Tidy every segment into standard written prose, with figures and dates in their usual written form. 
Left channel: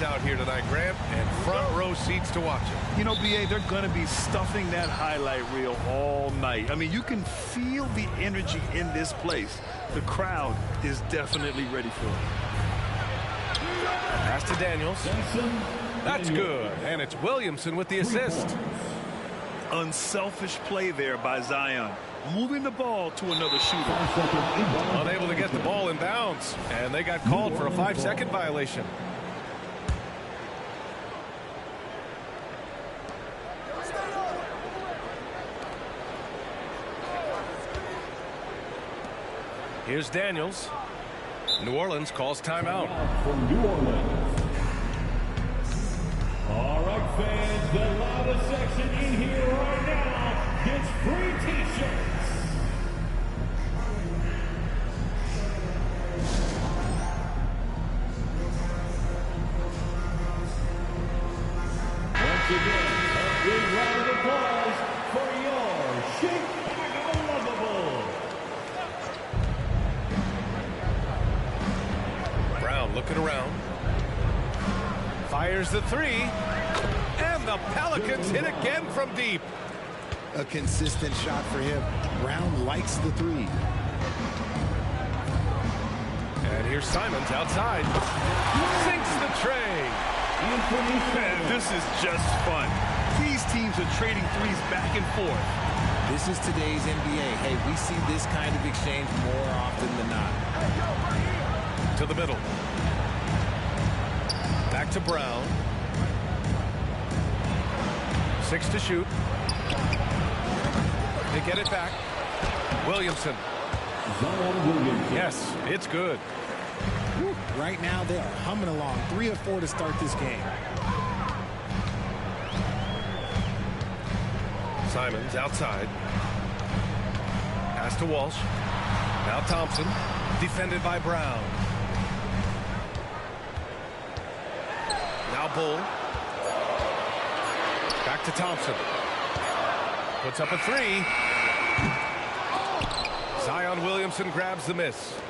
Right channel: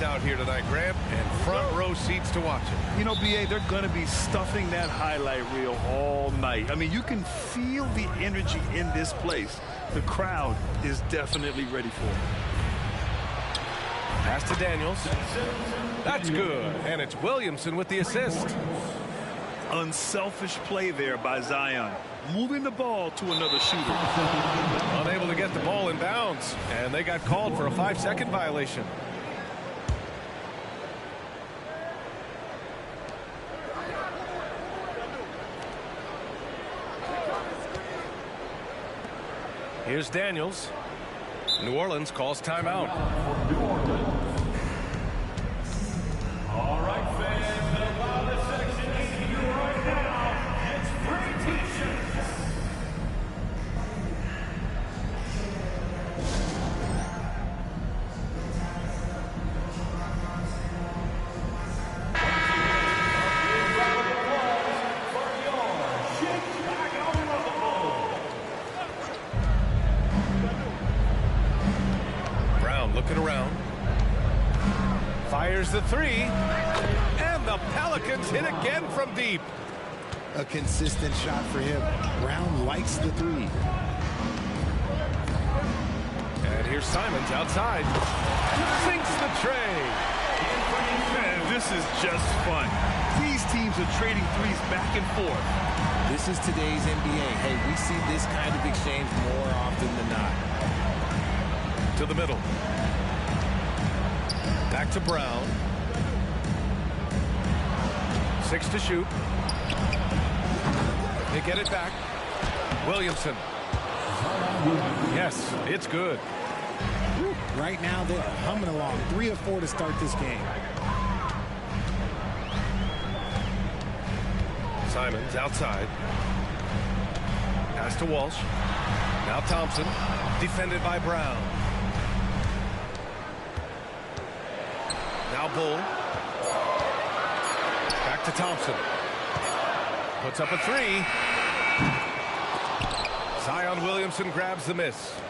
lights out here tonight, Grant, and front row seats to watch it. You know, B.A., they're going to be stuffing that highlight reel all night. I mean, you can feel the energy in this place. The crowd is definitely ready for it. Pass to Daniels. That's good, and it's Williamson with the assist. Unselfish play there by Zion, moving the ball to another shooter. Unable to get the ball in bounds, and they got called for a 5-second violation. Here's Daniels. New Orleans calls timeout. For New Orleans. All right, fans, the loudest section in here right now gets free T-shirts. Once again, a big round of applause for your Chicago Lovable. Brown looking around. Fires the three. And the Pelicans hit again from deep. A consistent shot for him. Brown likes the three. And here's Simons outside. Sinks the tray. Man, this is just fun. These teams are trading threes back and forth. This is today's NBA. Hey, we see this kind of exchange more often than not. To the middle. Back to Brown. 6 to shoot. They get it back. Williamson. Yes, it's good. Woo. Right now, they are humming along. 3 of 4 to start this game. Simons outside. Pass to Walsh. Now Thompson. Defended by Brown. Now Bull. Back to Thompson. Puts up a three. Zion Williamson grabs the miss.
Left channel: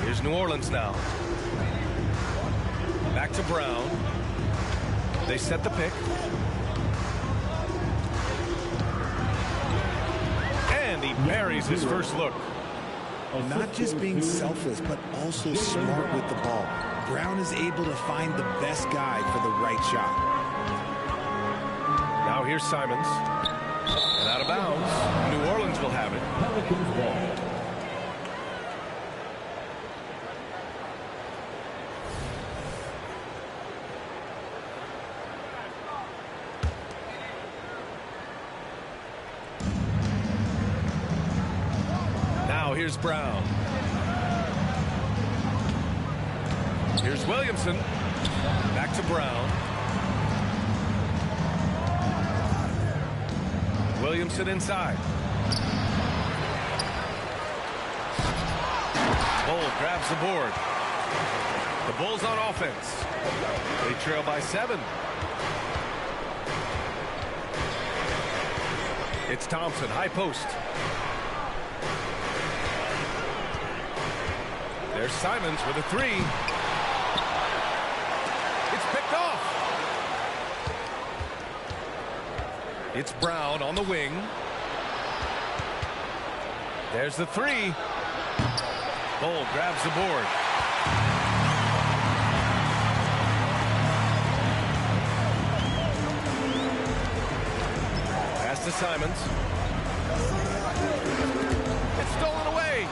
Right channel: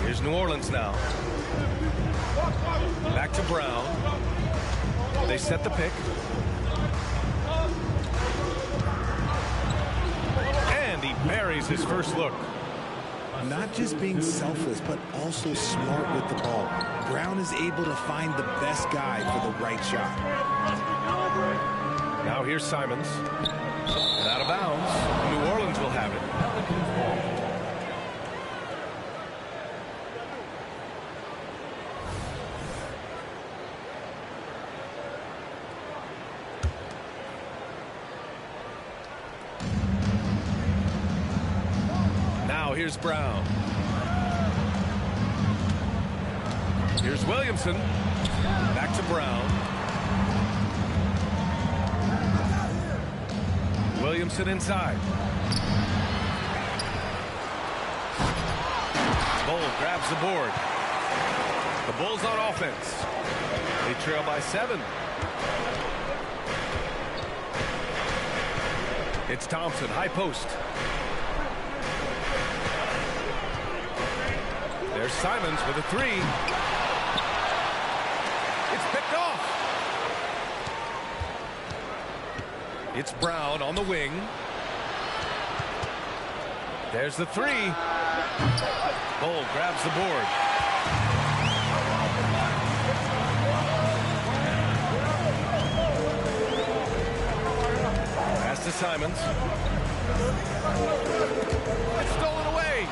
Here's New Orleans now. Back to Brown. They set the pick. And he buries his first look. Not just being selfless, but also smart with the ball. Brown is able to find the best guy for the right shot. Now here's Simons. And out of bounds. New Orleans will have it. Now here's Brown. Here's Williamson. Back to Brown. Williamson inside. Bull grabs the board. The Bulls on offense. They trail by 7. It's Thompson, high post. There's Simons with a three. It's picked off. It's Brown on the wing. There's the three. Bull grabs the board. Pass to Simons. It's stolen away.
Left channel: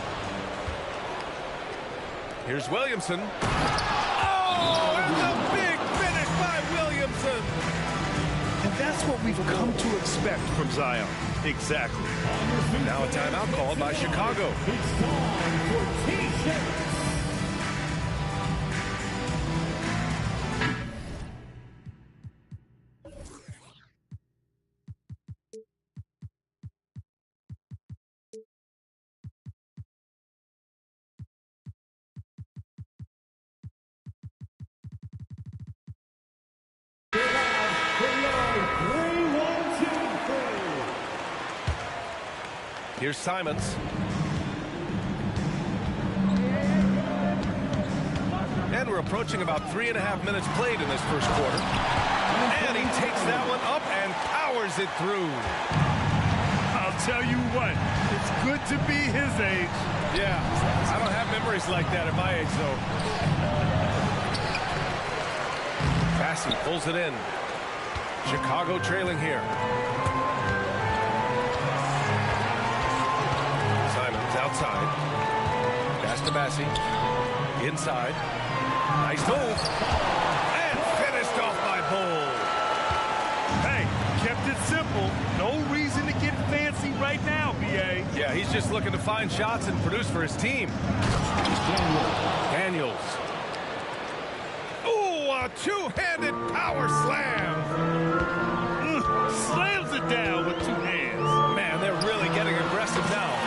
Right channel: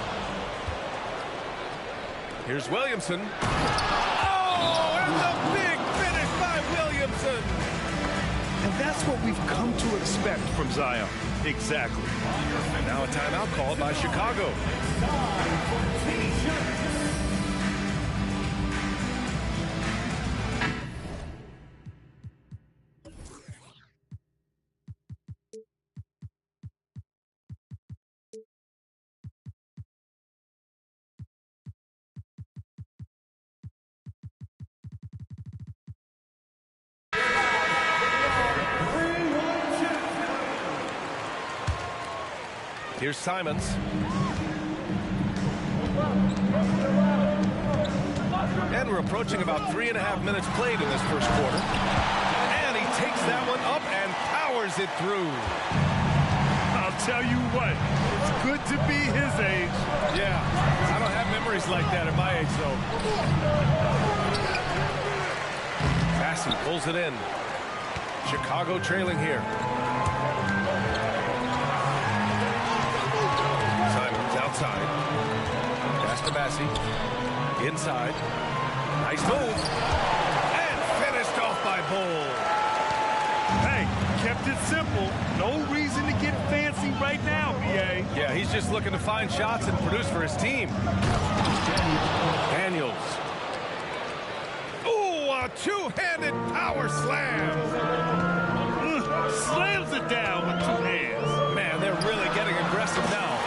Here's Williamson. Oh, and the big finish by Williamson. And that's what we've come to expect from Zion. Exactly. Now a timeout called by Chicago. Here's Simons. And we're approaching about 3.5 minutes played in this first quarter. And he takes that one up and powers it through. I'll tell you what, it's good to be his age. Yeah, I don't have memories like that at my age, though. Bassey pulls it in. Chicago trailing here. Simons outside. Pass to Bassey. Inside. Nice move. And finished off by Bull. Hey, kept it simple. No reason to get fancy right now, B.A. Yeah, he's just looking to find shots and produce for his team. Daniels. Ooh, a two-handed power slam. Slams it down with two hands. Man, they're really getting aggressive now.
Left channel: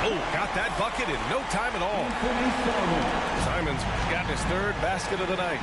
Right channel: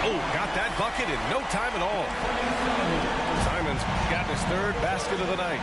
Oh, got that bucket in no time at all. Simons got his third basket of the night.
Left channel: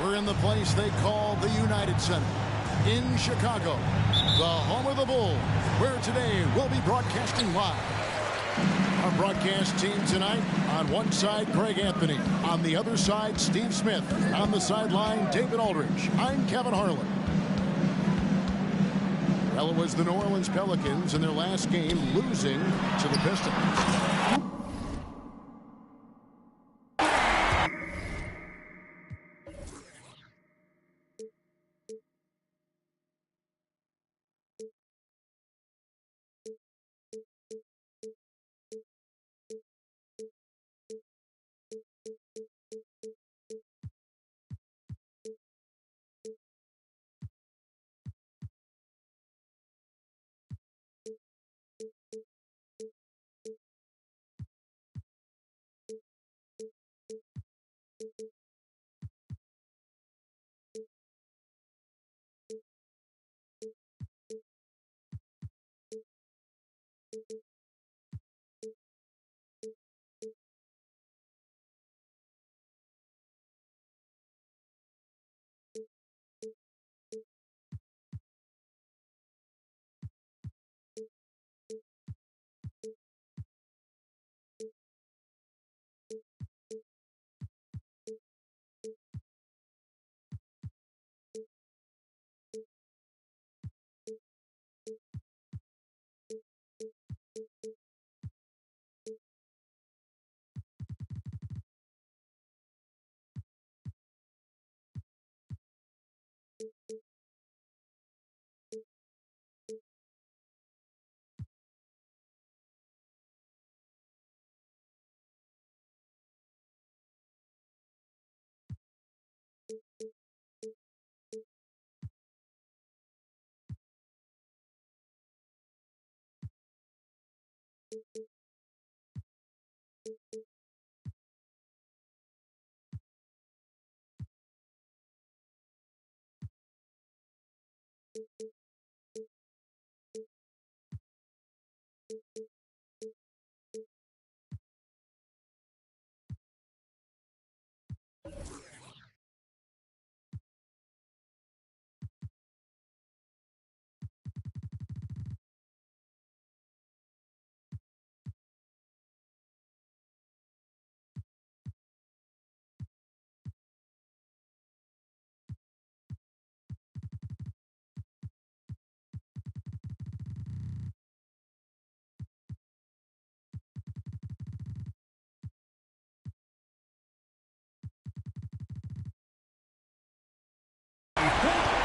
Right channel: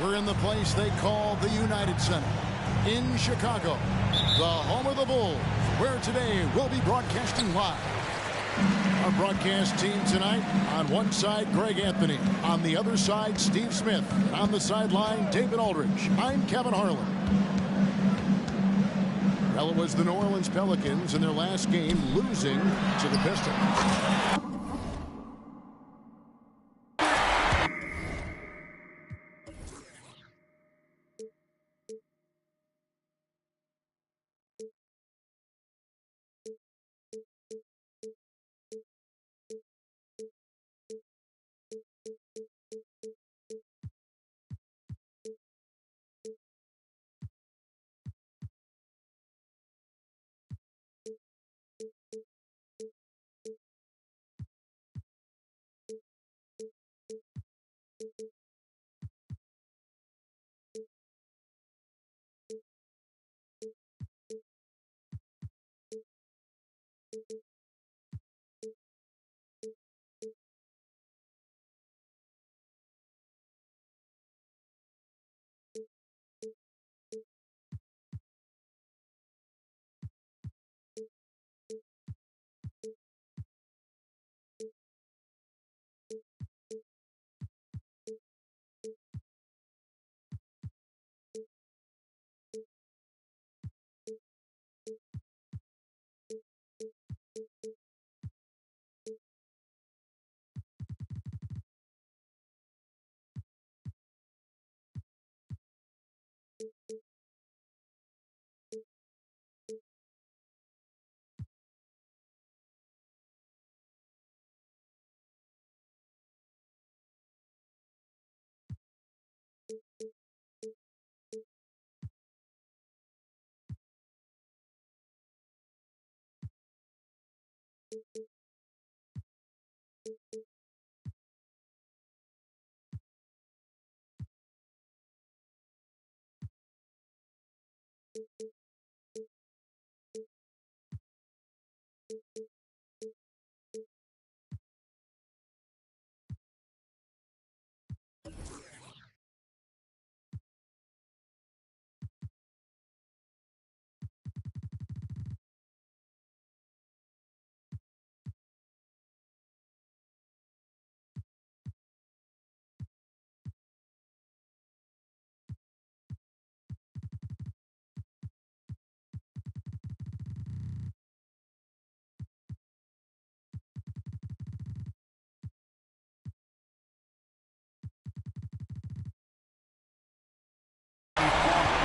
We're in the place they call the United Center in Chicago, the home of the Bulls, where today we'll be broadcasting live. Our broadcast team tonight, on one side, Greg Anthony. On the other side, Steve Smith. On the sideline, David Aldridge. I'm Kevin Harlan. Well, it was the New Orleans Pelicans in their last game losing to the Pistons.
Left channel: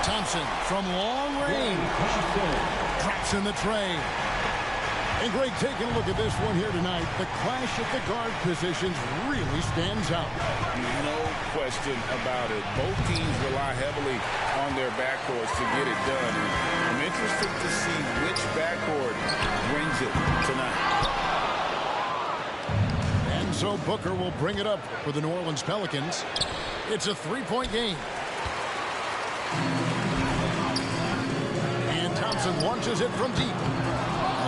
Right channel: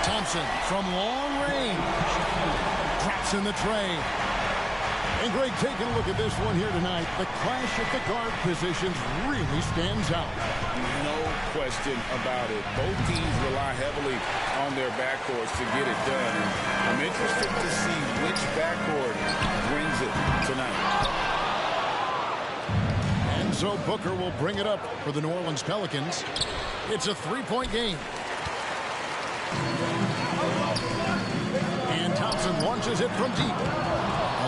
Thompson from long range drops in the tray. And Greg, taking a look at this one here tonight, the clash at the guard positions really stands out. No question about it. Both teams rely heavily on their backcourts to get it done. And I'm interested to see which backcourt brings it tonight. And so Booker will bring it up for the New Orleans Pelicans. It's a three-point game. And Thompson launches it from deep.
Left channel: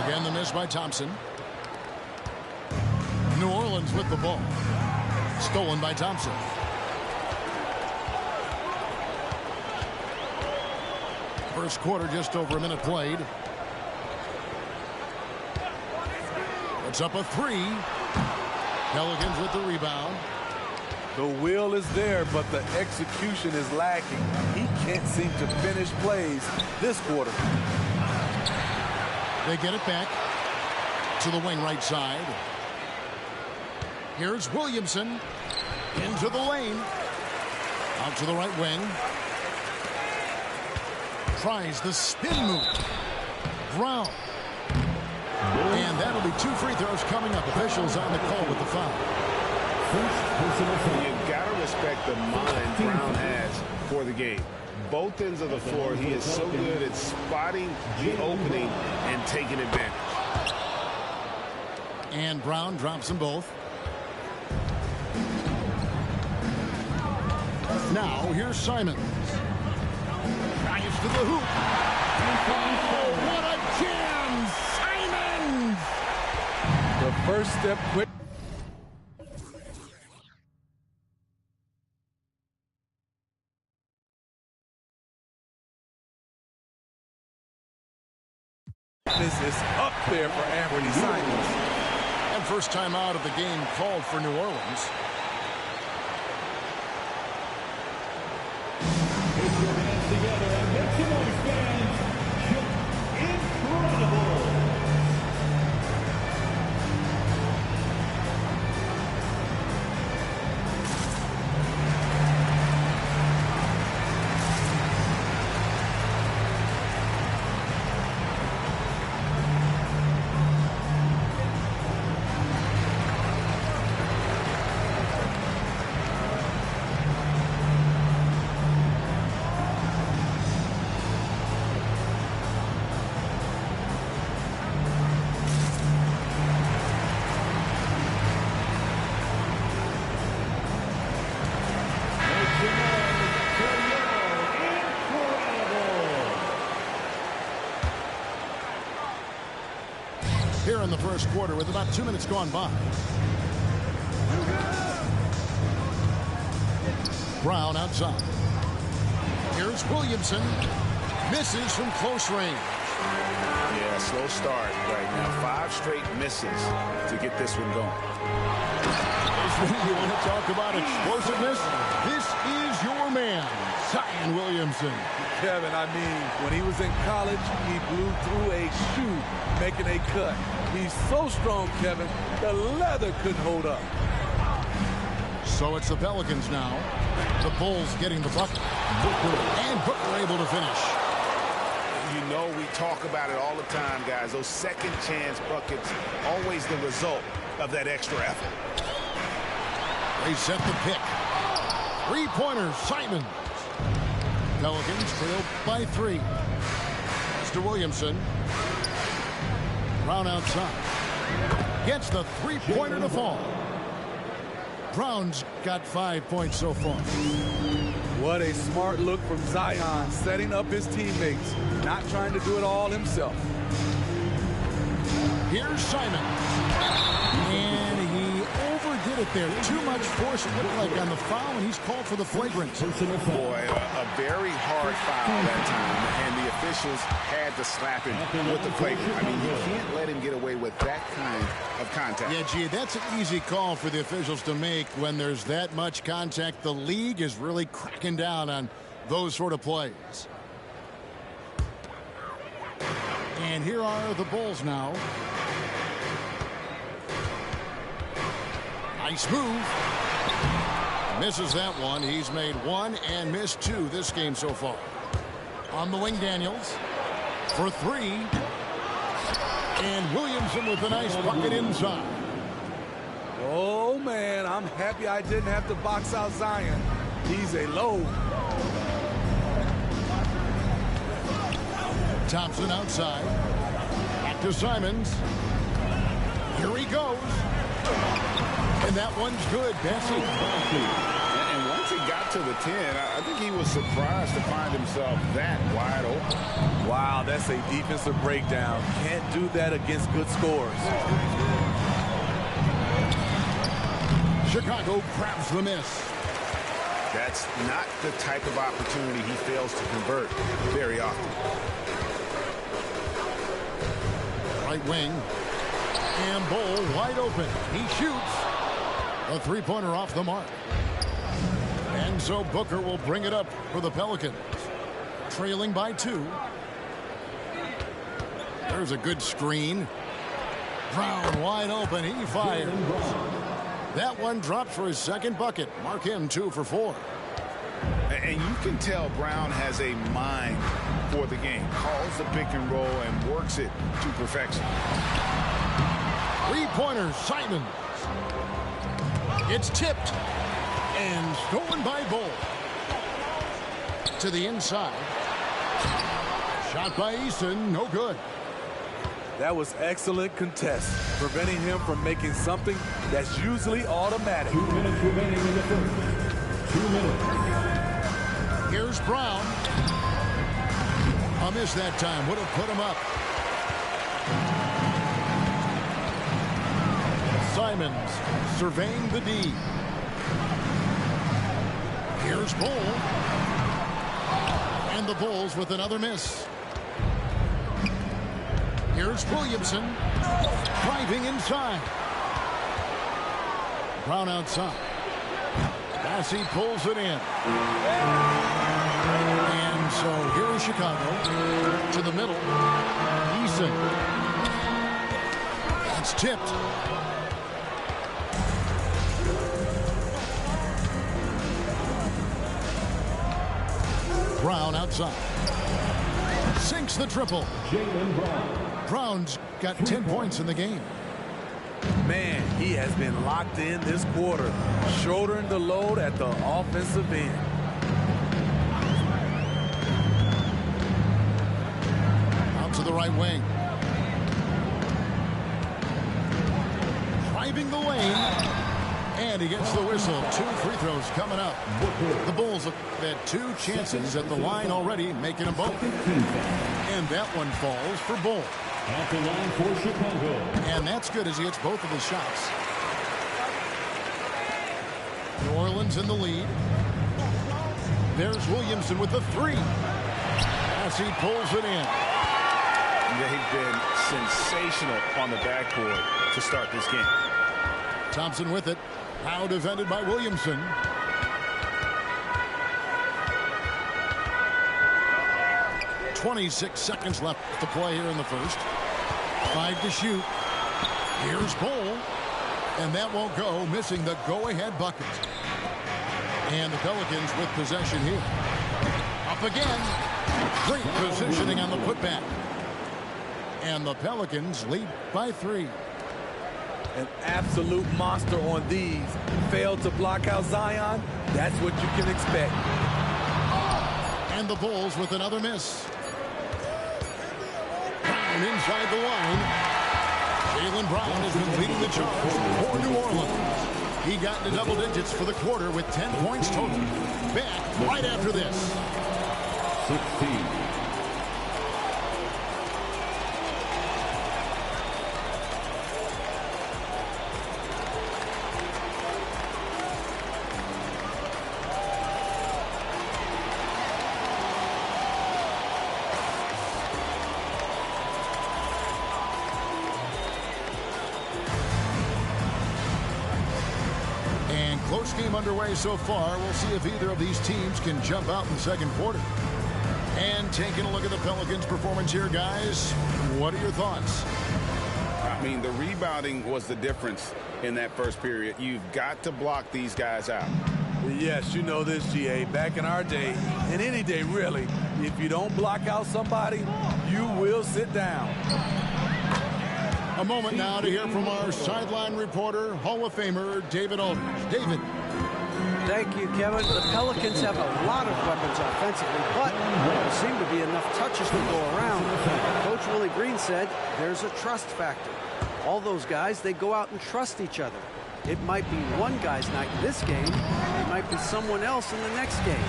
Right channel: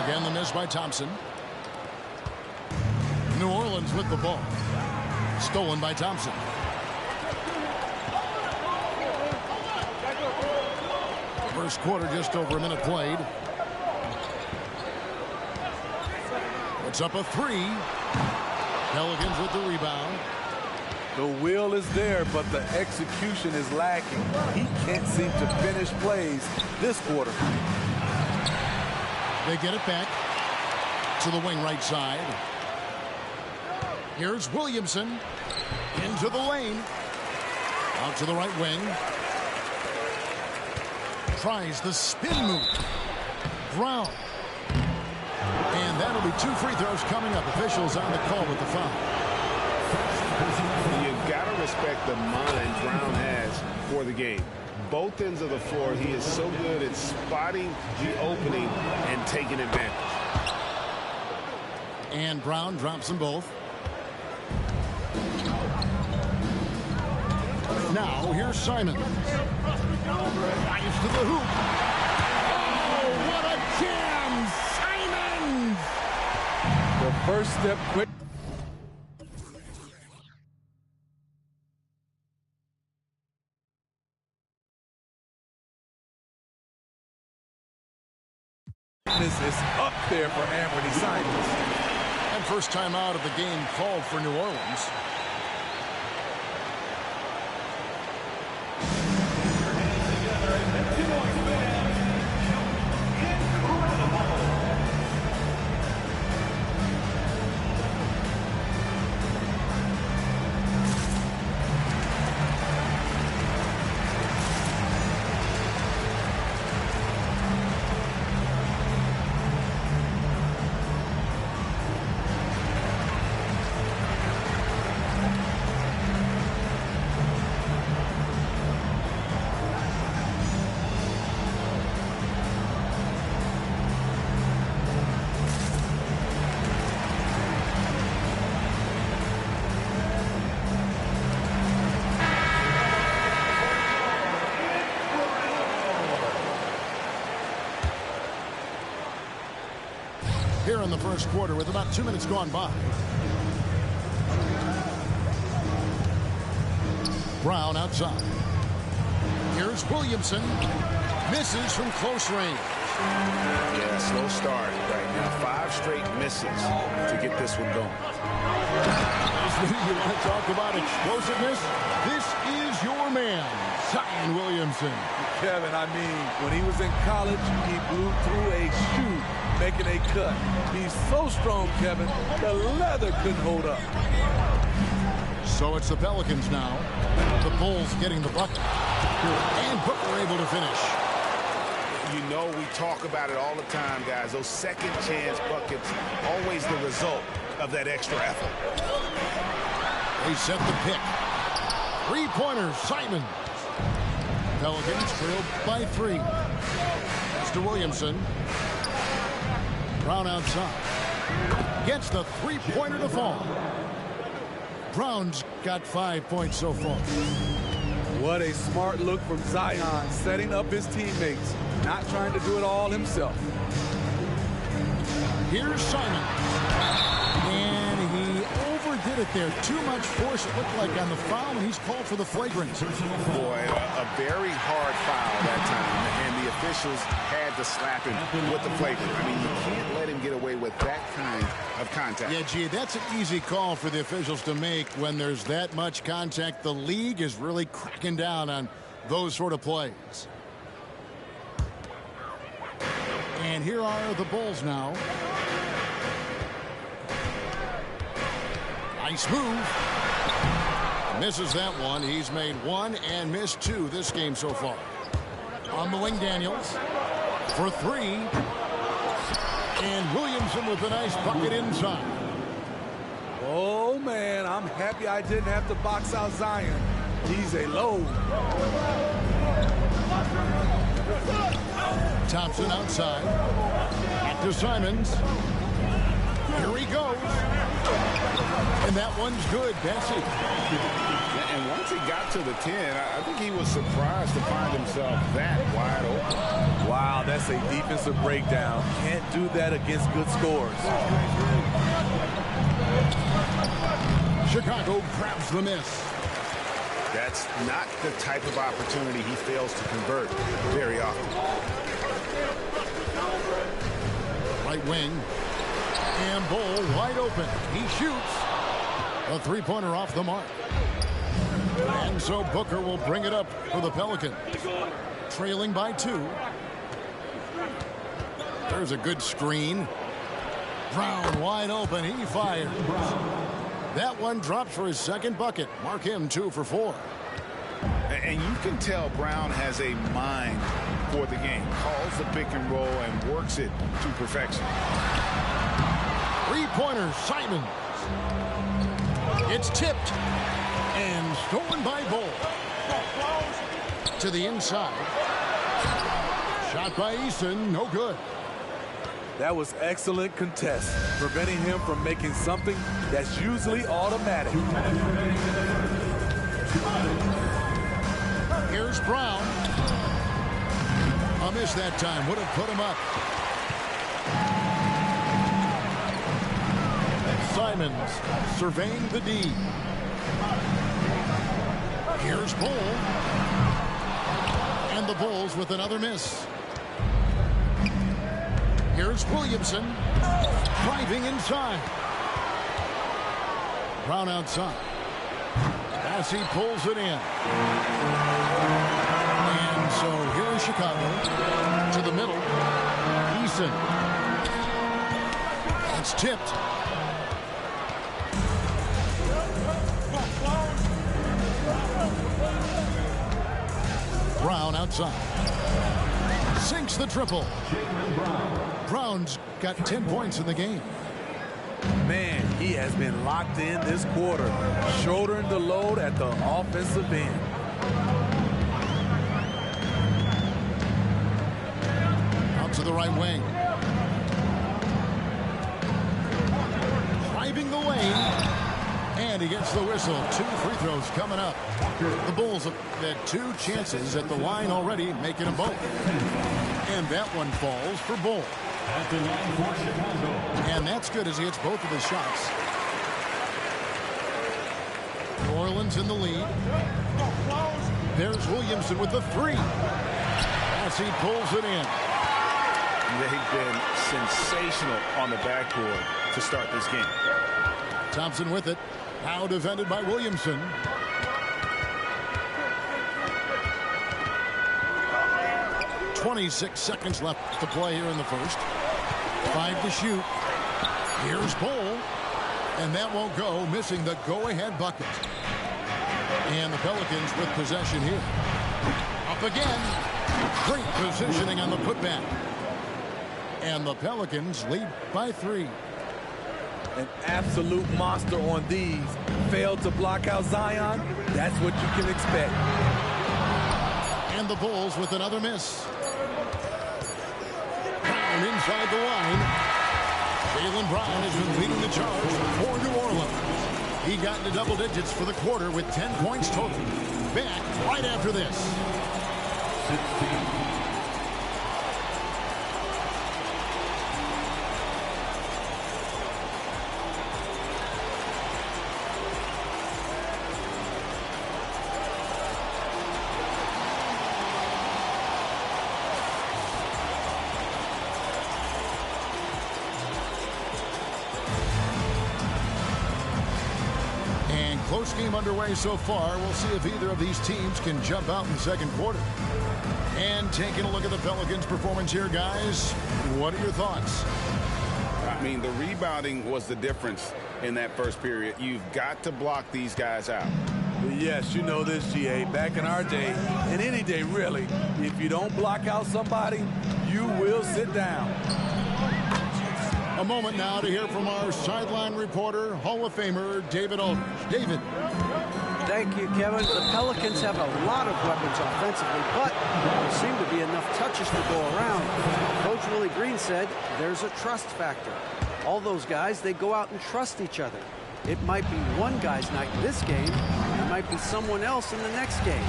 Again, the miss by Thompson. New Orleans with the ball. Stolen by Thompson. First quarter, just over a minute played. Puts up a three. Pelicans with the rebound. The will is there, but the execution is lacking. He can't seem to finish plays this quarter. They get it back to the wing right side. Here's Williamson into the lane. Out to the right wing. Tries the spin move. Brown. And that'll be 2 free throws coming up. Officials on the call with the foul. You got to respect the mind Brown has for the game. Both ends of the floor, he is so good at spotting the opening and taking advantage. And Brown drops them both. Now here's Simons. Drives to the hoop. Oh, what a jam! Simons! The first step quick. This is up there for Anthony Simons. And first time out of the game called for New Orleans. Here in the first quarter with about 2 minutes gone by. Brown outside. Here's Williamson. Misses from close range. Yeah, slow start right now. 5 straight misses to get this one going. You want to talk about explosiveness? This is your man, Zion Williamson. Kevin, I mean, when he was in college, he blew through a shoe making a cut. He's so strong, Kevin, the leather couldn't hold up. So it's the Pelicans now. The Bulls getting the bucket. And Booker able to finish. You know, we talk about it all the time, guys. Those second chance buckets, always the result of that extra effort. They set the pick. 3-pointer, Simons. Pelicans trailed by 3. Pass to Williamson. Brown outside. Gets the 3-pointer to fall. Brown's got 5 points so far. What a smart look from Zion, setting up his teammates, not trying to do it all himself. Here's Simons. And he overdid it there. Too much force, it looked like, on the foul, and he's called for the flagrant. Boy, a very hard foul that time, and the officials had to slap him with the flagrant. I mean, you can't let him get away with that kind of contact. Yeah, gee, that's an easy call for the officials to make when there's that much contact. The league is really cracking down on those sort of plays. And here are the Bulls now. Nice move. Misses that one. He's made 1 and missed 2 this game so far. On the wing, Daniels for 3. And Williamson with a nice bucket inside. Oh, man, I'm happy I didn't have to box out Zion. He's a load. Thompson outside. Back to Simons. Here he goes. And that one's good, Bessie. And once he got to the 10, I think he was surprised to find himself that wide open. Wow, that's a defensive breakdown. Can't do that against good scores. Chicago grabs the miss. That's not the type of opportunity he fails to convert very often. Right wing. And Bull wide open. He shoots. A 3-pointer off the mark. And so Booker will bring it up for the Pelicans. Trailing by 2. There's a good screen. Brown wide open. He fires. That one drops for his second bucket. Mark him 2 for 4. And you can tell Brown has a mind for the game. Calls the pick and roll and works it to perfection. Three-pointer, Simons. It's tipped and stolen by Bull. To the inside. Shot by Eason, no good. That was excellent contest, preventing him from making something that's usually automatic. 2 minutes remaining in the first. 2 minutes. Here's Brown. A miss that time. Would have put him up. Simons surveying the D. Here's Bull. And the Bulls with another miss. Here's Williamson. Driving inside. Brown outside. Bassey pulls it in. And so here is Chicago. To the middle. Eason. It's tipped. Brown outside. Sinks the triple. Jaylen Brown. Brown's got 10 points in the game. Man, he has been locked in this quarter, shouldering the load at the offensive end. Out to the right wing. Driving the lane. And he gets the whistle. 2 free throws coming up. The Bulls have had 2 chances at the line already, making them both. And that one falls for Bull. At the line for Chicago. And that's good as he hits both of his shots. New Orleans in the lead. There's Williamson with the 3. As he pulls it in. They've been sensational on the backboard to start this game. Thompson with it. Now defended by Williamson. .26 seconds left to play here in the first. 5 to shoot. Here's Bull. And that won't go, missing the go-ahead bucket. And the Pelicans with possession here. Up again. Great positioning on the putback. And the Pelicans lead by 3. An absolute monster on these. Failed to block out Zion. That's what you can expect. And the Bulls with another miss. Brown inside the line. Jaylen Brown has been leading the charge for New Orleans. He got into double digits for the quarter with 10 points total. Back right after this. 16. Close game underway so far. We'll see if either of these teams can jump out in the second quarter. And taking a look at the Pelicans' performance here, guys, what are your thoughts? I mean, the rebounding was the difference in that first period. You've got to block these guys out. Yes, you know this, GA. Back in our day, and any day really, if you don't block out somebody, you will sit down. A moment now to hear from our sideline reporter, Hall of Famer David Aldridge. David. Thank you, Kevin. The Pelicans have a lot of weapons offensively, but there seem to be enough touches to go around. Coach Willie Green said there's a trust factor. All those guys, they go out and trust each other. It might be one guy's night in this game. It might be someone else in the next game.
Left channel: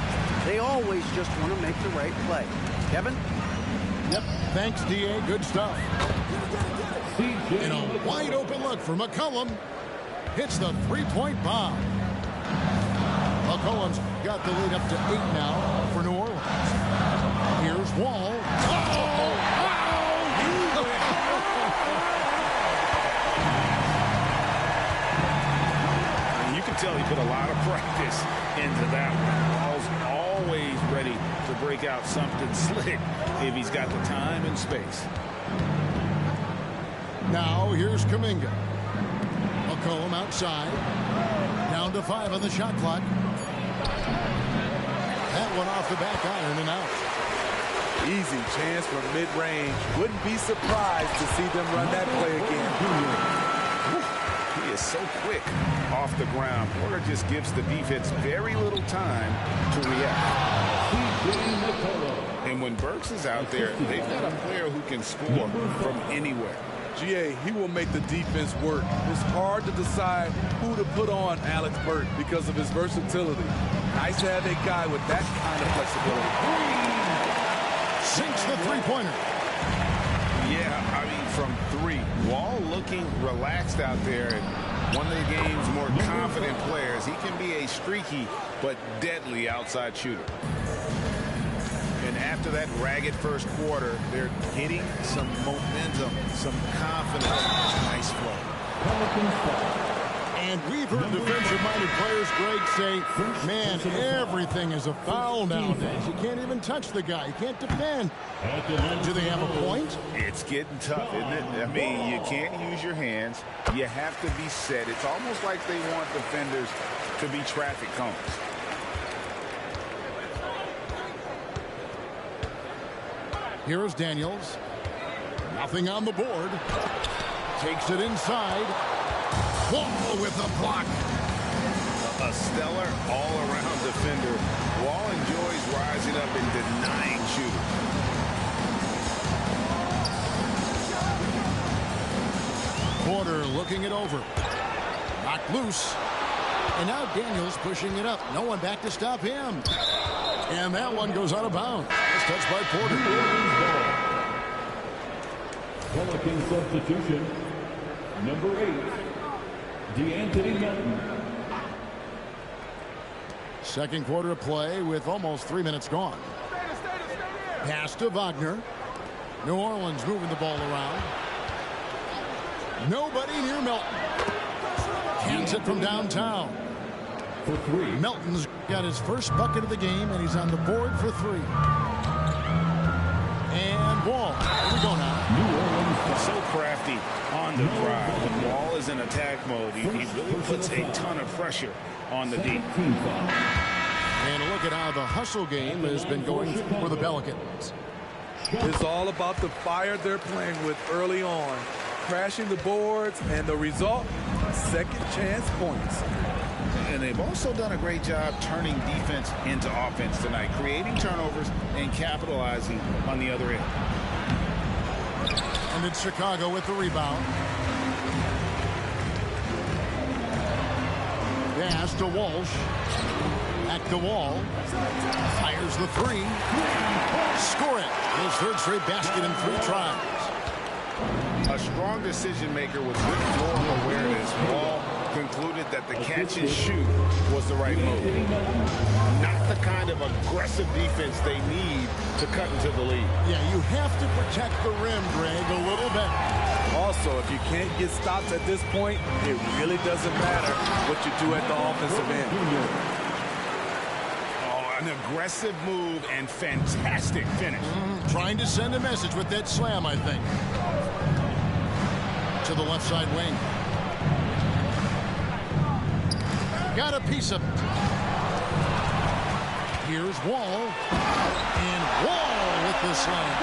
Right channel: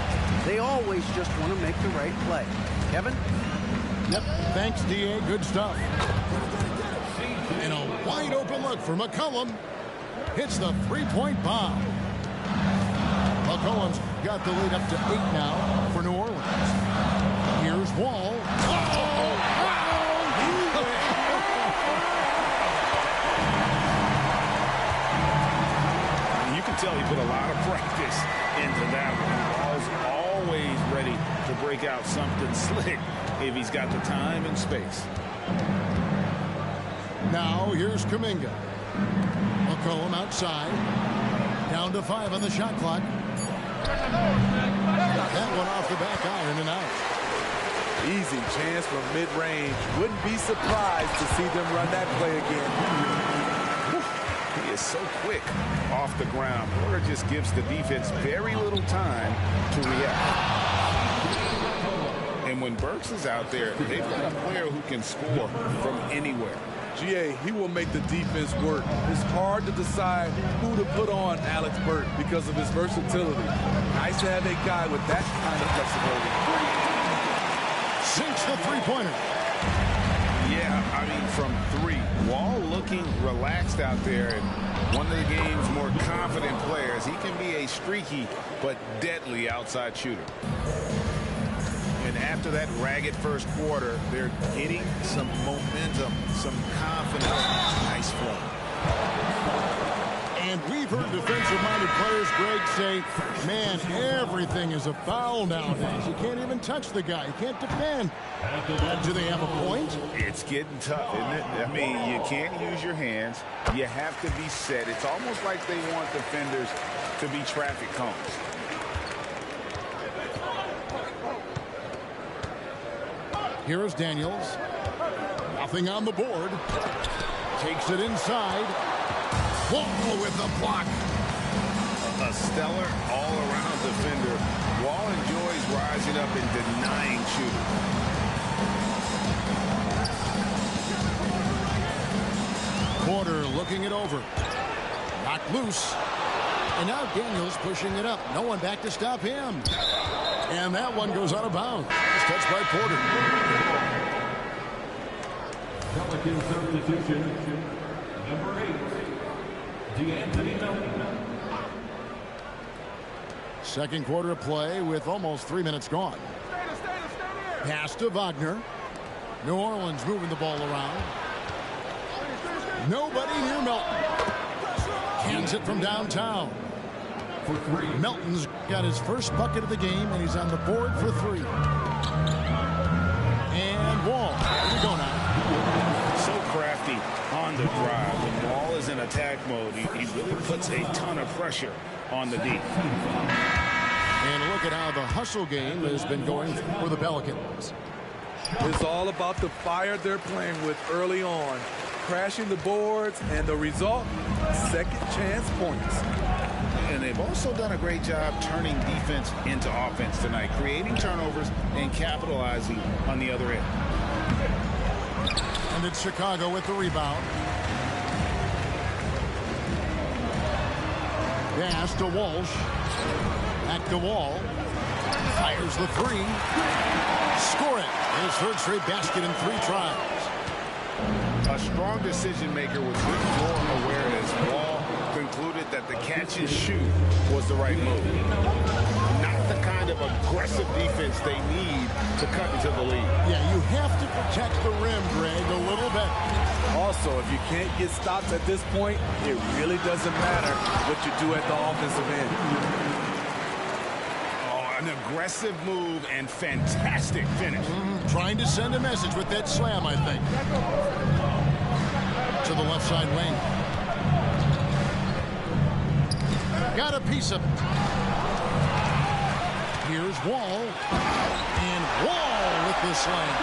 They always just want to make the right play. Kevin? Yep. Thanks, D.A. Good stuff. And a wide open look for McCollum. Hits the three-point bomb. McCollum's got the lead up to 8 now for New Orleans. Here's Wall. You can tell he put a lot of practice into that one. Wall's always ready to break out something slick if he's got the time and space. Now here's Kuminga. McCollum outside. Down to 5 on the shot clock. That one off the back iron and out. Easy chance from mid-range. Wouldn't be surprised to see them run that play again. He is so quick off the ground. Porter just gives the defense very little time to react. And when Burks is out there, they've got a player who can score from anywhere. GA, he will make the defense work. It's hard to decide who to put on Alex Burke because of his versatility. Nice to have a guy with that kind of flexibility. Sinks the three-pointer. Yeah, I mean, from 3. Wall looking relaxed out there, and one of the game's more confident players. He can be a streaky but deadly outside shooter. And after that ragged first quarter, they're getting some momentum, some confidence. Nice flow. And we've heard defensive-minded players, Greg, say, man, everything is a foul nowadays. You can't even touch the guy. You can't defend. Do they have a point? It's getting tough, isn't it? I mean, you can't use your hands. You have to be set. It's almost like they want defenders to be traffic cones. Here is Daniels. Nothing on the board. Takes it inside. Wall with a block. A stellar all-around defender. Wall enjoys rising up and denying shooters. Porter looking it over. Knocked loose. And now Daniels pushing it up. No one back to stop him. And that one goes out of bounds. It's touched by Porter. Pelican substitution, number 8, DeAnthony Melton. Second quarter of play with almost 3 minutes gone. Pass to Wagner. New Orleans moving the ball around. Nobody near Melton. Cans it from downtown. For 3. Melton's got his first bucket of the game, and he's on the board for 3. And Wall. Here we go now. New Orleans. So crafty on the drive. When Wall is in attack mode, he really puts a ton of pressure on the D. And look at how the hustle game has been going for the Pelicans. It's all about the fire they're playing with early on. Crashing the boards, and the result, second chance points. And they've also done a great job turning defense into offense tonight, creating turnovers and capitalizing on the other end. And it's Chicago with the rebound. Pass to Walsh. Back to Wall. Fires the 3. Score it. His third straight basket in 3 tries. A strong decision maker with good floor awareness. Wall concluded that the catch and shoot was the right move. Not the kind of aggressive defense they need to cut into the lead. Yeah, you have to protect the rim, Greg, a little bit. Also, if you can't get stops at this point, it really doesn't matter what you do at the offensive end. An aggressive move and fantastic finish. Trying to send a message with that slam, I think. To the left side wing. Got a piece of it. Here's Wall. And Wall with the slam.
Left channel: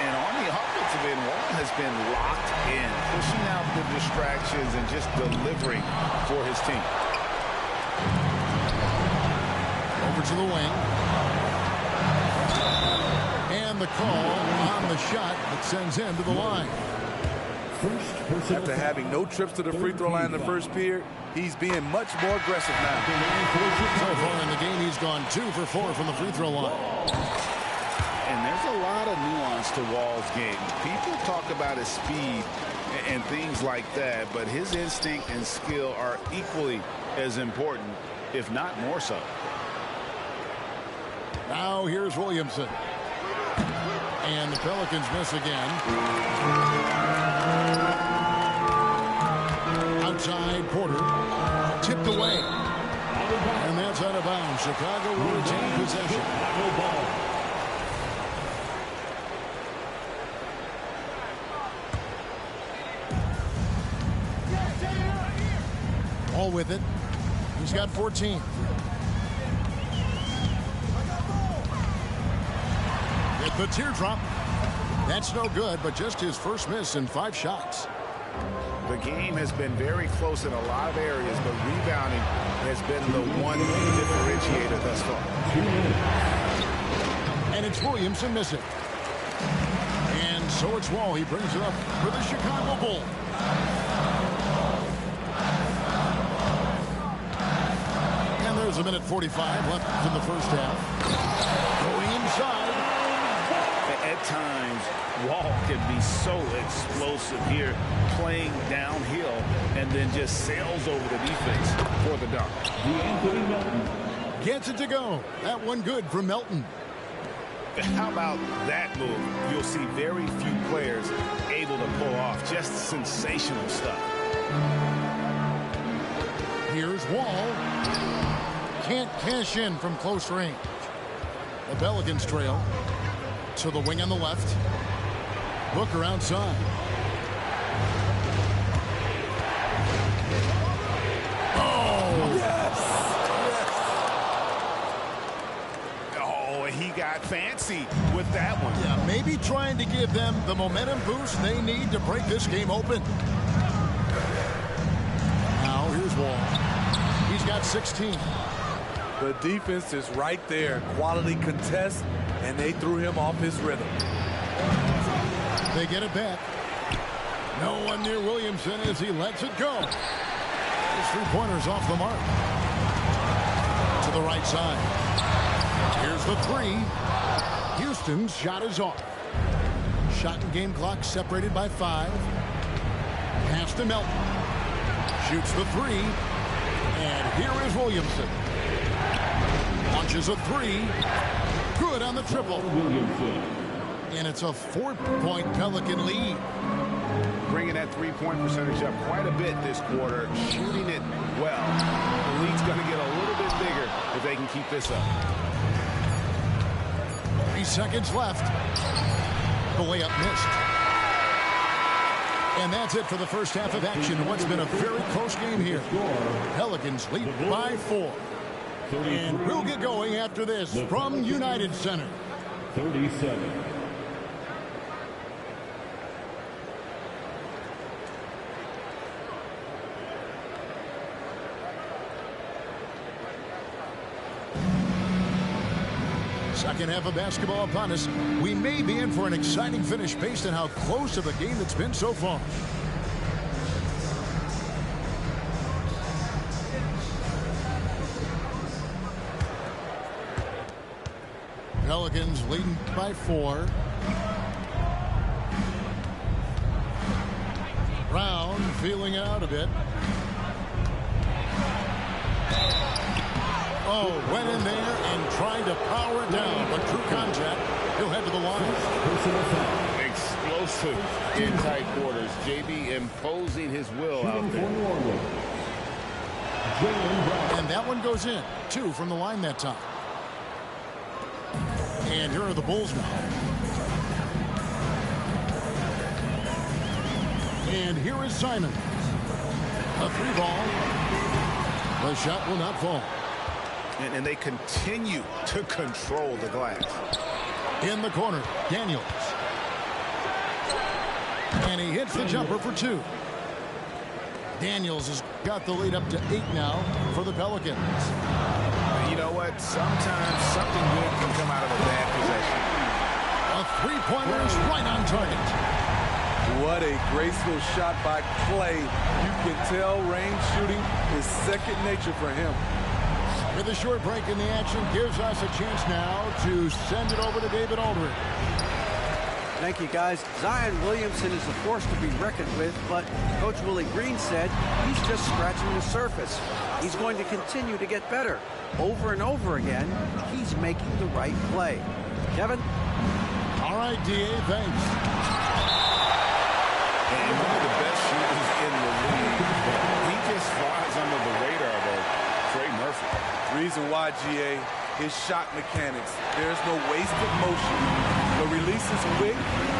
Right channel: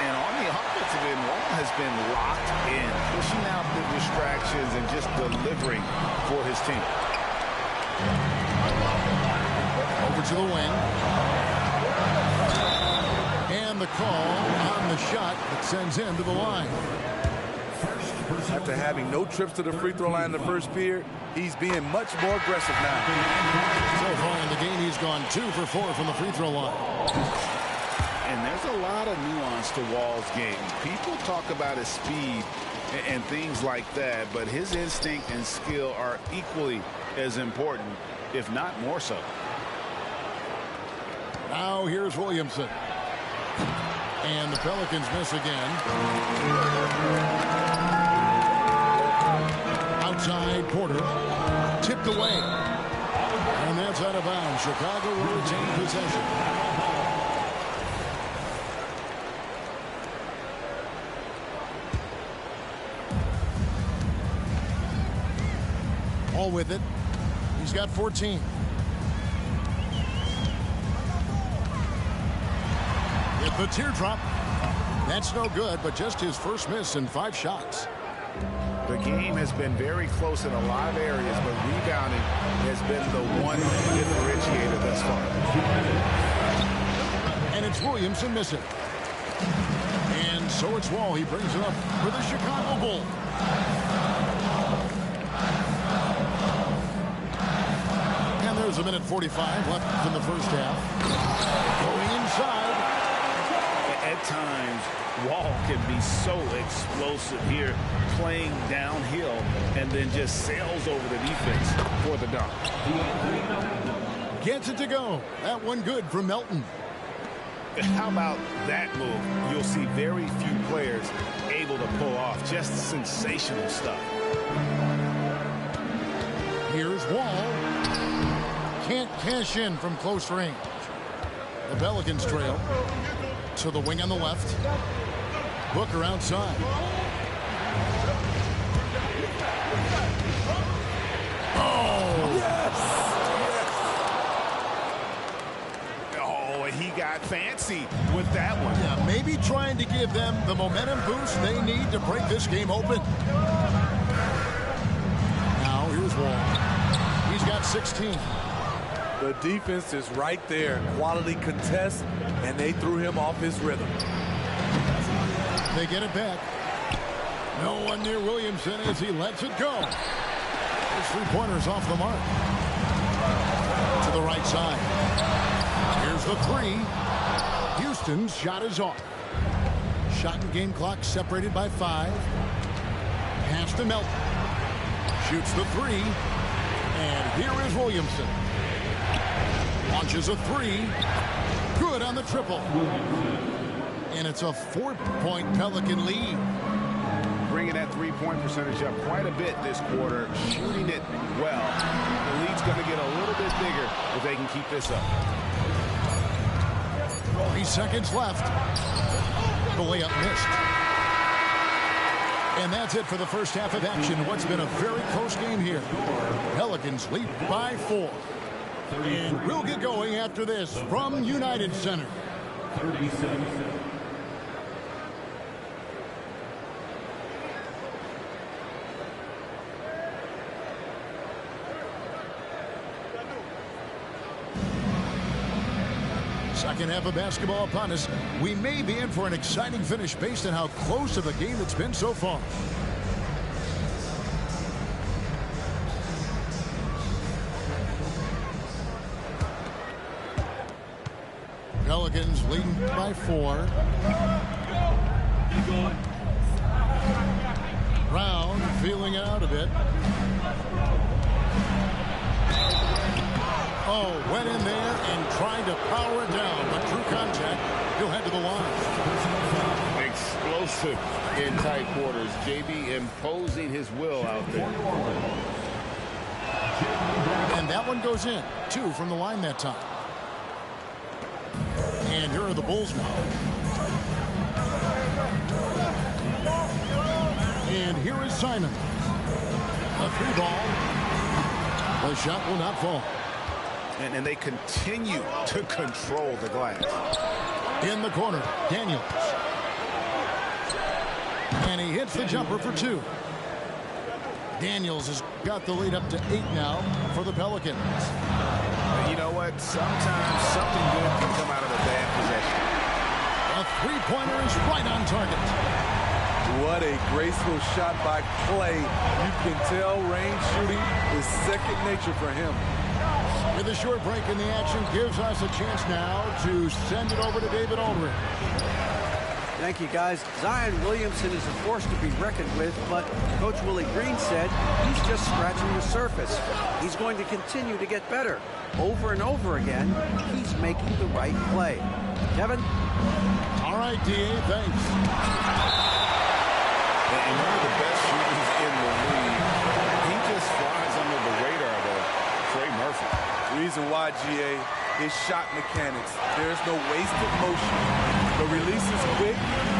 And on the offensive end, Wall has been locked in, pushing out the distractions and just delivering for his team. Over to the wing. And the call on the shot that sends him to the line. After having no trips to the free throw line in the first period, he's being much more aggressive now. So far in the game, he's gone 2 for 4 from the free throw line. And there's a lot of nuance to Wall's game. People talk about his speed and things like that, but his instinct and skill are equally as important, if not more so. Now here's Williamson. And the Pelicans miss again. Outside Porter. Tipped away. And that's out of bounds. Chicago will retain possession. All with it. He's got 14. With the teardrop. That's no good, but just his first miss in 5 shots. The game has been very close in a lot of areas, but rebounding has been the one differentiator thus far. And it's Williamson missing. And so it's Wall. He brings it up for the Chicago Bulls. And there's 1:45 left in the first half. Going inside. At times, Wall can be so explosive here, playing downhill, and then just sails over the defense for the dunk. Gets it to go. That one good from Melton. How about that move? You'll see very few players able to pull off. Just sensational stuff. Here's Wall. Can't cash in from close range. The Pelicans trail. To the wing on the left. Booker outside. Oh! Yes! Yes! Oh, he got fancy with that one. Yeah, maybe trying to give them the momentum boost they need to break this game open. Now, here's Wall. He's got 16. The defense is right there. Quality contest. And they threw him off his rhythm. They get it back. No one near Williamson as he lets it go. His 3-pointers off the mark. To the right side. Here's the 3. Houston's shot is off. Shot and game clock separated by 5. Pass to Melton. Shoots the 3. And here is Williamson. Launches a 3. Good on the triple. And it's a 4-point Pelican lead. Bringing that 3-point percentage up quite a bit this quarter, shooting it well. The lead's going to get a little bit bigger if they can keep this up. 3 seconds left. The layup missed. And that's it for the first half of action in what's been a very close game here. Pelicans lead by 4. And we'll get going after this from United Center. 30 seconds. Second half of basketball upon us. We may be in for an exciting finish based on how close of a game it's been so far. Pelicans leading by 4. Brown feeling it out a bit. Oh, went in there and tried to power it down, but true contact. He'll head to the line. Explosive in tight quarters. JB imposing his will out there. And that one goes in. 2 from the line that time. And here are the Bulls now. And here is Simon. A 3-ball. The shot will not fall. And they continue to control the glass. In the corner, Daniels. And he hits the jumper for 2. Daniels has got the lead up to 8 now for the Pelicans. You know what? Sometimes something good can come out of a bad possession. A 3-pointer is right on target. What a graceful shot by Clay. You can tell range shooting is second nature for him. With a short break in the action, gives us a chance now to send it over to David Aldridge. Thank you, guys. Zion Williamson is a force to be reckoned with, but Coach Willie Green said he's just scratching the surface. He's going to continue to get better. Over and over again, he's making the right play. Kevin? All right, D.A., thanks. And one of the best shooters in the league. He just flies under the radar, though. Trey Murphy. Reason why, GA, his shot mechanics. There's no wasted motion. The release is quick,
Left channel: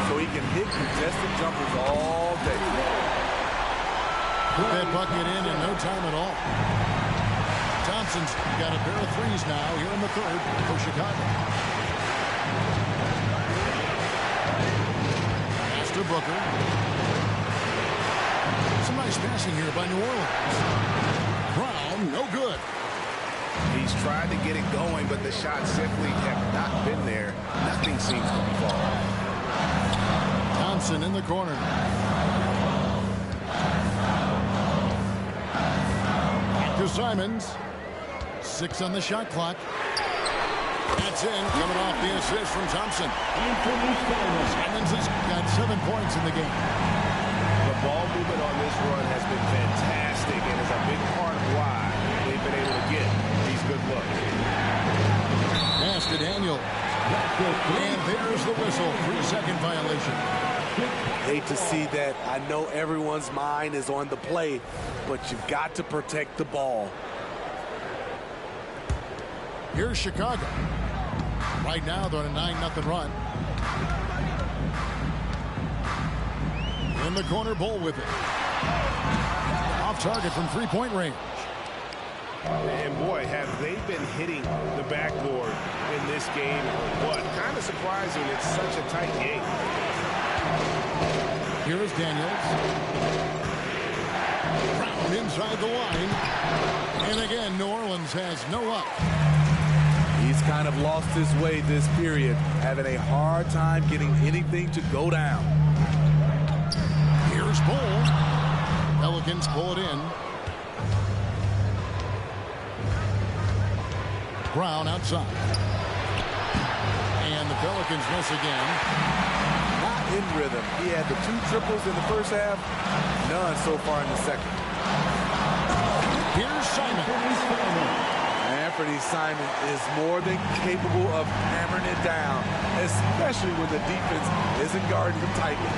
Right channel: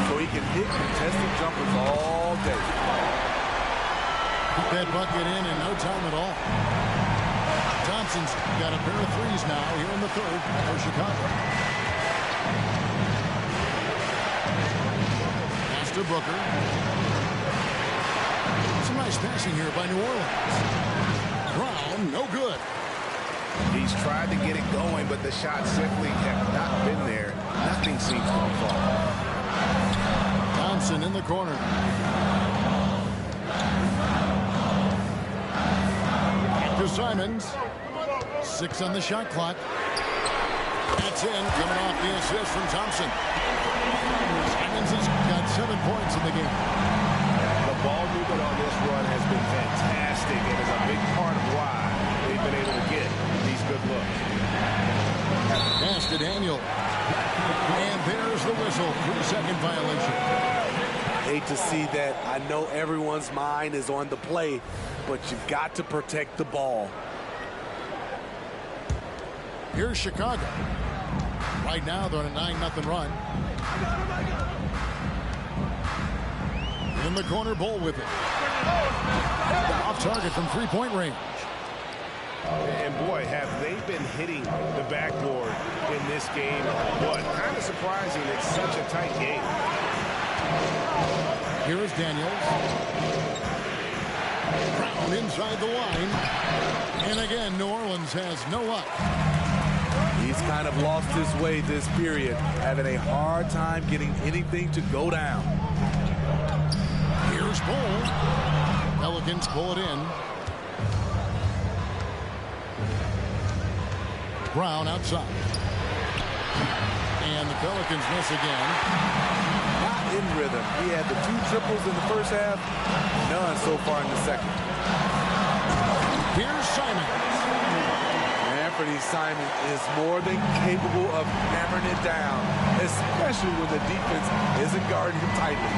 so he can hit contested jumpers all day. Put that bucket in no time at all. Thompson's got a pair of 3s now here in the third for Chicago. to Booker. Some nice passing here by New Orleans. Brown, no good. He's tried to get it going, but the shots simply have not been there. Nothing seems to be falling. Thompson in the corner. Back to Simons. 6 on the shot clock. That's in, coming off the assist from Thompson. Simons has got 7 points in the game. The ball movement on this run has been fantastic and is a big part of why they've been able to get these good looks. Pass to Daniel. And there's the whistle. 3-second violation. Hate to see that. I know everyone's mind is on the play, but you've got to protect the ball. Here's Chicago. Right now, they're on a 9-0 run. In the corner, Bull with it. Off target from 3-point range. And boy, have they been hitting the backboard in this game or what? Kind of surprising it's such a tight game. Here is Daniels. Brown inside the line. And again, New Orleans has no luck. He's kind of lost his way this period, having a hard time getting anything to go down. Here's Bull. Pelicans pull it in. Brown outside. And the Pelicans miss again. Not in rhythm. He had the 2 triples in the first half, none so far in the second. Here's Simons. Anthony Simons is more than capable of hammering it down, especially when the defense isn't guarding him tightly.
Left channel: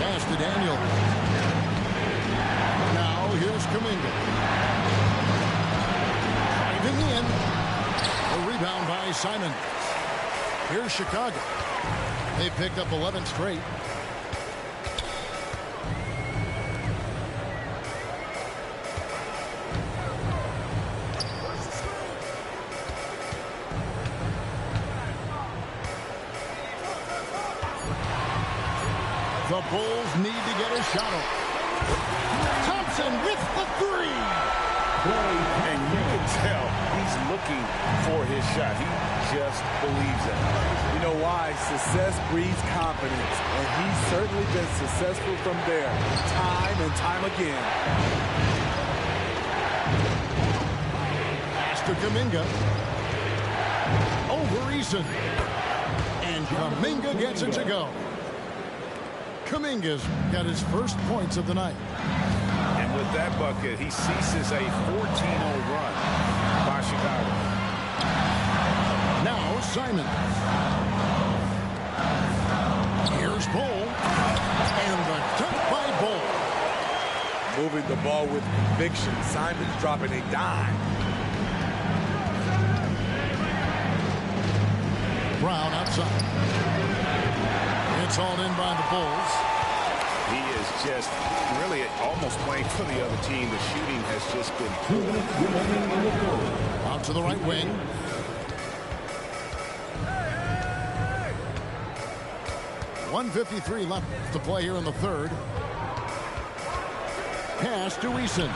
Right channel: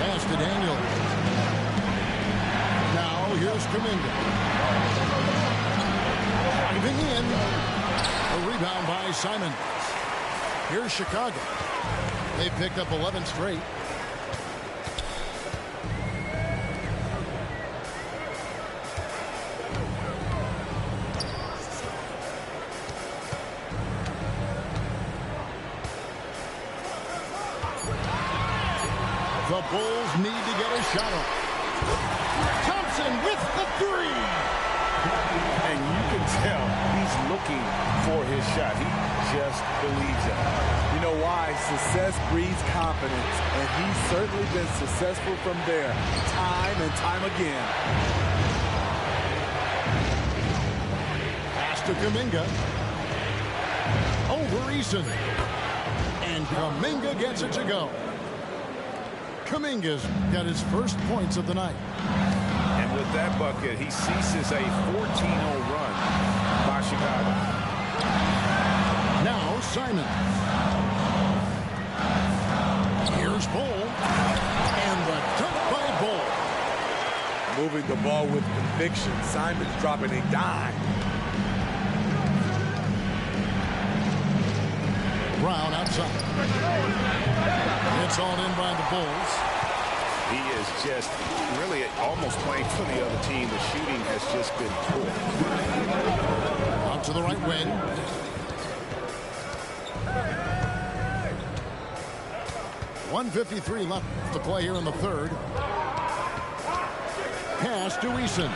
Pass to Daniel. Now here's Kuminga. Driving in. A rebound by Simons. Here's Chicago. They picked up 11 straight. The Bulls need to get a shot off. Thompson with the 3. And you can tell he's looking for his shot. He just believes it. You know why? Success breeds confidence, and he's certainly been successful from there, time and time again. Pass to Kuminga. Over Eason. And Kuminga gets it to go. Kuminga's got his first points of the night. And with that bucket, he ceases a 14-0 run by Chicago. Now Simons. Here's Bull. And the dunk by Bull. Moving the ball with conviction. Simons dropping a dime. Brown outside. It's all in by the Bulls. He is just really almost playing for the other team. The shooting has just been poor. Out to the right wing. .153 left to play here in the third. Pass to Eason.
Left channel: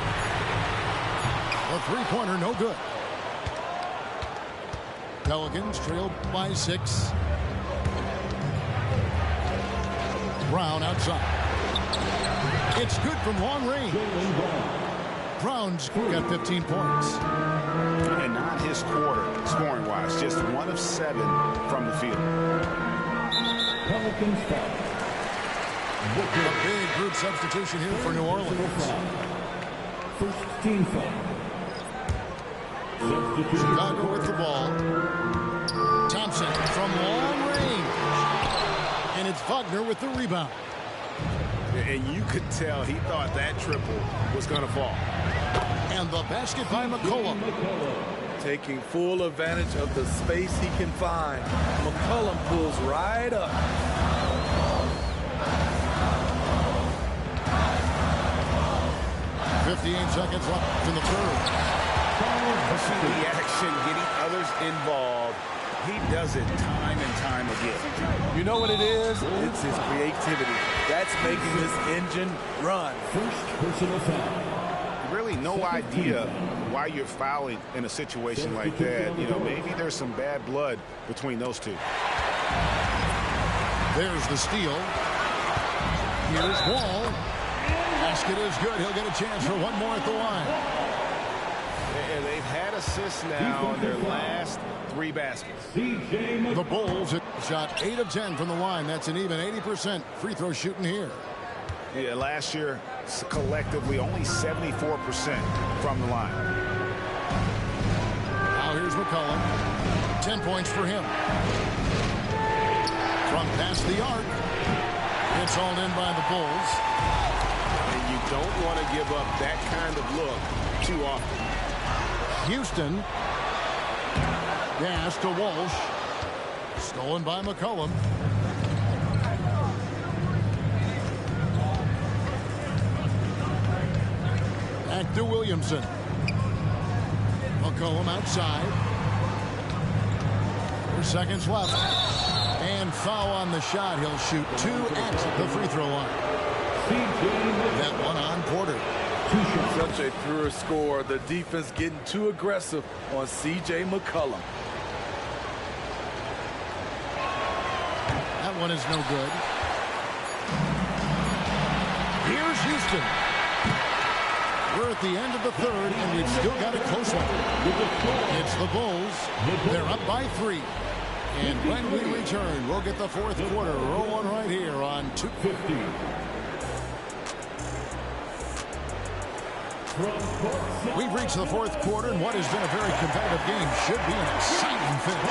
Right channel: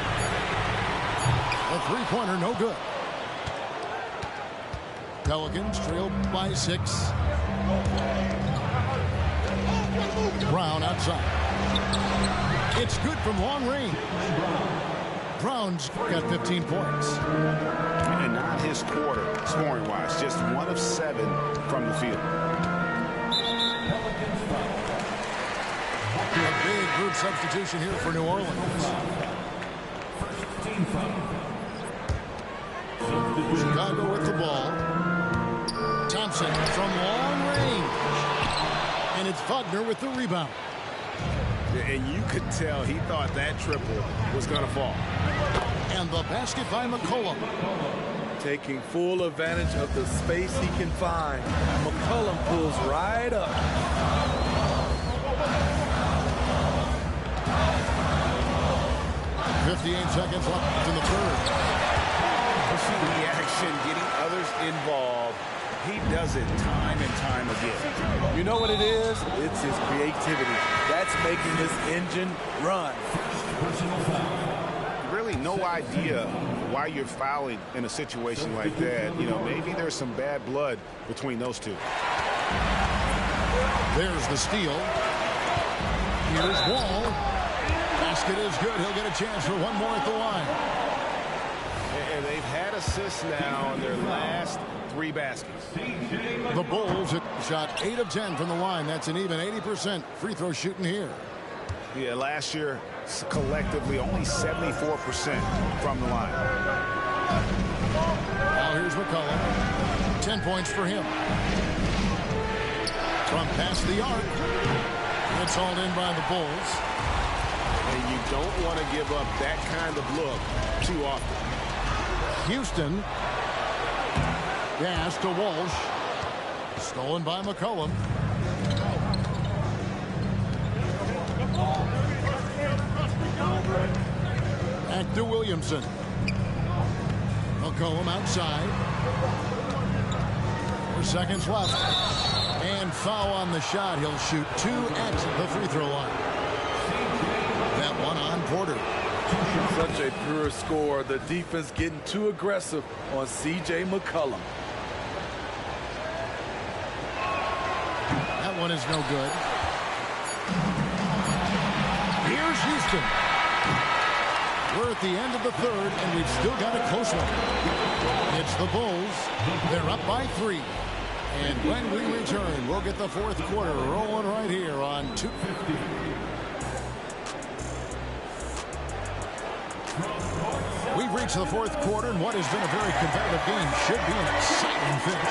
A 3-pointer, no good. Pelicans trailed by 6. Brown outside. It's good from long range. Brown's got 15 points. And not his quarter, scoring-wise. Just 1 of 7 from the field. A big group substitution here for New Orleans. First team foul. Chicago with the ball. Thompson from long range. And it's Wagner with the rebound. And you could tell he thought that triple was going to fall. And the basket by McCollum. Taking full advantage of the space he can find. McCollum pulls right up. .58 seconds left in the third. Pushing the action, getting others involved. He does it time and time again. You know what it is? It's his creativity. That's making this engine run. First personal foul. Really no idea why you're fouling in a situation like that. You know, maybe there's some bad blood between those two. There's the steal. Here's Wall. Basket is good. He'll get a chance for one more at the line. And they've had assists now on their last 3 baskets. The Bulls shot 8 of 10 from the line. That's an even 80% free throw shooting here. Yeah, last year, collectively, only 74% from the line. Now here's McCollum. 10 points for him. From past the arc. It's hauled in by the Bulls. And you don't want to give up that kind of look too often. Houston. Pass to Walsh. Stolen by McCollum. Back to Williamson. McCollum outside. 4 seconds left. And foul on the shot. He'll shoot 2 at the free throw line. That one on Porter. Such a pure score. The defense getting too aggressive on C.J. McCollum. That one is no good. Here's Houston. We're at the end of the third, and we've still got a close one. It's the Bulls. They're up by 3. And when we return, we'll get the fourth quarter rolling right here on 250. We've reached the fourth quarter, and what has been a very competitive game should be an exciting finish.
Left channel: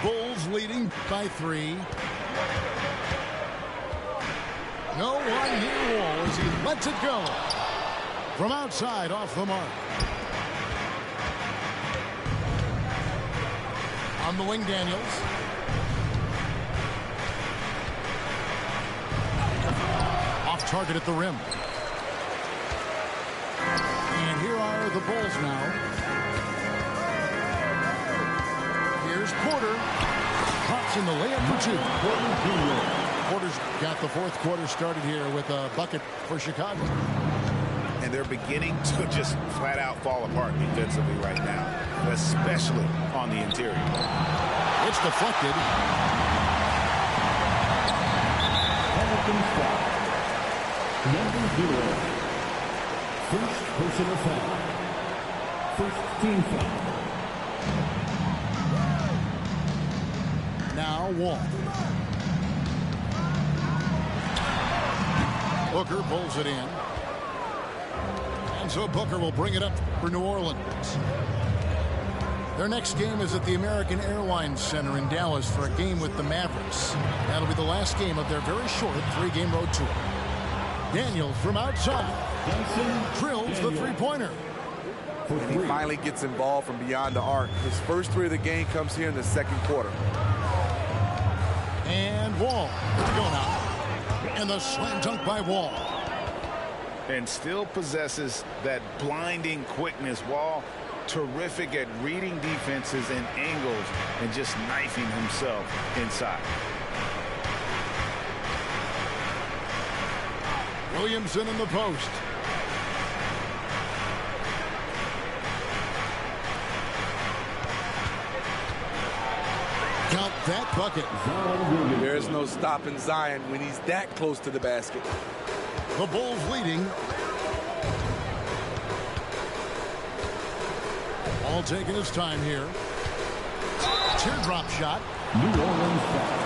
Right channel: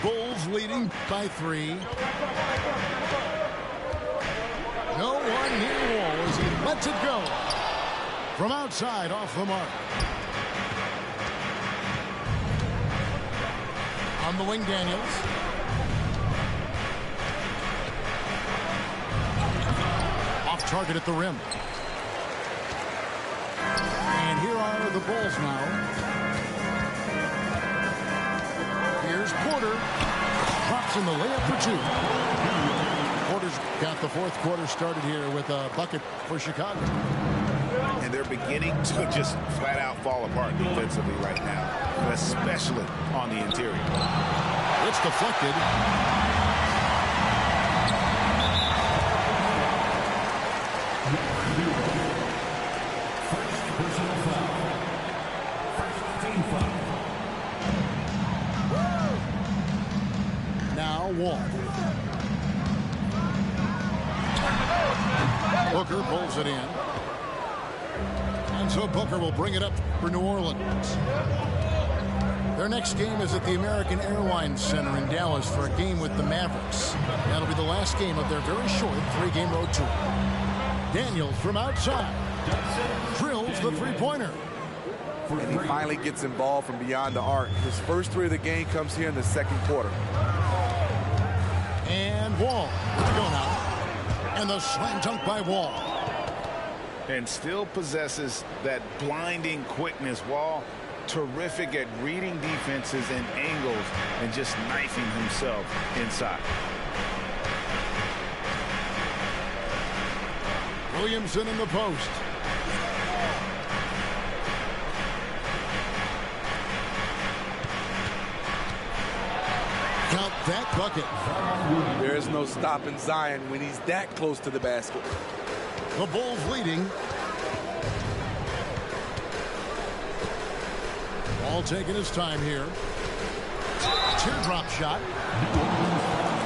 Bulls leading by 3. No one near Wall as he lets it go. From outside, off the mark. On the wing, Daniels. Off target at the rim. And here are the Bulls now. Here's Porter. Drops in the layup for 2. Porter's got the fourth quarter started here with a bucket for Chicago. And they're beginning to just flat out fall apart defensively right now, especially on the interior. It's deflected. Number 0. First personal foul. First team foul. Now Wall. Booker pulls it in. And so Booker will bring it up for New Orleans. Their next game is at the American Airlines Center in Dallas for a game with the Mavericks. That'll be the last game of their very short 3-game road tour. Daniels from outside. Drills the three-pointer. And he finally gets involved from beyond the arc. His first 3 of the game comes here in the second quarter. And Wall. Here we go now. And the slam dunk by Wall. And still possesses that blinding quickness. Wall, terrific at reading defenses and angles and just knifing himself inside. Williamson in the post. Count that bucket. There's no stopping Zion when he's that close to the basket. The Bulls leading. All taking his time here. Teardrop shot. New Orleans foul.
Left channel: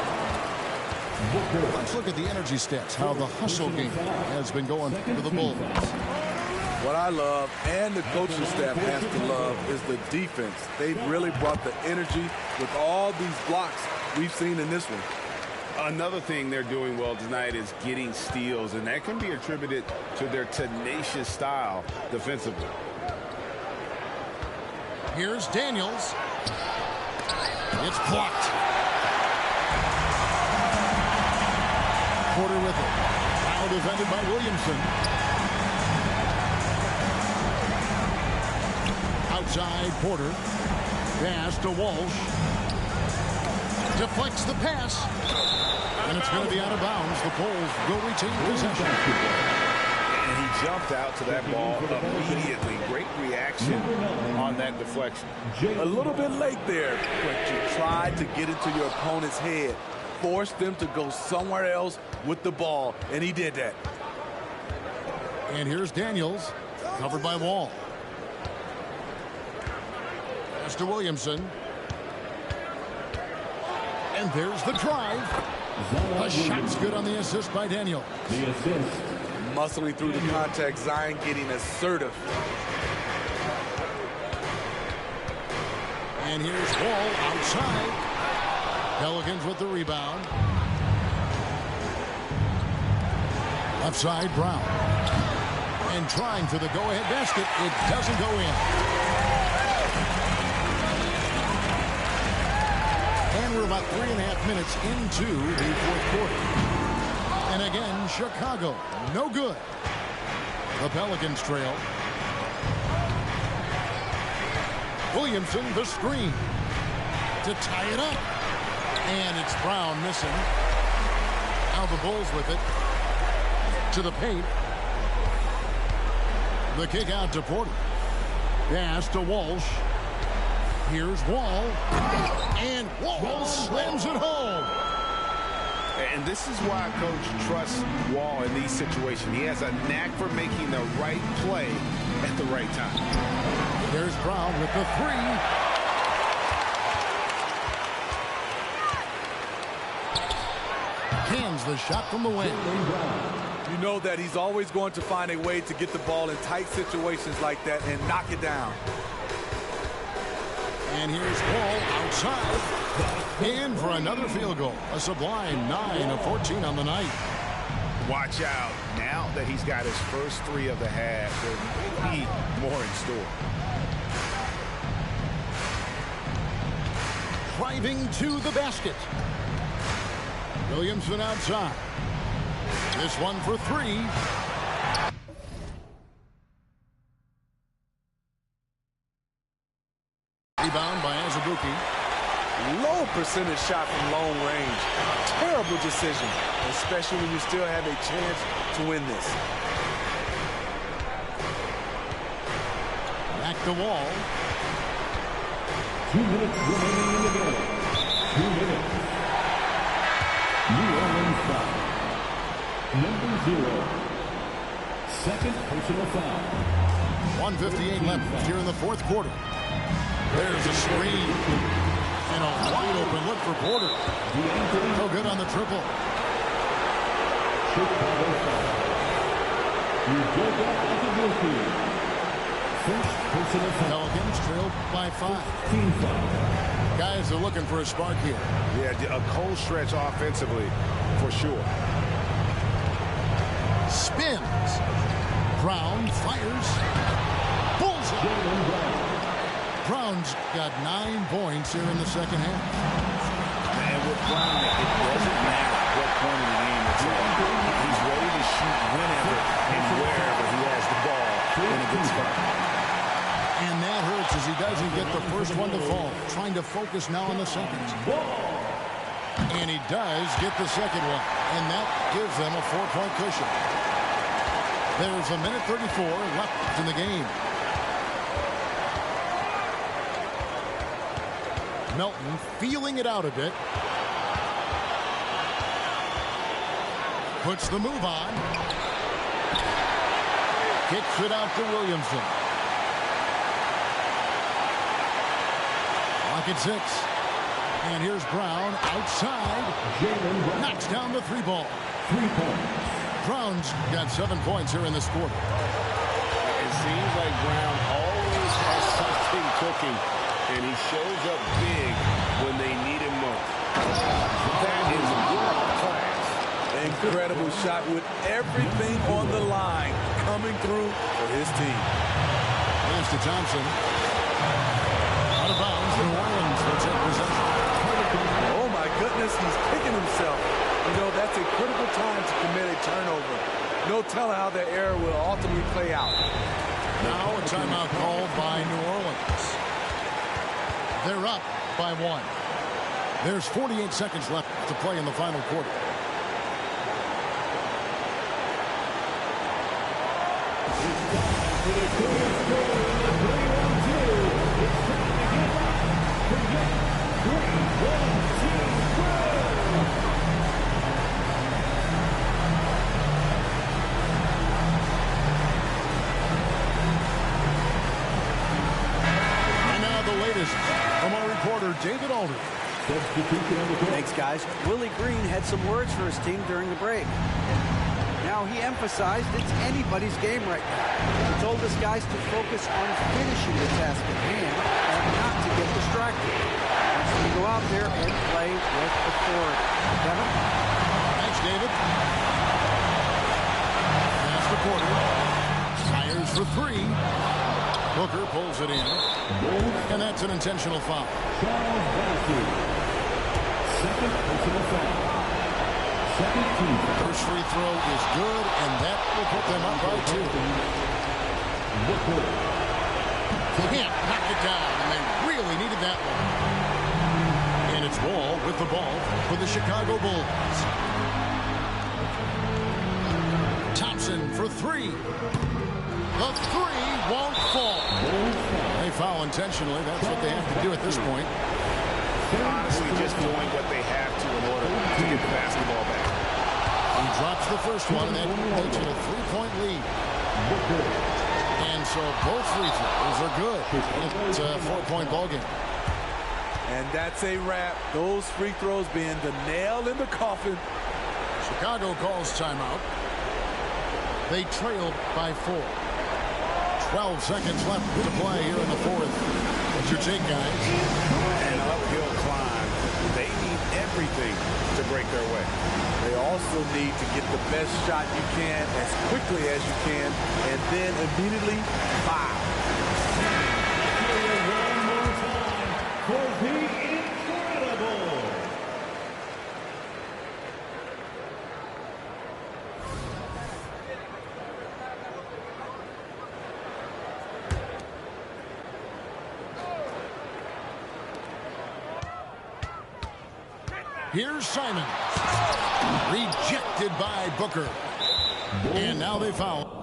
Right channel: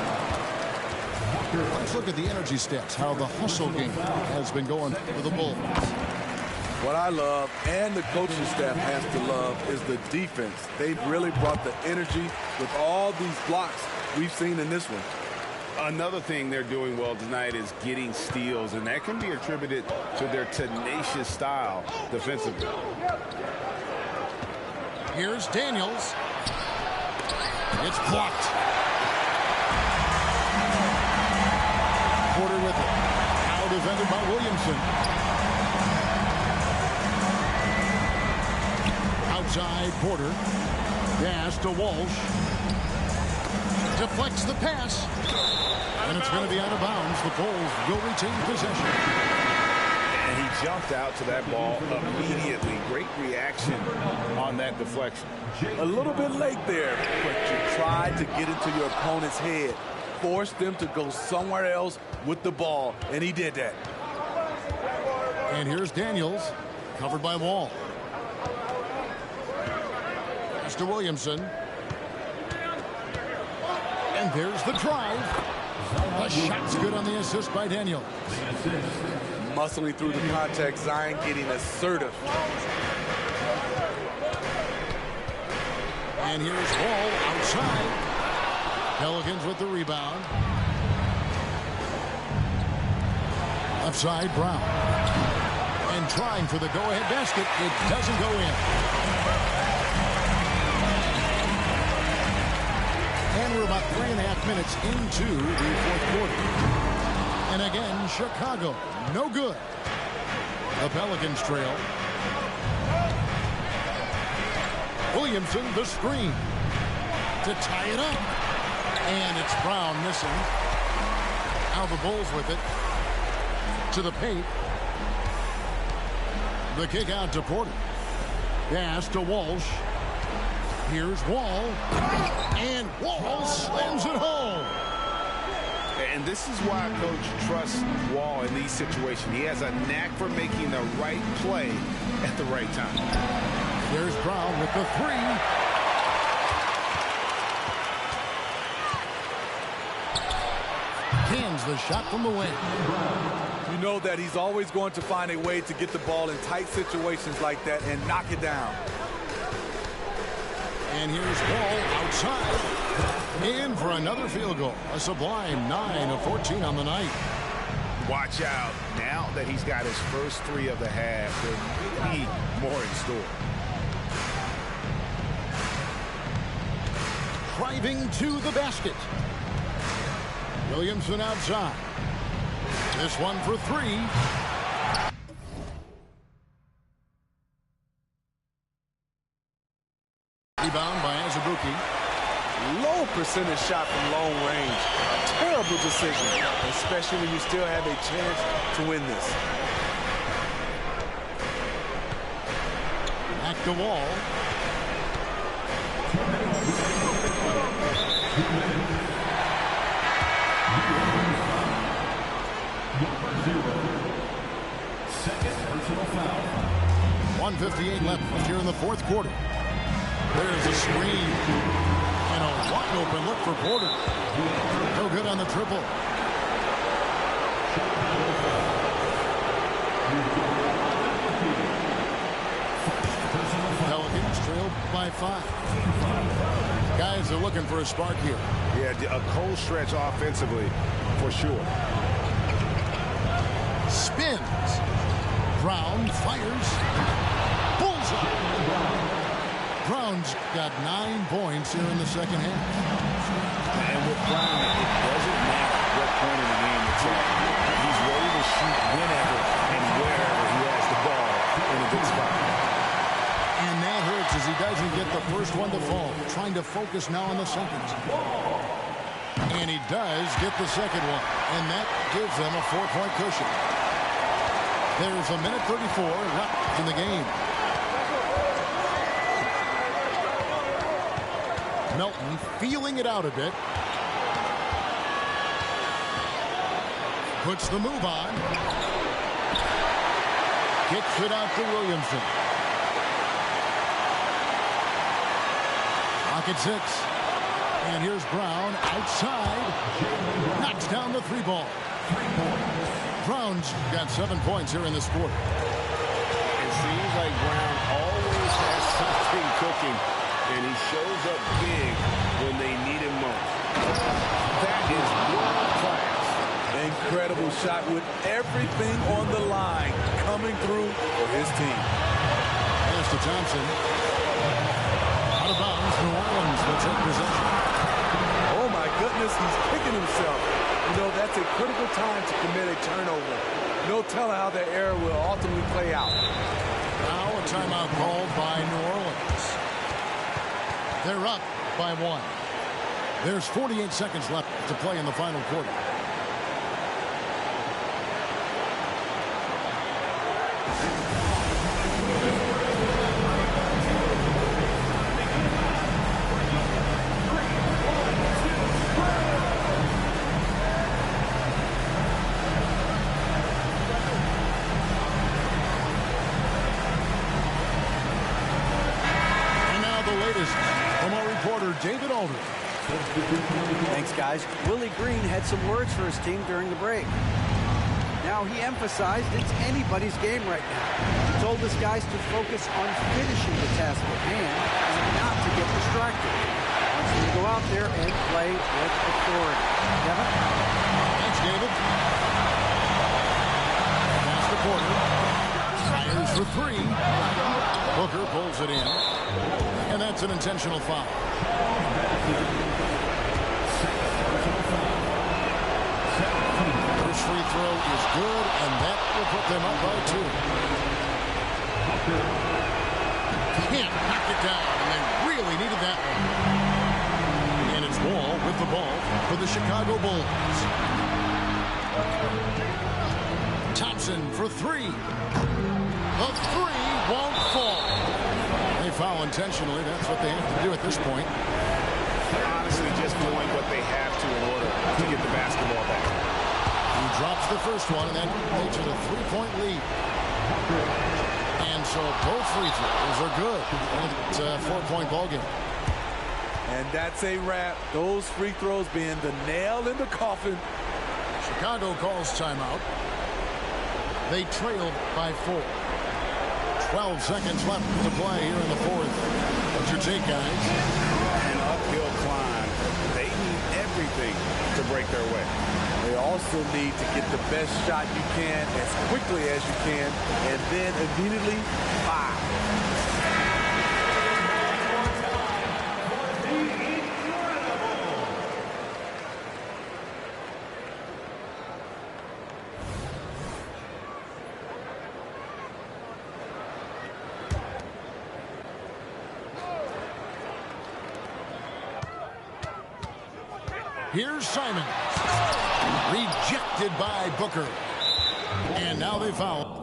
Let's look at the energy stats, how the hustle game has been going for the Bulls. What I love, and the coaching staff has to love, is the defense. They've really brought the energy with all these blocks we've seen in this one. Another thing they're doing well tonight is getting steals, and that can be attributed to their tenacious style defensively. Here's Daniels. It's blocked. Porter with it. Now defended by Williamson. Outside Porter. Pass to Walsh. Deflects the pass. And it's going to be out of bounds. The Bulls will retain possession. And he jumped out to that ball immediately. Great reaction on that deflection. A little bit late there, but you tried to get into your opponent's head. Forced them to go somewhere else with the ball, and he did that. And here's Daniels, covered by Wall. Pass to Williamson. And there's the drive. The shot's good on the assist by Daniels. The assist. Muscling through the contact, Zion getting assertive. And here's Wall outside. Pelicans with the rebound. Left side, Brown. And trying for the go-ahead basket. It doesn't go in. And we're about 3.5 minutes into the fourth quarter. And again, Chicago, no good. The Pelicans trail. Williamson, the screen. To tie it up. And it's Brown missing. Now the Bulls with it. To the paint. The kick out to Porter. Pass to Walsh. Here's Wall. And Wall slams it home. And this is why Coach trusts Wall in these situations. He has a knack for making the right play at the right time. There's Brown with the three. Cans the shot from the wing. You know that he's always going to find a way to get the ball in tight situations like that and knock it down. And here's Wall outside. In for another field goal. A sublime 9 of 14 on the night. Watch out. Now that he's got his first three of the half, there may be more in store. Driving to the basket. Williamson outside. This one for three. Rebound by Azubuike. Low percentage shot from long range. Terrible decision, especially when you still have a chance to win this. Back to Wall. 2 minutes remaining in the game. 2 minutes. New Orleans foul. Number 0. Second personal foul. 1:58 left here in the fourth quarter. There's a screen. And a wide open look for Porter. So good on the triple. Chicago foul. First personal foul. Pelicans trailed by 5. Guys are looking for a spark here. Yeah, a cold stretch offensively for sure. Spins. Brown fires. Bullseye. Brown's got 9 points here in the second half. And with Brown, it doesn't matter what point in the game it's at. He's ready to shoot whenever and wherever he has the ball in a good spot. And that hurts as he doesn't get the first one to fall. Trying to focus now on the second. And he does get the second one. And that gives them a 4-point cushion. There's a minute 34 left in the game. Melton feeling it out a bit. Puts the move on. Kicks it out to Williamson. Clock at 6. And here's Brown outside. Knocks down the 3 ball. 3 points. Brown's got 7 points here in this quarter. It seems like Brown always has something cooking. And he shows up big when they need him most. That is world class. Incredible shot with everything on the line coming through for his team. Pass to Johnson. Out of bounds. New Orleans will take possession. Oh my goodness, he's kicking himself. You know, that's a critical time to commit a turnover. No telling how the error will ultimately play out. Now a timeout called by New Orleans. They're up by 1. There's 48 seconds left to play in the final quarter. And now the latest from our reporter, David Aldridge. Thanks, guys. Willie Green had some words for his team during the break. Now, he emphasized it's anybody's game right now. He told his guys to focus on finishing the task at hand and not to get distracted. He wants them to go out there and play with authority. Kevin? Thanks, David. Pass to Porter. Fires for 3. Booker pulls it in. And that's an intentional foul. First free throw is good, and that will put them up by 2. Can't knock it down, and they really needed that one. And it's Wall with the ball for the Chicago Bulls. Thompson for 3. The 3 won't fall. They foul intentionally. That's what they have to do at this point. Honestly, just doing what they have to in order to get the basketball back. He drops the first one, and that makes it a 3-point lead. And so both free throws are good. And it's a 4-point ball game. And that's a wrap. Those free throws being the nail in the coffin. Chicago calls timeout. They trail by 4. 12 seconds left to play here in the fourth. What's your take, guys? An uphill climb. They need everything to break their way. They also need to get the best shot you can as quickly as you can, and then immediately foul. Here's Simons. Rejected by Booker. And now they foul.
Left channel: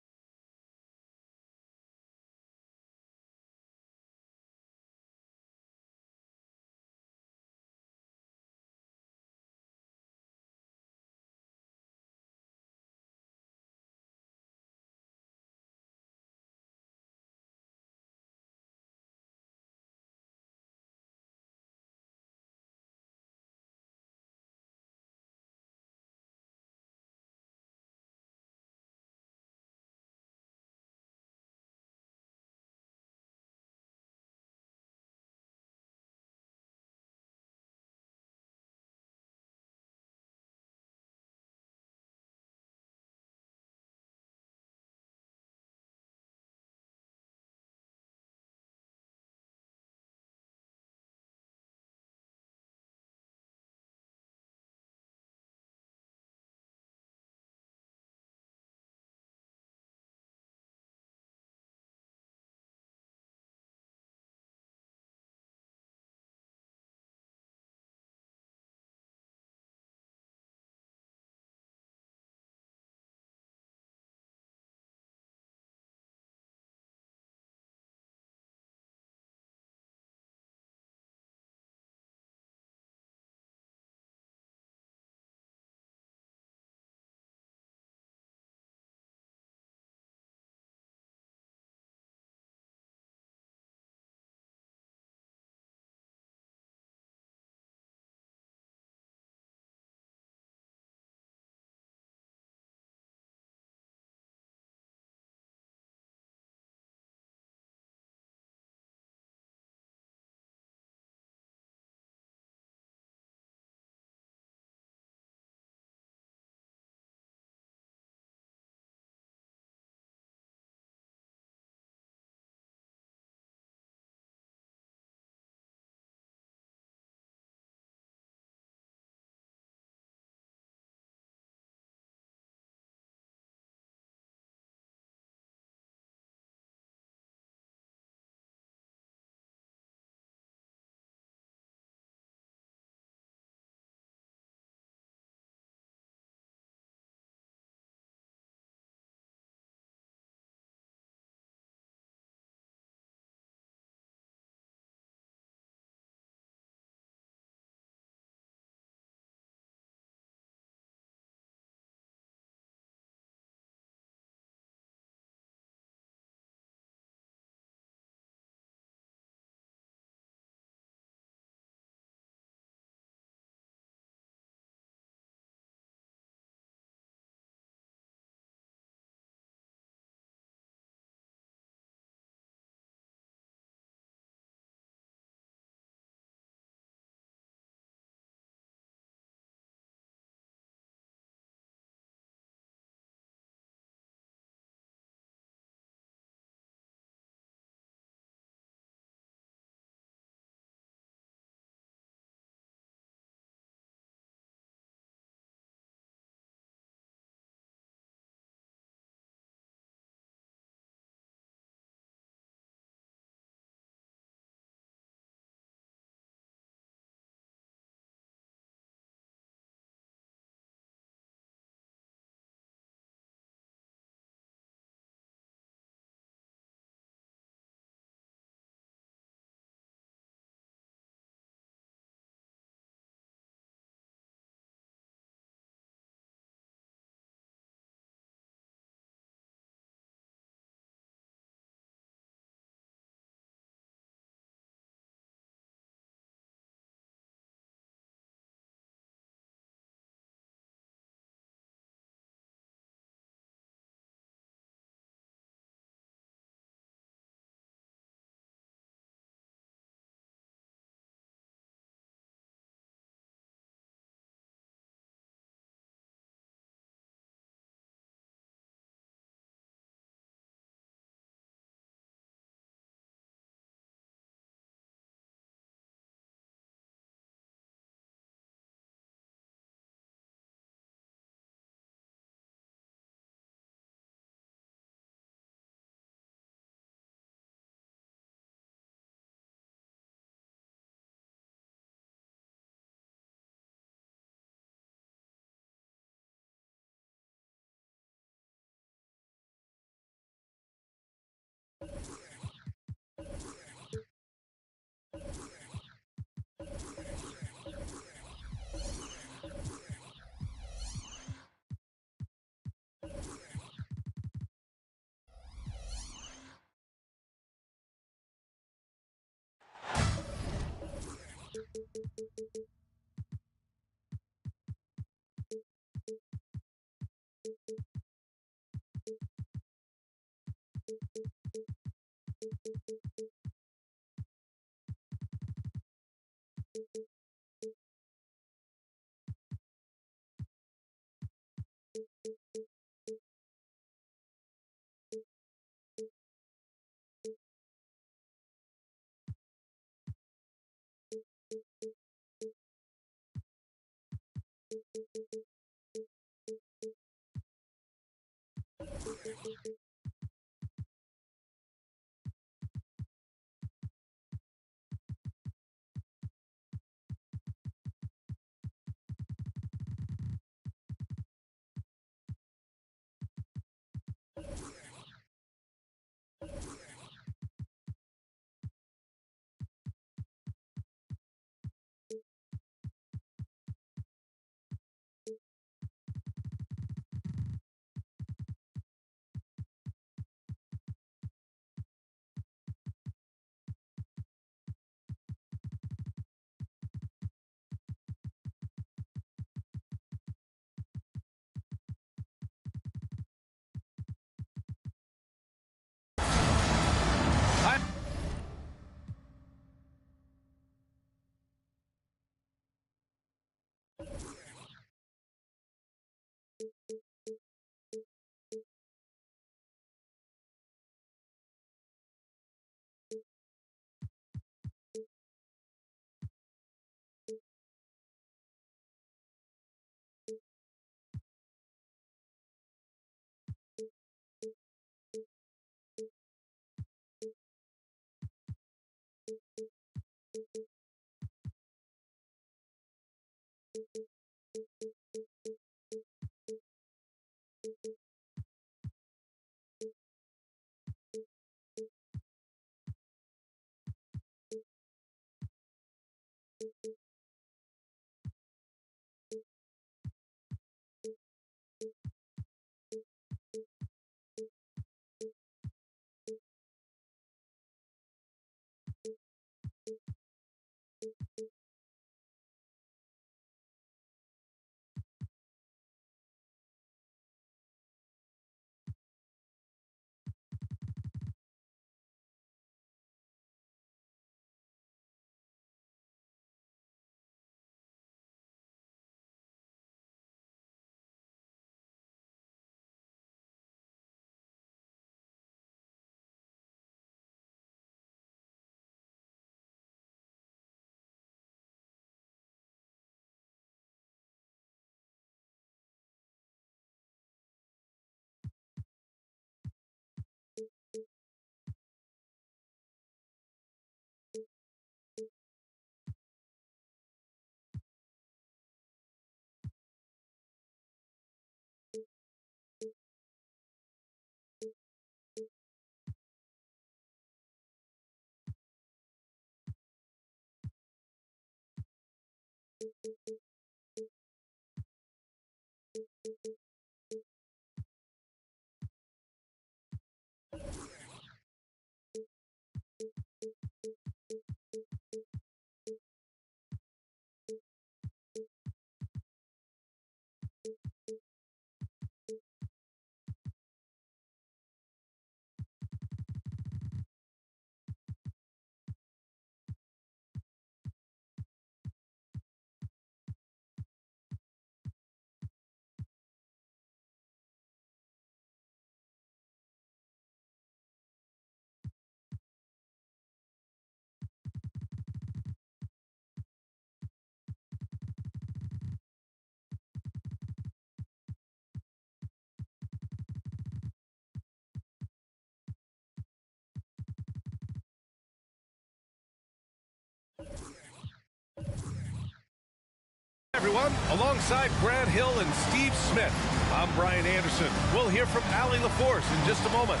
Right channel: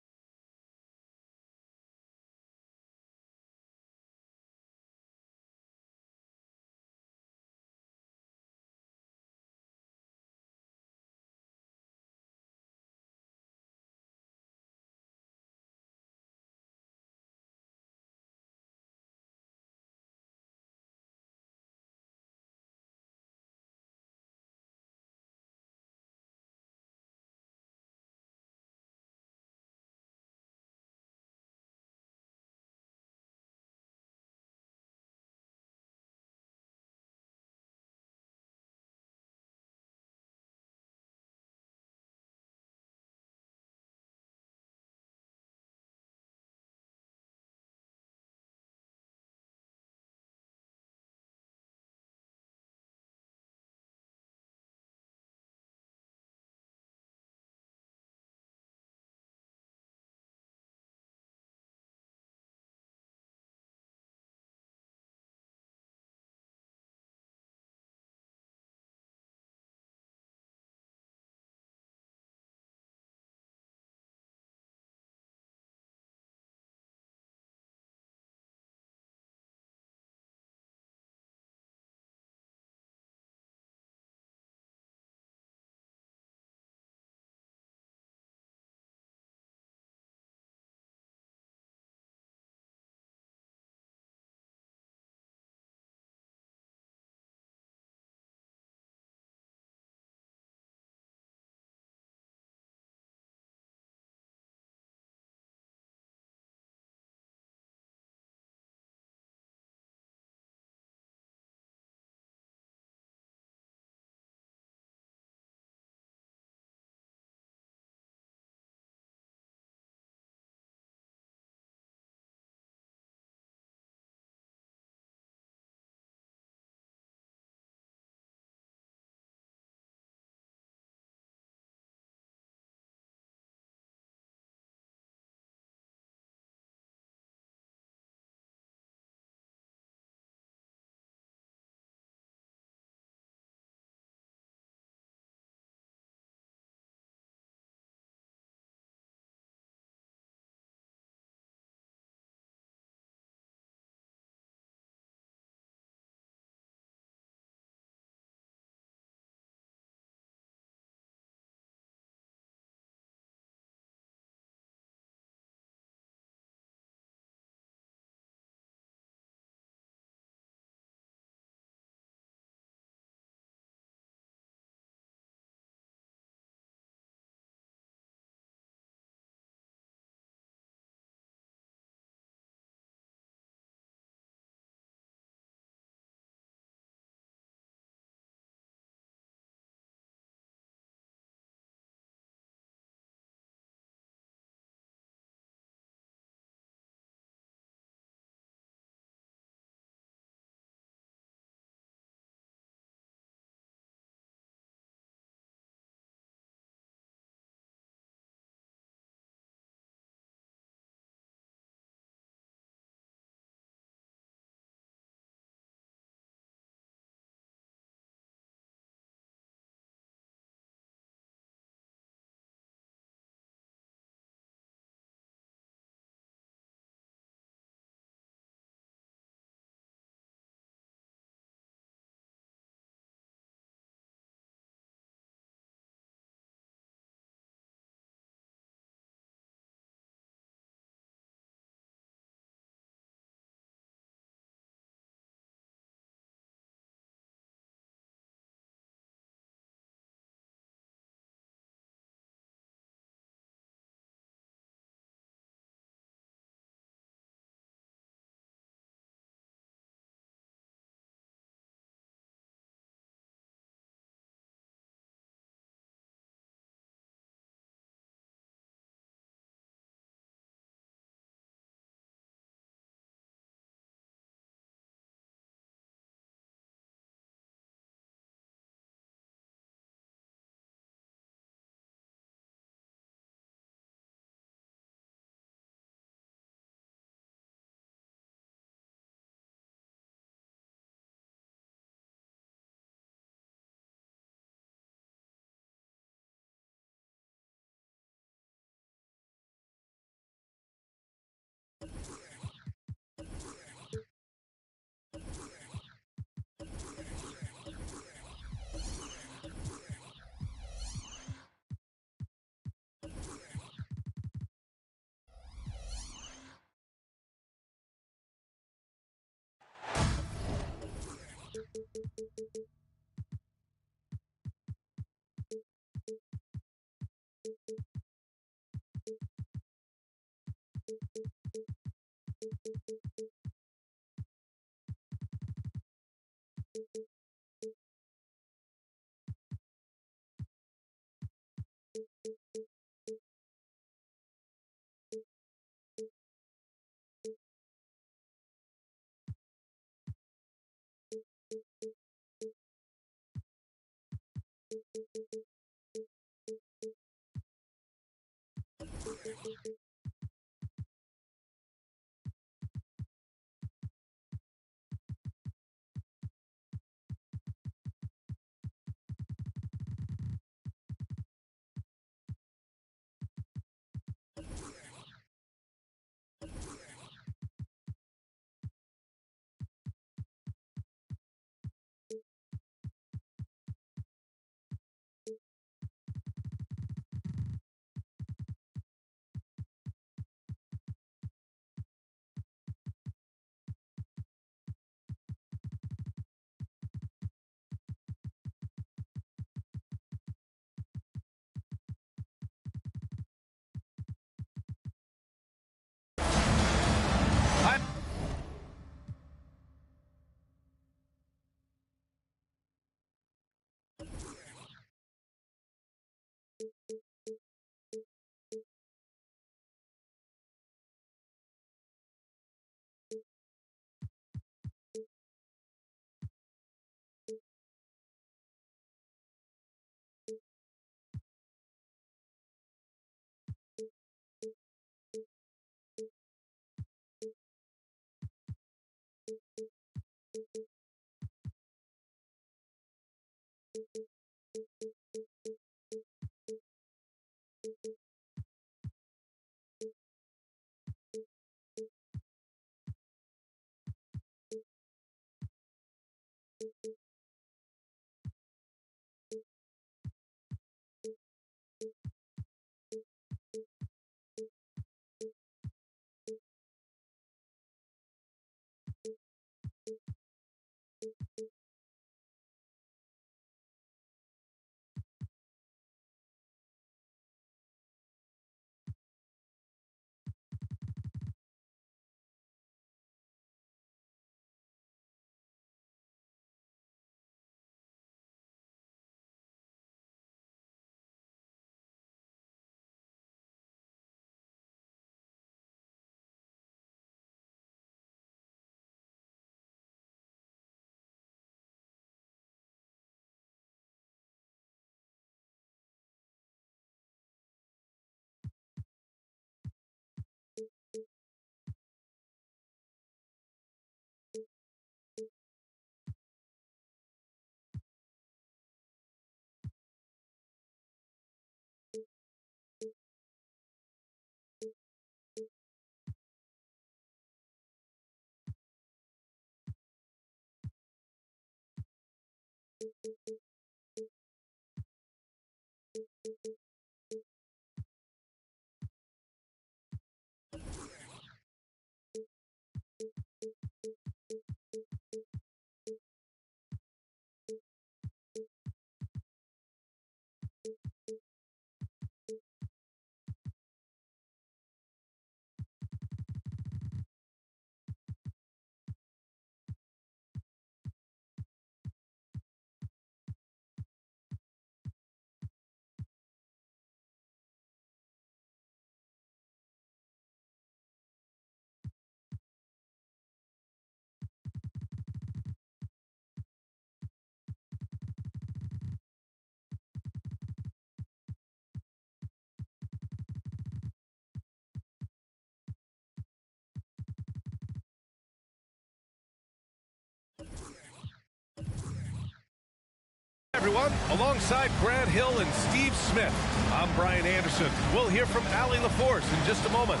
Everyone, alongside Grant Hill and Steve Smith, I'm Brian Anderson. We'll hear from Allie LaForce in just a moment.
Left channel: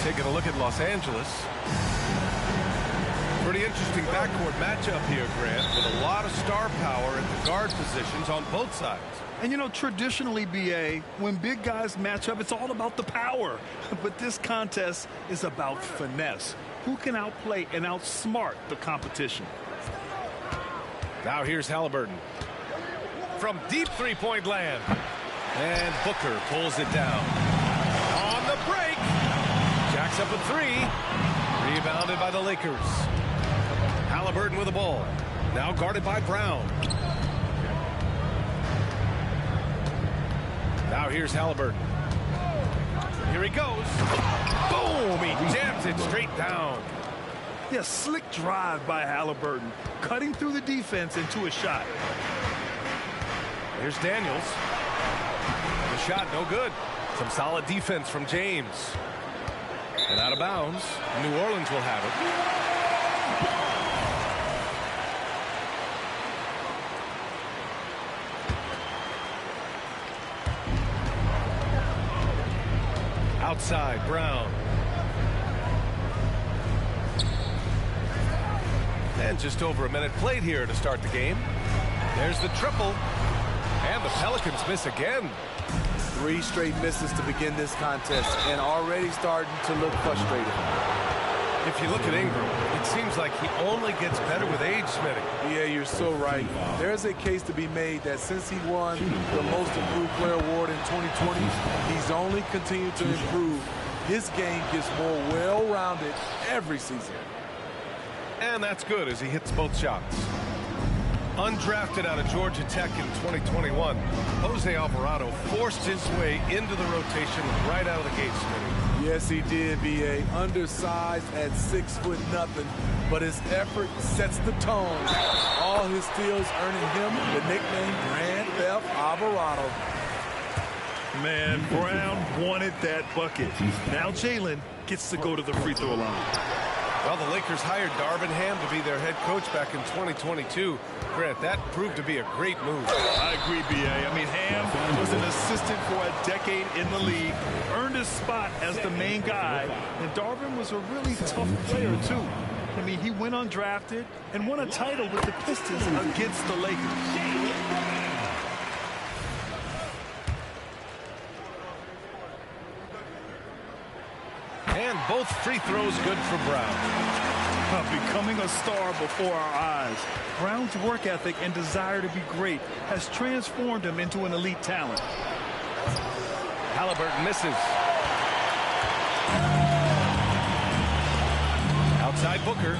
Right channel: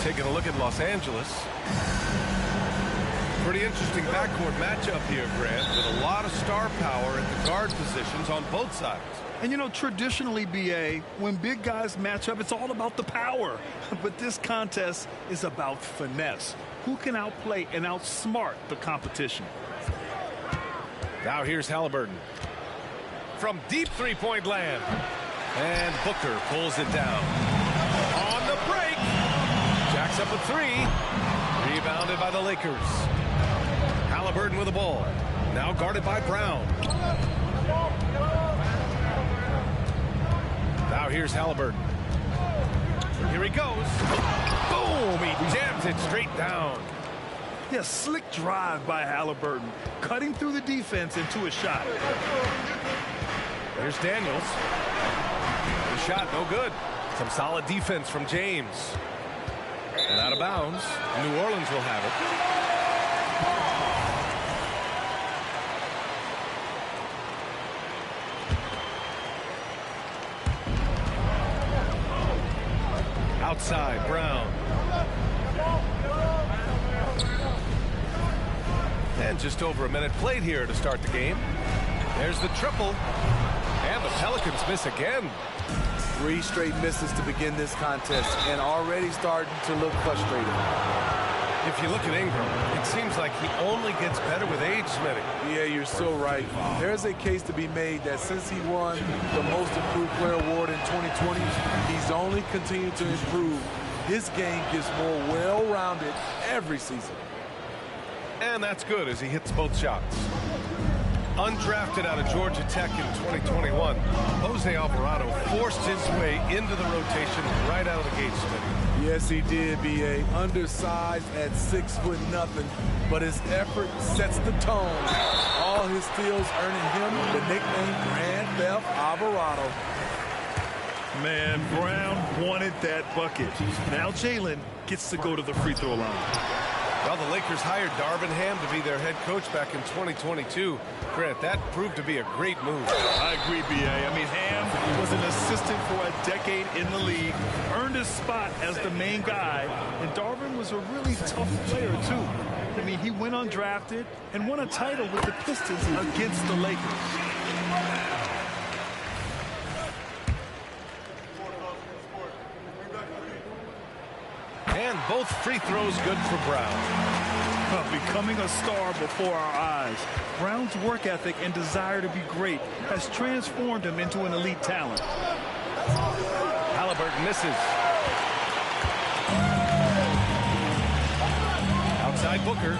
Taking a look at Los Angeles. Pretty interesting backcourt matchup here, Grant, with a lot of star power at the guard positions on both sides. And, you know, traditionally, B.A., when big guys match up, it's all about the power. But this contest is about finesse. Who can outplay and outsmart the competition? Now here's Haliburton. From deep three-point land. And Booker pulls it down. On the break. Jacks up a three. Rebounded by the Lakers. Haliburton with the ball. Now guarded by Brown. Now here's Haliburton. Here he goes. Boom! He jams it straight down. Yeah, slick drive by Haliburton, cutting through the defense into a shot. Here's Daniels. The shot, no good. Some solid defense from James. And out of bounds. New Orleans will have it. Outside, Brown. And just over a minute played here to start the game. There's the triple. And the Pelicans miss again. 3 straight misses to begin this contest and already starting to look frustrated. If you look at Ingram, it seems like he only gets better with age, Smitty. Yeah, you're so right. There's a case to be made that since he won the Most Improved Player Award in 2020, he's only continued to improve. His game gets more well-rounded every season. And that's good as he hits both shots. Undrafted out of Georgia Tech in 2021, Jose Alvarado forced his way into the rotation right out of the gate, Smitty. Yes, he did, B.A. Undersized at 6'0", but his effort sets the tone. All his steals earning him the nickname Grand Theft Alvarado. Man, Brown wanted that bucket. Now Jalen gets to go to the free throw line. Well, the Lakers hired Darvin Ham to be their head coach back in 2022. Grant, that proved to be a great move. I agree, B.A. I mean, Ham was an assistant for a decade in the league, earned his spot as the main guy, and Darvin was a really tough player, too. I mean, he went undrafted and won a title with the Pistons against the Lakers. And both free throws good for Brown. Becoming a star before our eyes. Brown's work ethic and desire to be great has transformed him into an elite talent. Halliburton misses. Outside Booker.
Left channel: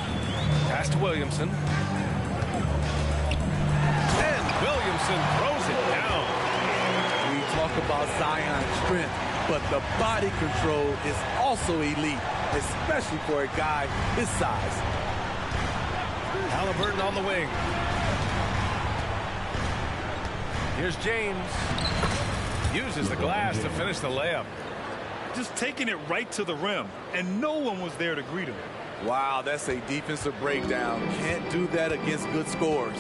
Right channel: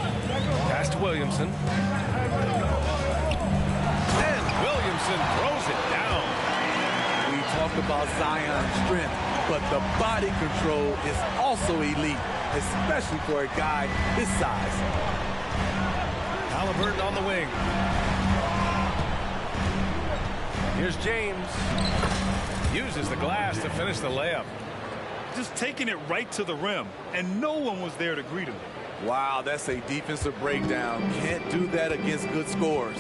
Pass to Williamson. And Williamson throws it down. We talk about Zion's strength, but the body control is also elite, especially for a guy his size. Halliburton on the wing. Here's James. Uses the glass to finish the layup. Just taking it right to the rim, and no one was there to greet him. Wow, that's a defensive breakdown. Can't do that against good scorers.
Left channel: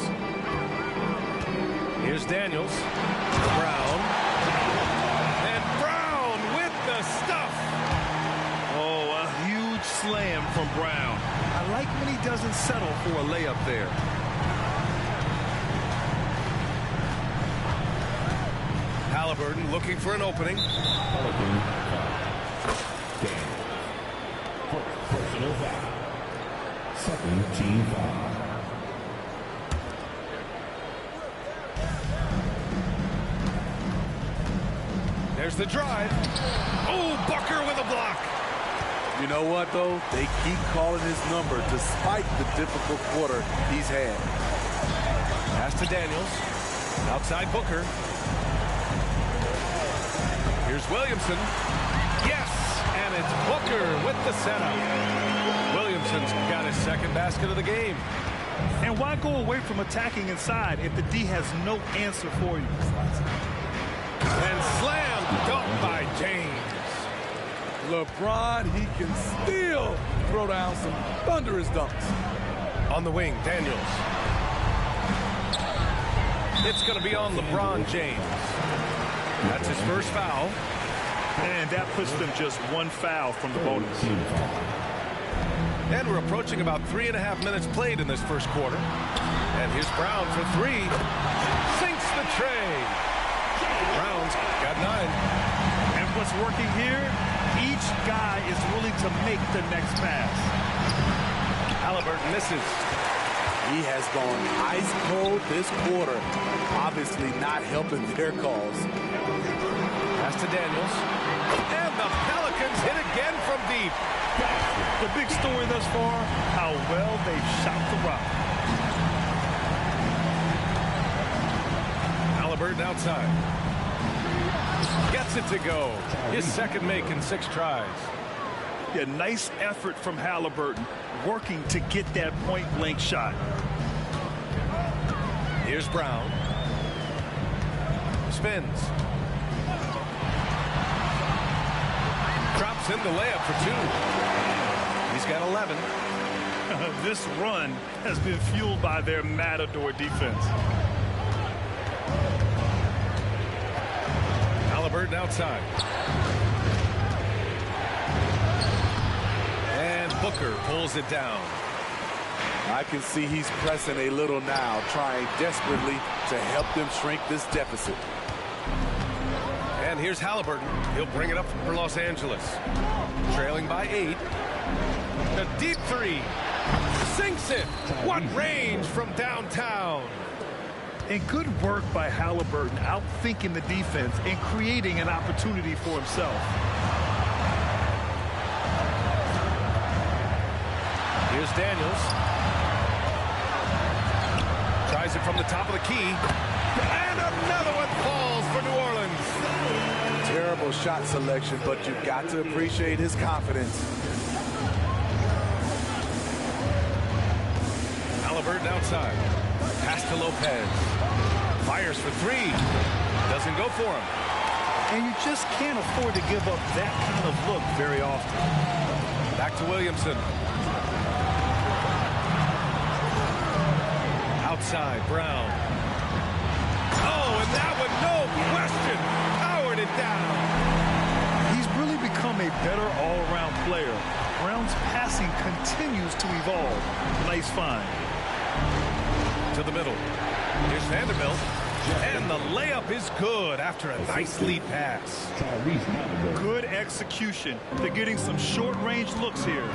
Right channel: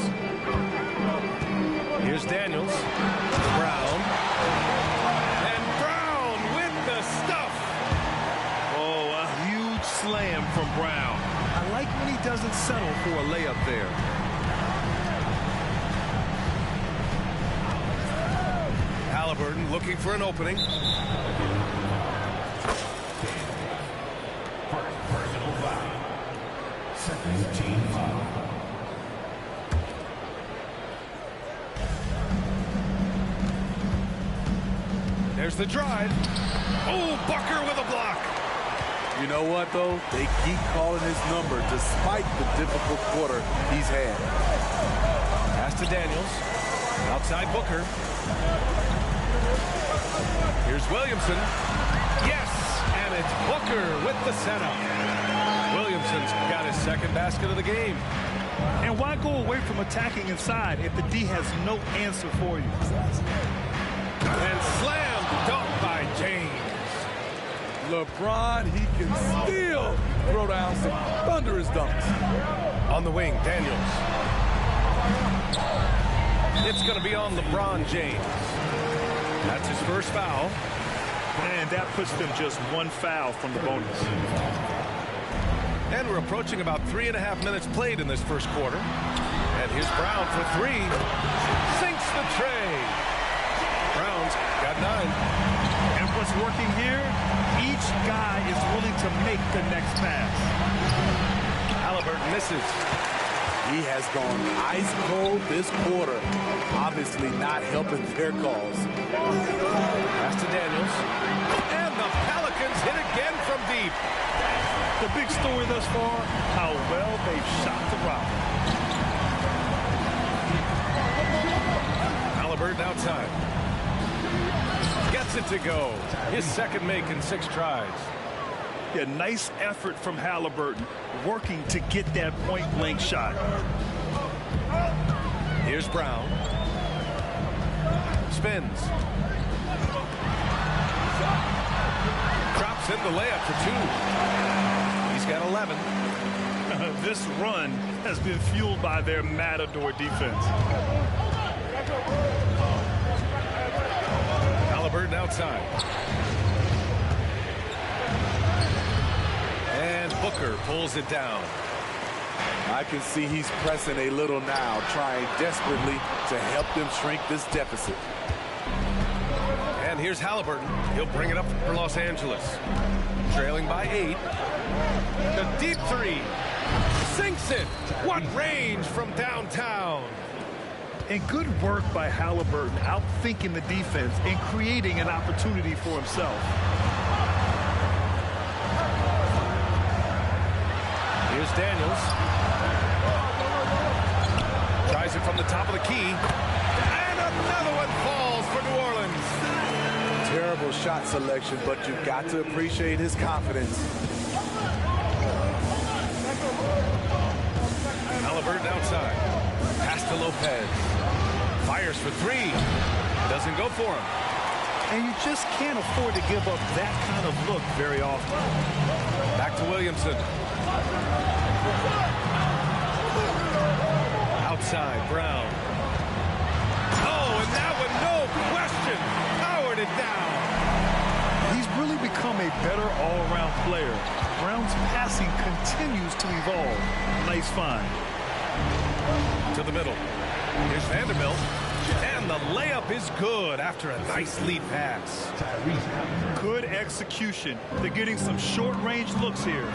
Here's Daniels. Brown. And Brown with the stuff. Oh, a huge slam from Brown. I like when he doesn't settle for a layup there. Halliburton looking for an opening. Personal foul. Second team foul. There's the drive. Oh, Booker with a block. You know what, though? They keep calling his number despite the difficult quarter he's had. Pass to Daniels. Outside Booker. Here's Williamson. Yes, and it's Booker with the setup. Williamson's got his second basket of the game. And why go away from attacking inside if the D has no answer for you? And slam dunk by James. LeBron, he can still throw down some thunderous dunks. On the wing, Daniels. It's going to be on LeBron James. That's his first foul. And that puts them just one foul from the bonus. And we're approaching about 3.5 minutes played in this first quarter. And here's Brown for three. Sinks the tray. Brown's got 9. And what's working here? Each guy is willing to make the next pass. Halliburton misses. He has gone ice cold this quarter. Obviously not helping their cause. Pass to Daniels. And the Pelicans hit again from deep. The big story thus far, how well they've shot the rock. Halliburton outside. Gets it to go. His second make in 6 tries. Yeah, nice effort from Halliburton, working to get that point-blank shot. Here's Brown. Spins. Drops in the layup for 2. He's got 11. This run has been fueled by their Matador defense. Halliburton outside. And Booker pulls it down. I can see he's pressing a little now, trying desperately to help them shrink this deficit. And here's Halliburton. He'll bring it up for Los Angeles. Trailing by 8. The deep 3. Sinks it. What range from downtown. And good work by Halliburton, outthinking the defense and creating an opportunity for himself. Here's Daniels. Tries it from the top of the key. And another one falls for New Orleans. Terrible shot selection, but you've got to appreciate his confidence. Halliburton outside. Pass to Lopez. Fires for 3. Doesn't go for him. And you just can't afford to give up that kind of look very often. Back to Williamson. Outside, Brown. Oh, and that one, no question, powered it down. He's really become a better all-around player. Brown's passing continues to evolve. Nice find. To the middle. Here's Vanderbilt. And the layup is good after a nice lead pass. Good execution. They're getting some short-range looks here.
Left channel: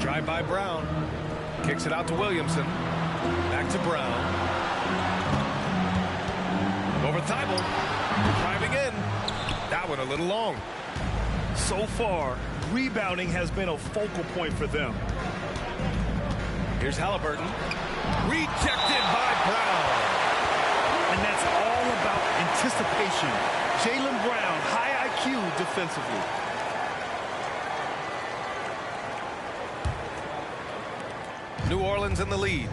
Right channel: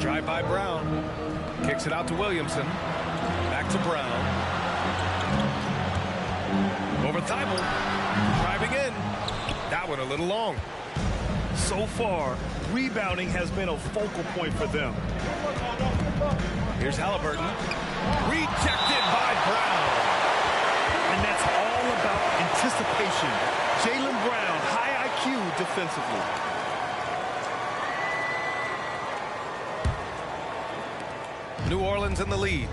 Drive by Brown. Kicks it out to Williamson. Back to Brown. Over Thibault. Driving in. That one a little long. So far, rebounding has been a focal point for them. Here's Halliburton. Rejected by Brown. And that's all about anticipation. Jaylen Brown, high IQ defensively. New Orleans in the lead.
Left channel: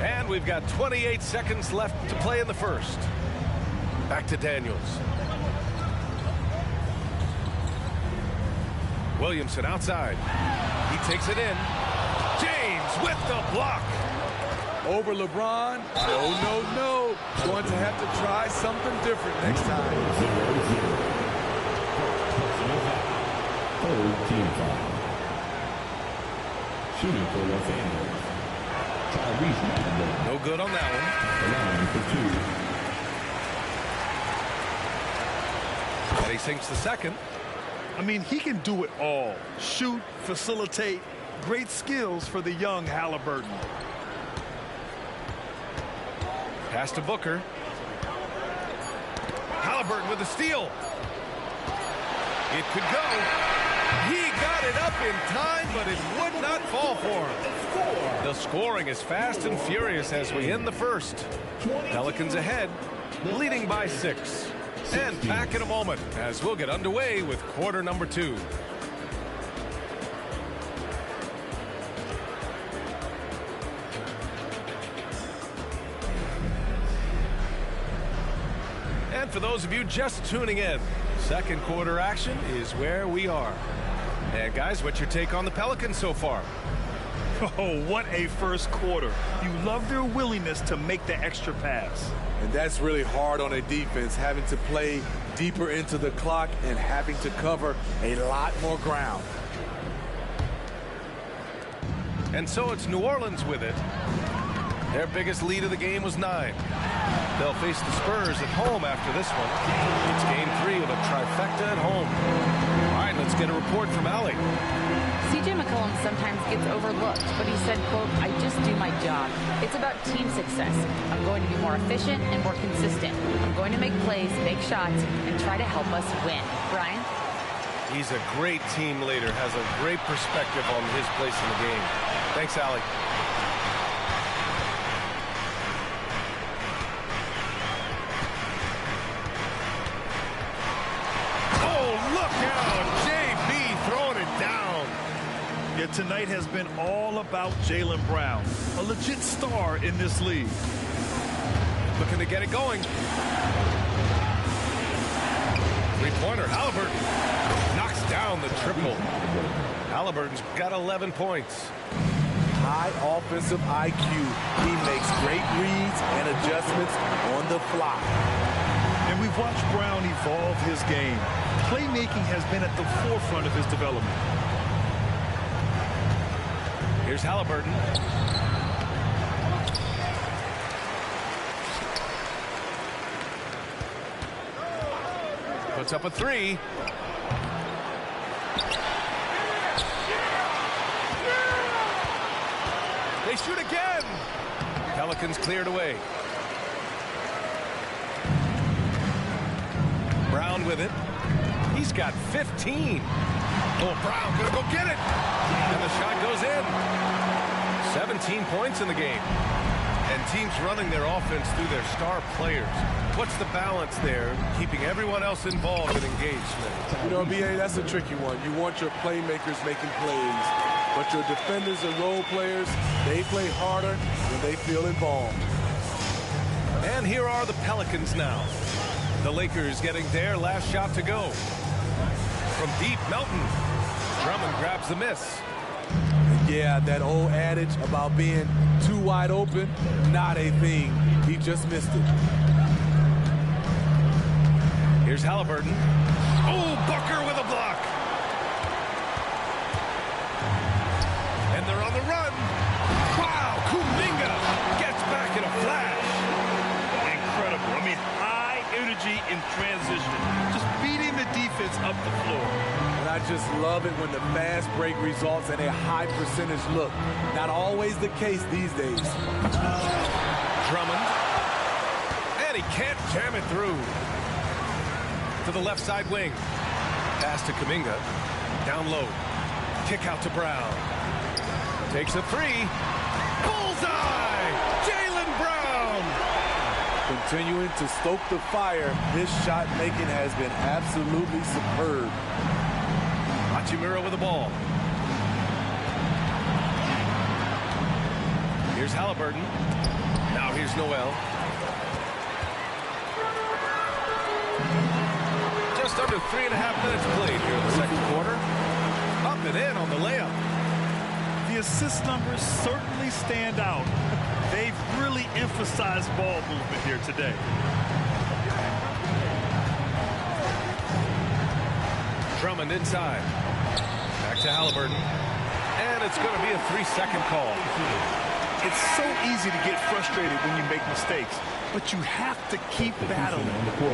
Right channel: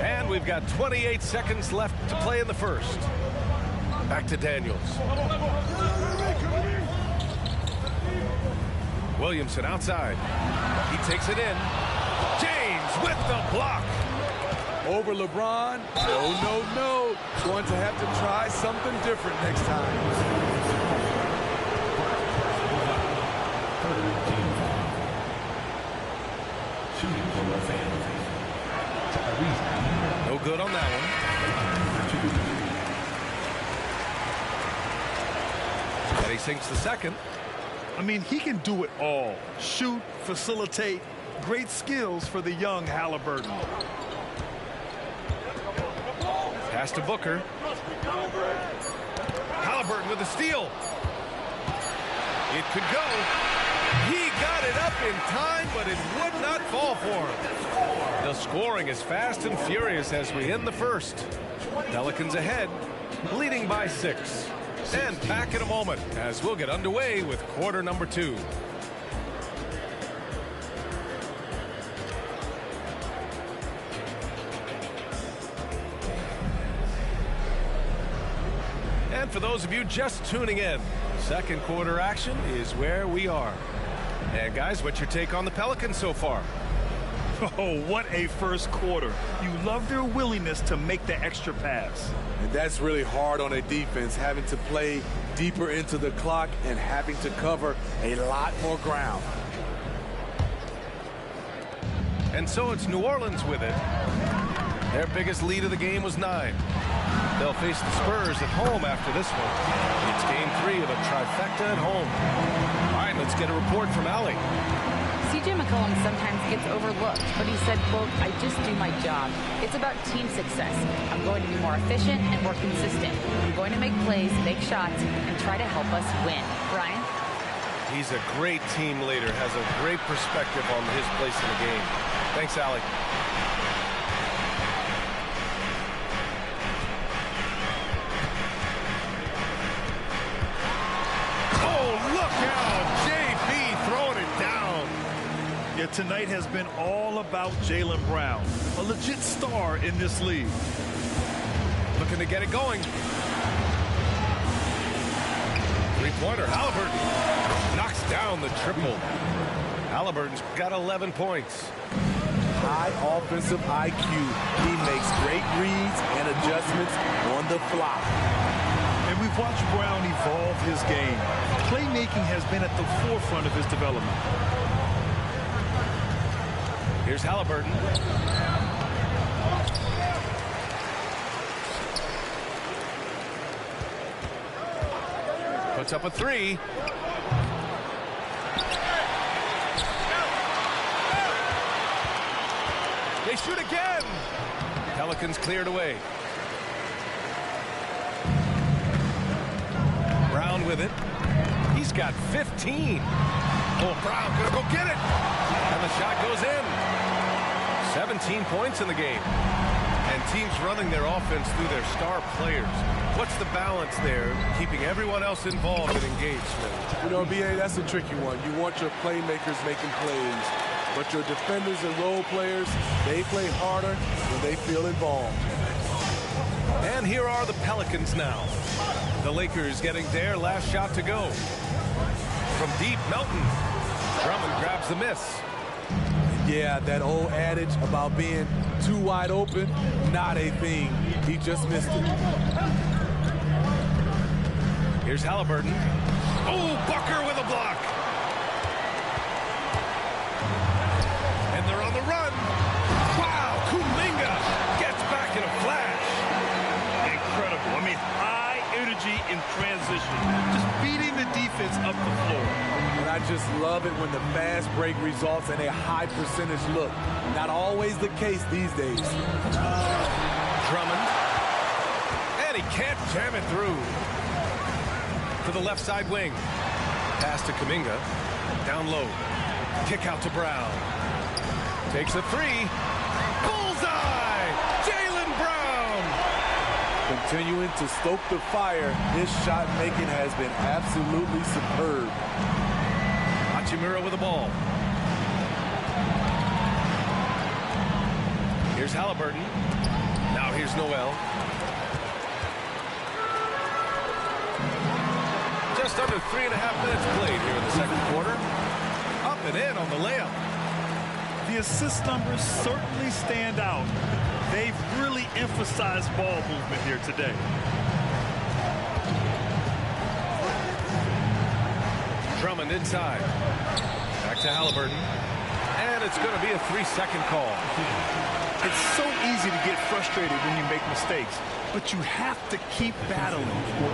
And we've got 28 seconds left to play in the first. Back to Daniels. Williamson outside. He takes it in. James with the block. Over LeBron. No. Going to have to try something different next time. Third team foul. Shooting for Los Angeles. Tyrese Halliburton. No good on that one. Line for 2. And he sinks the second. I mean, he can do it all. Shoot, facilitate. Great skills for the young Halliburton. Pass to Booker. Halliburton with a steal. It could go. He got it up in time, but it would not fall for him. The scoring is fast and furious as we end the first. Pelicans ahead, leading by 6. And back in a moment as we'll get underway with quarter number 2. And for those of you just tuning in, second quarter action is where we are. And guys, what's your take on the Pelicans so far? Oh, what a first quarter. You love their willingness to make the extra pass. And that's really hard on a defense, having to play deeper into the clock and having to cover a lot more ground. And so it's New Orleans with it. Their biggest lead of the game was 9. They'll face the Spurs at home after this one. It's game 3 of a trifecta at home. All right, let's get a report from Allie. CJ McCollum sometimes gets overlooked, but he said, quote, "I just do my job. It's about team success. I'm going to be more efficient and more consistent. I'm going to make plays, make shots, and try to help us win." Brian? He's a great team leader, has a great perspective on his place in the game. Thanks, Allie. Oh, look out! JB throwing it down. Yeah, tonight has been all about Jaylen Brown, a legit star in this league. Looking to get it going. Three-pointer, Halliburton knocks down the triple. Halliburton's got 11 points. High offensive IQ. He makes great reads and adjustments on the fly. And we've watched Brown evolve his game. Playmaking has been at the forefront of his development. Here's Halliburton. Puts up a 3. They shoot again. Pelicans cleared away. Brown with it. He's got 15. Oh, Brown gonna go get it. And the shot goes in. 17 points in the game. And teams running their offense through their star players. What's the balance there, keeping everyone else involved and engaged, Smitty? You know, B.A., that's a tricky one. You want your playmakers making plays, but your defenders and role players, they play harder when they feel involved. And here are the Pelicans now. The Lakers getting their last shot to go. From deep, Melton. Drummond grabs the miss. Yeah, that old adage about being too wide open, not a thing. He just missed it. Here's Halliburton. Oh, Booker with a block. And they're on the run. Wow, Kuminga gets back in a flash. Incredible. I mean, high energy in transition. Just beating the defense up the floor. And I just love it when the fast break results in a high percentage look. Not always the case these days. Drummond. And he can't jam it through. To the left side wing. Pass to Kuminga. Down low. Kick out to Brown. Takes a three. Bullseye! Jaylen Brown! Continuing to stoke the fire, his shot making has been absolutely superb. Hachimura with the ball. Here's Halliburton. Now here's Noel. Just under 3.5 minutes played here in the second quarter. Up and in on the layup. The assist numbers certainly stand out. They've really emphasized ball movement here today. Drummond inside. Back to Halliburton. And it's going to be a 3-second call. It's so easy to get frustrated when you make mistakes, but you have to keep battling.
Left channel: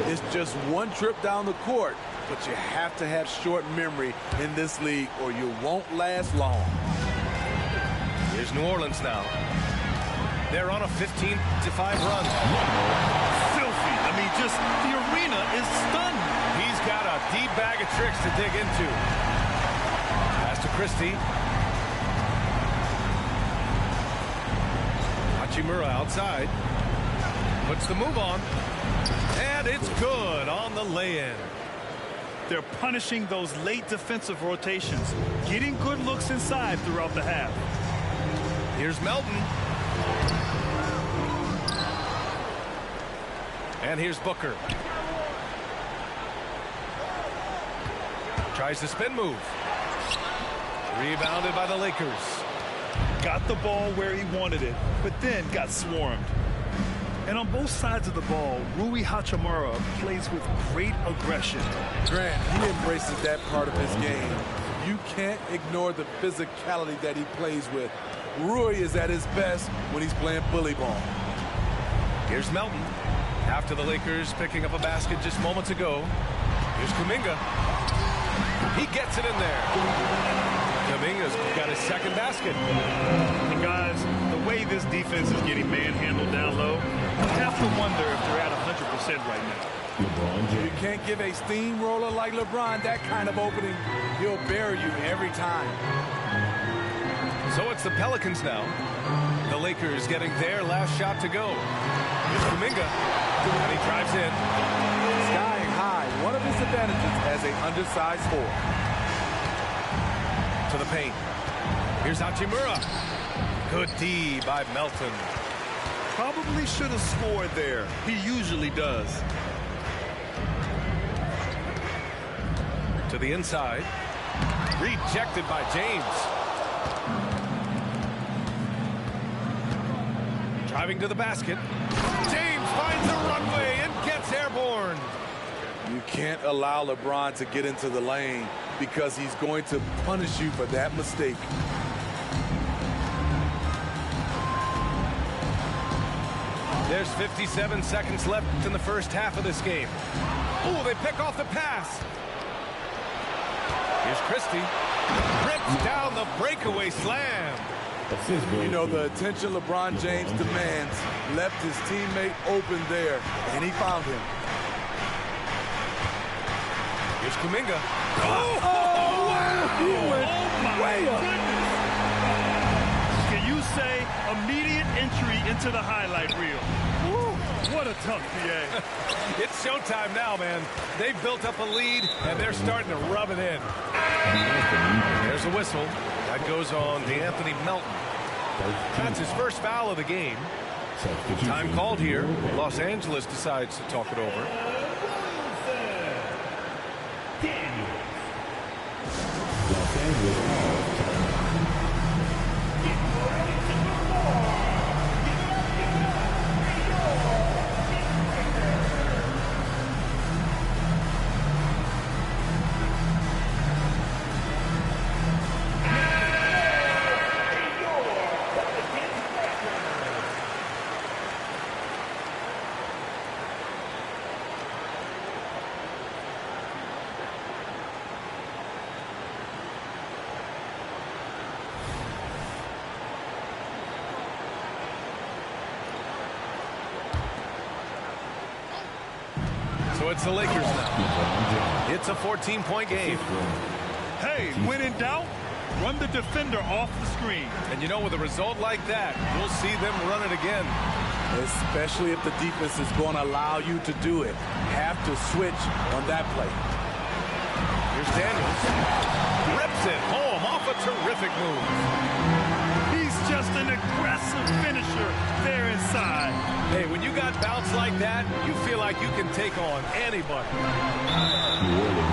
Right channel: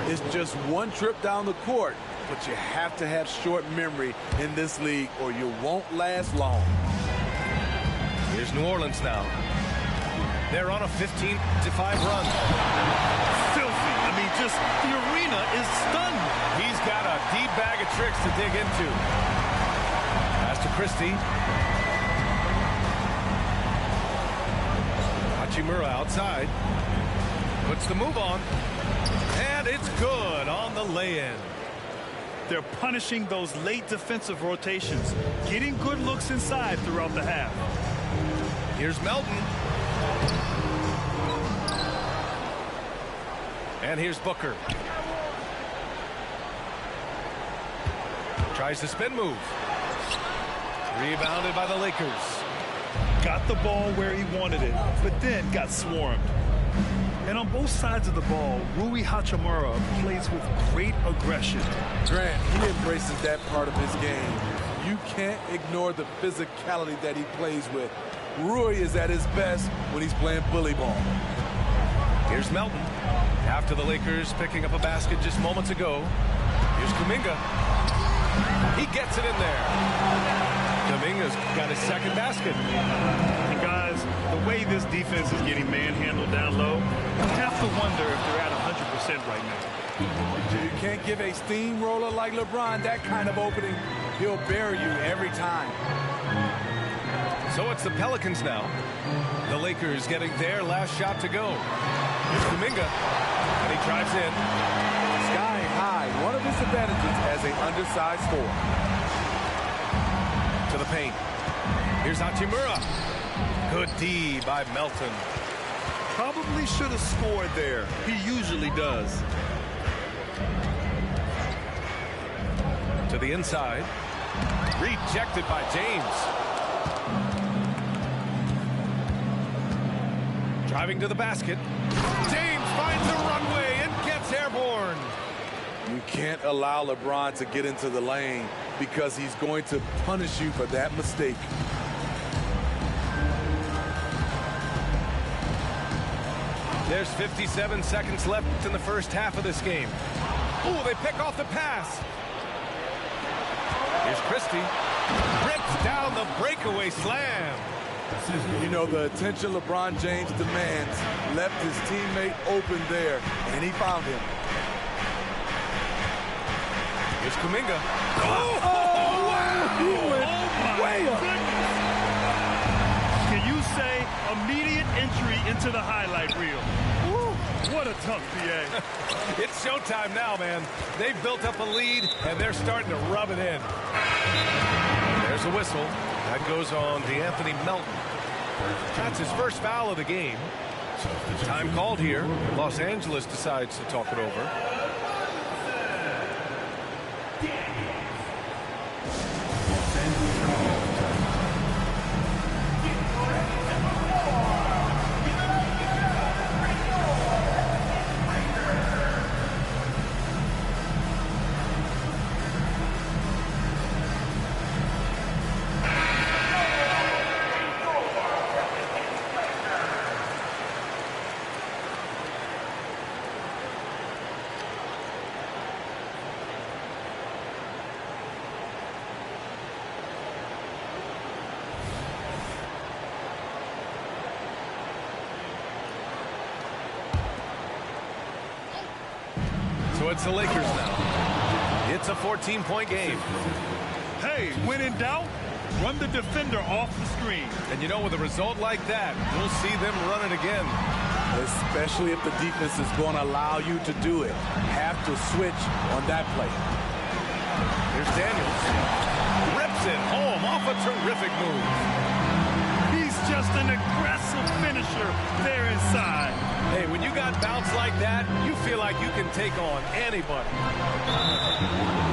It's just one trip down the court, but you have to have short memory in this league or you won't last long. Here's New Orleans now. They're on a 15-5 run. Filthy. I mean, just the arena is stunned. He's got a deep bag of tricks to dig into. Pass to Christie. Hachimura outside. Puts the move on. And it's good on the lay-in. They're punishing those late defensive rotations, getting good looks inside throughout the half. Here's Melton. And here's Booker. Tries the spin move. Rebounded by the Lakers. Got the ball where he wanted it, but then got swarmed. And on both sides of the ball, Rui Hachimura plays with great aggression. Grant, he embraces that part of his game. You can't ignore the physicality that he plays with. Rui is at his best when he's playing bully ball. Here's Melton. After the Lakers picking up a basket just moments ago. Here's Kuminga. He gets it in there. Kuminga's got his second basket. And guys, the way this defense is getting manhandled down low, you have to wonder if they're at 100% right now. You can't give a steamroller like LeBron that kind of opening. He'll bury you every time. So it's the Pelicans now. The Lakers getting their last shot to go. Here's Kuminga. And he drives in. Skying high, one of his advantages as an undersized forward. To the paint. Here's Hachimura. Good D by Melton. Probably should have scored there. He usually does. To the inside. Rejected by James. Driving to the basket. James finds a runway and gets airborne. You can't allow LeBron to get into the lane because he's going to punish you for that mistake. There's 57 seconds left in the first half of this game. Oh, they pick off the pass. Here's Christie. Rips down the breakaway slam. You know, the attention LeBron James demands left his teammate open there, and he found him. Here's Kuminga. Oh, wow! He went way up. Goodness. Can you say immediate entry into the highlight reel? Woo, what a dunk, PA. It's showtime now, man. They've built up a lead, and they're starting to rub it in. There's a whistle. That goes on D'Anthony Melton. That's his first foul of the game. Time called here. Los Angeles decides to talk it over. So it's the Lakers now. It's a 14-point game. Hey, when in doubt, run the defender off the screen. And you know, with a result like that, you'll see them run it again. Especially if the defense is going to allow you to do it. Have to switch on that play. Here's Daniels. Rips it home off a terrific move. He's just an aggressive finisher there inside. Hey, when you got bounce like that, you feel like you can take on anybody.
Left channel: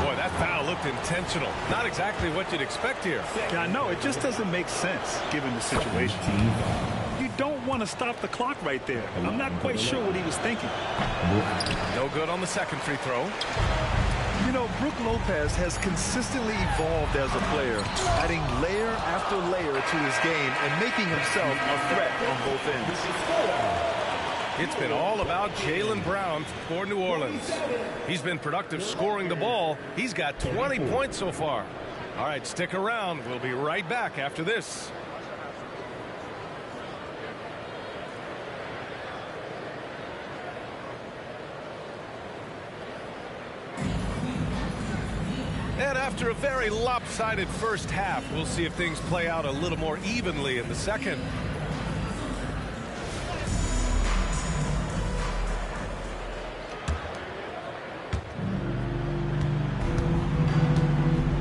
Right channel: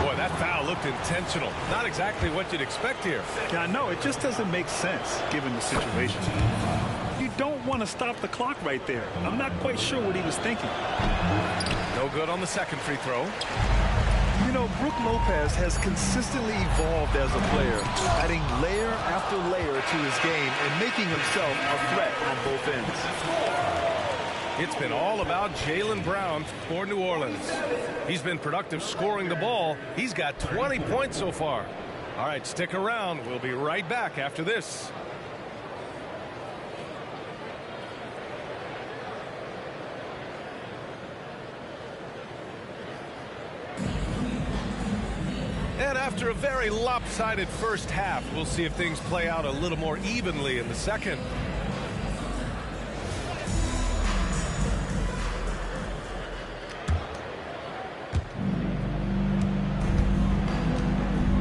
Boy, that foul looked intentional. Not exactly what you'd expect here. Yeah, I know. It just doesn't make sense given the situation. You don't want to stop the clock right there. I'm not quite sure what he was thinking. No good on the second free throw. You know, Brook Lopez has consistently evolved as a player, adding layer after layer to his game and making himself a threat on both ends. It's been all about Jaylen Brown for New Orleans. He's been productive scoring the ball. He's got 20 points so far. All right, stick around. We'll be right back after this. And after a very lopsided first half, we'll see if things play out a little more evenly in the second.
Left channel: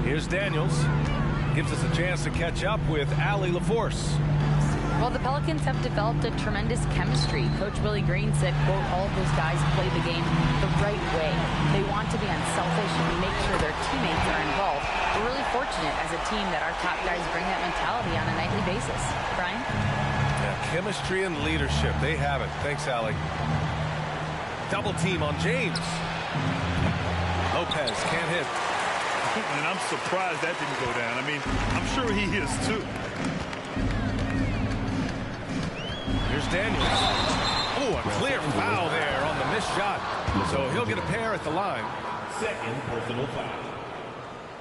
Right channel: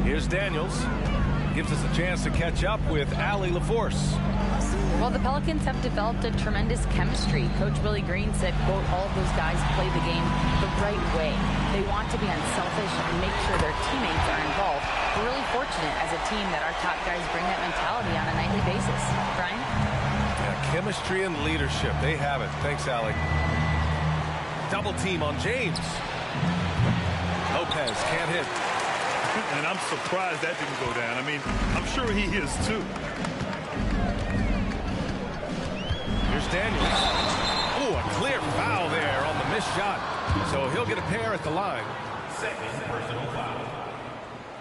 Here's Daniels. Gives us a chance to catch up with Allie LaForce. Well, the Pelicans have developed a tremendous chemistry. Coach Willie Green said, quote, all of those guys play the game the right way. They want to be unselfish and make sure their teammates are involved. We're really fortunate as a team that our top guys bring that mentality on a nightly basis. Brian? Yeah, chemistry and leadership. They have it. Thanks, Allie. Double team on James. Lopez can't hit. And I'm surprised that didn't go down. I mean, I'm sure he is too. Here's Daniels. Oh, a clear foul there on the missed shot. So he'll get a pair at the line. Second personal foul.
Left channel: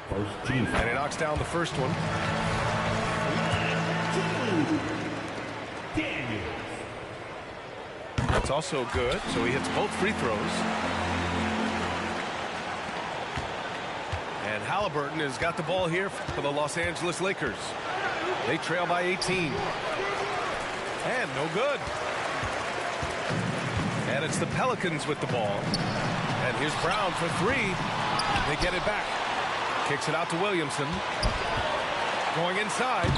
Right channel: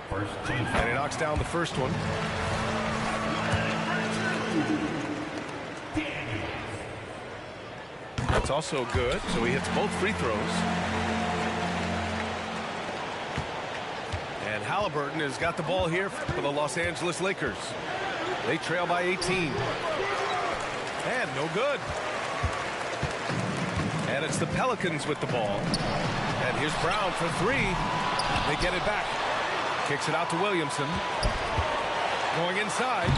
First team. And he knocks down the first one. Daniels. That's also good. So he hits both free throws. And Halliburton has got the ball here for the Los Angeles Lakers. They trail by 18. And no good. And it's the Pelicans with the ball. And here's Brown for three. They get it back. Kicks it out to Williamson. Going inside.